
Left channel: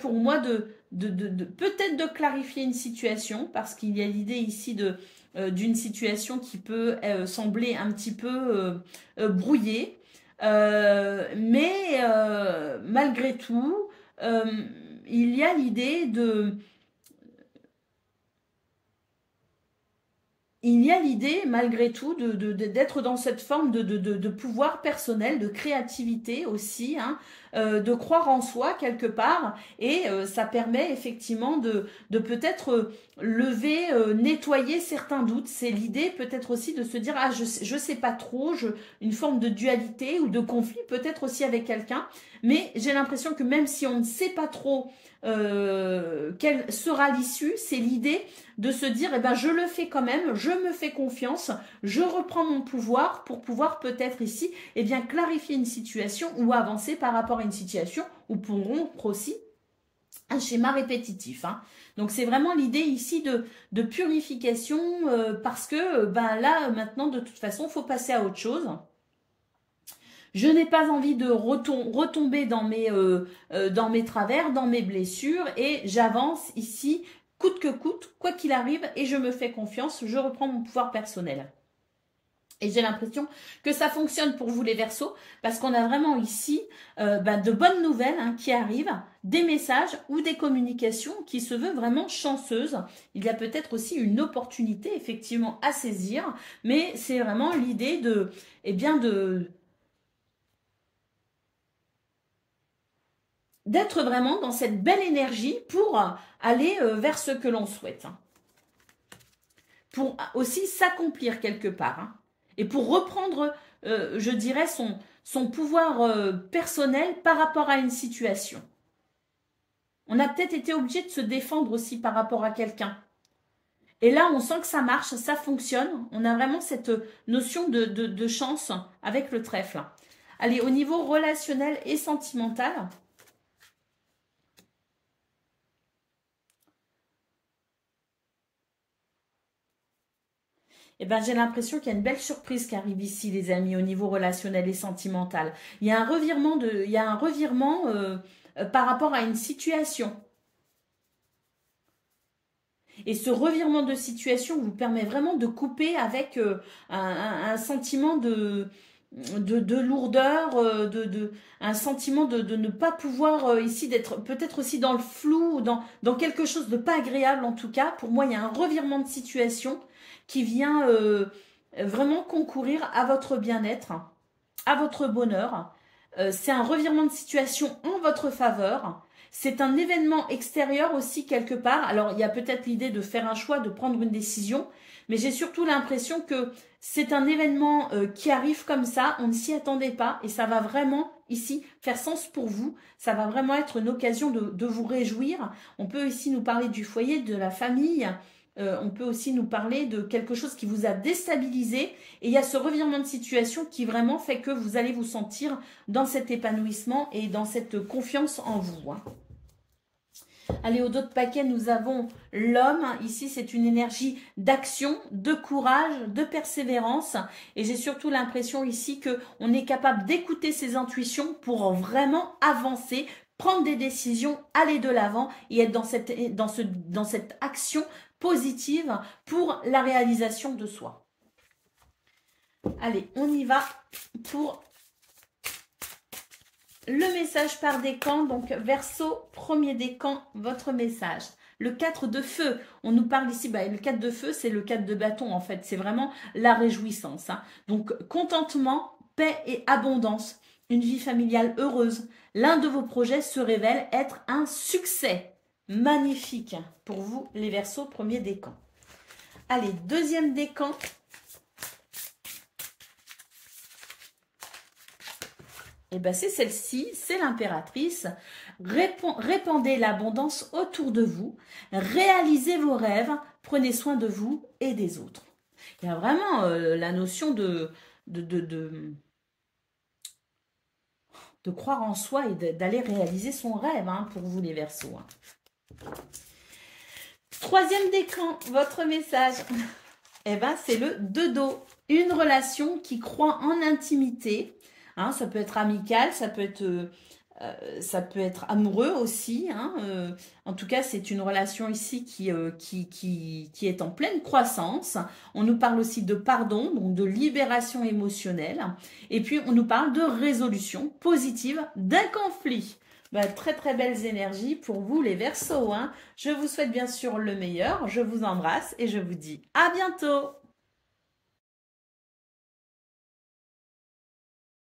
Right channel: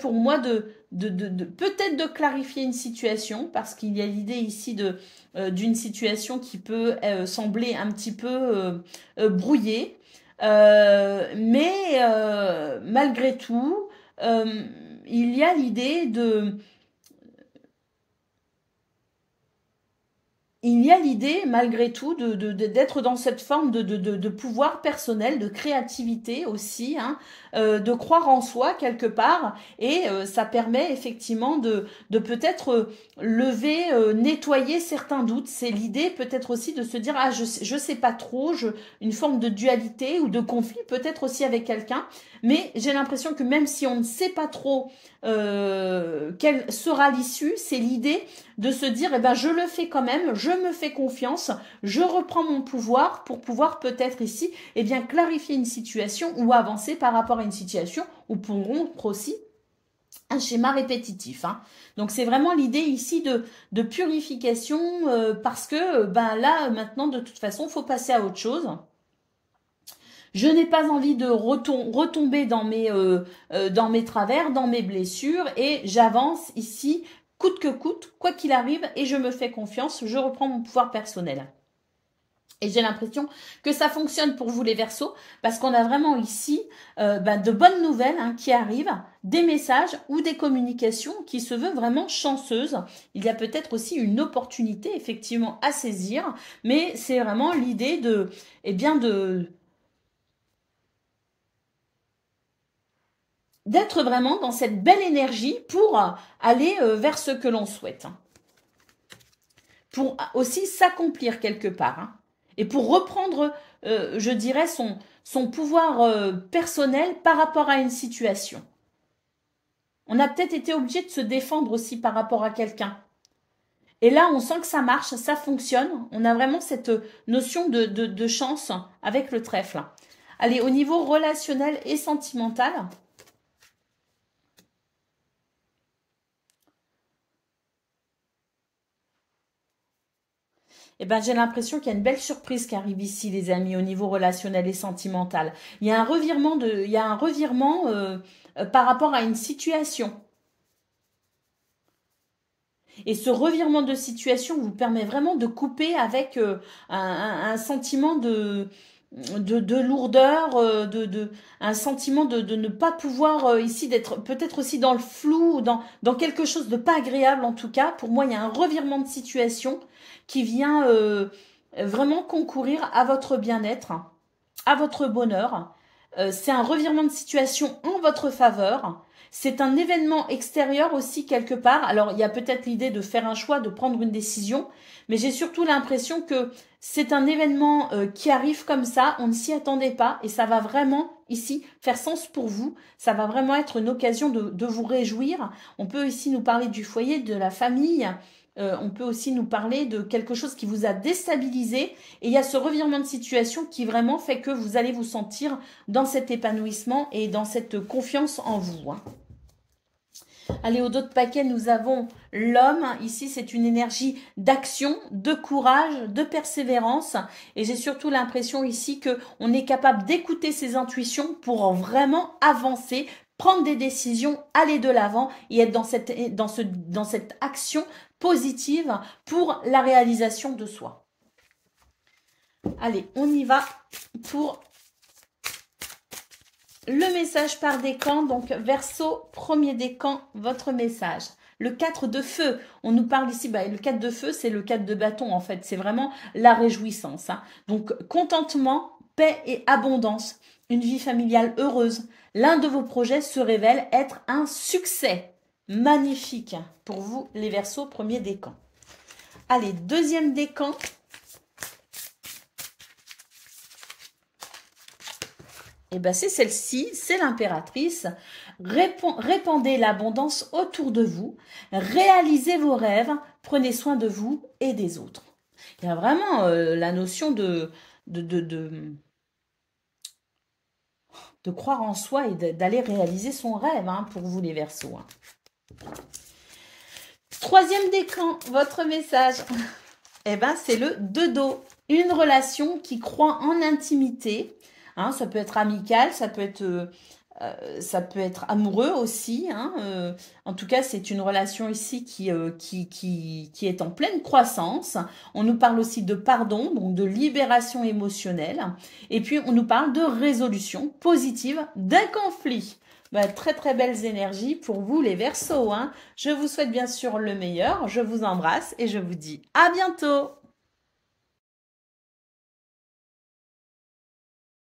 pour moi de peut-être de clarifier une situation, parce qu'il y a l'idée ici d'une situation qui peut sembler un petit peu brouillée. Mais malgré tout, il y a l'idée malgré tout d'être dans cette forme de pouvoir personnel, de créativité aussi, hein, de croire en soi quelque part, et ça permet effectivement de peut-être lever, nettoyer certains doutes. C'est l'idée peut-être aussi de se dire ah je sais pas trop, une forme de dualité ou de conflit peut-être aussi avec quelqu'un, mais j'ai l'impression que même si on ne sait pas trop quelle sera l'issue, c'est l'idée de se dire eh ben je le fais quand même, je me fais confiance, je reprends mon pouvoir pour pouvoir peut-être ici clarifier une situation ou avancer par rapport à une situation ou pour rompre aussi un schéma répétitif. Hein. Donc c'est vraiment l'idée ici de purification parce que là maintenant de toute façon il faut passer à autre chose. Je n'ai pas envie de retomber dans mes travers, dans mes blessures, et j'avance ici coûte que coûte, quoi qu'il arrive, et je me fais confiance, je reprends mon pouvoir personnel. Et j'ai l'impression que ça fonctionne pour vous les Verseaux, parce qu'on a vraiment ici de bonnes nouvelles qui arrivent, des messages ou des communications qui se veulent vraiment chanceuses. Il y a peut-être aussi une opportunité effectivement à saisir, mais c'est vraiment l'idée de, d'être vraiment dans cette belle énergie pour aller vers ce que l'on souhaite. Pour aussi s'accomplir quelque part. Et pour reprendre, je dirais, son pouvoir personnel par rapport à une situation. On a peut-être été obligé de se défendre aussi par rapport à quelqu'un. Et là, on sent que ça marche, ça fonctionne. On a vraiment cette notion de chance avec le trèfle. Allez, au niveau relationnel et sentimental, eh ben, j'ai l'impression qu'il y a une belle surprise qui arrive ici, les amis, au niveau relationnel et sentimental. Il y a un revirement, par rapport à une situation. Et ce revirement de situation vous permet vraiment de couper avec un sentiment de lourdeur, un sentiment de ne pas pouvoir ici d'être peut-être aussi dans le flou, dans quelque chose de pas agréable en tout cas. Pour moi, il y a un revirement de situation qui vient vraiment concourir à votre bien-être, à votre bonheur. C'est un revirement de situation en votre faveur. C'est un événement extérieur aussi quelque part. Alors, il y a peut-être l'idée de faire un choix, de prendre une décision, mais j'ai surtout l'impression que c'est un événement qui arrive comme ça, on ne s'y attendait pas et ça va vraiment ici faire sens pour vous. Ça va vraiment être une occasion de vous réjouir. On peut ici nous parler du foyer, de la famille. On peut aussi nous parler de quelque chose qui vous a déstabilisé. Et il y a ce revirement de situation qui vraiment fait que vous allez vous sentir dans cet épanouissement et dans cette confiance en vous. Allez, au dos de paquet, nous avons l'homme. Ici, c'est une énergie d'action, de courage, de persévérance. Et j'ai surtout l'impression ici qu'on est capable d'écouter ses intuitions pour vraiment avancer, prendre des décisions, aller de l'avant et être dans cette action positive pour la réalisation de soi. Allez, on y va pour le message par décan. Donc, Verseau, premier décan, votre message. Le 4 de feu, on nous parle ici, le 4 de feu, c'est le 4 de bâton en fait. C'est vraiment la réjouissance. Donc, contentement, paix et abondance. Une vie familiale heureuse. L'un de vos projets se révèle être un succès. Magnifique pour vous, les Verseaux, premier décan. Allez, deuxième décan. Et bien, c'est celle-ci, c'est l'impératrice. Répandez l'abondance autour de vous. Réalisez vos rêves. Prenez soin de vous et des autres. Il y a vraiment la notion de croire en soi et d'aller réaliser son rêve pour vous, les Verseaux. Troisième décan, votre message. Eh ben, c'est le 2 d'eau. Une relation qui croit en intimité. Ça peut être amical, ça peut être amoureux aussi. En tout cas, c'est une relation ici qui est en pleine croissance. On nous parle aussi de pardon, donc de libération émotionnelle. Et puis, on nous parle de résolution positive d'un conflit. Très très belles énergies pour vous les Verseaux. Je vous souhaite bien sûr le meilleur. Je vous embrasse et je vous dis à bientôt.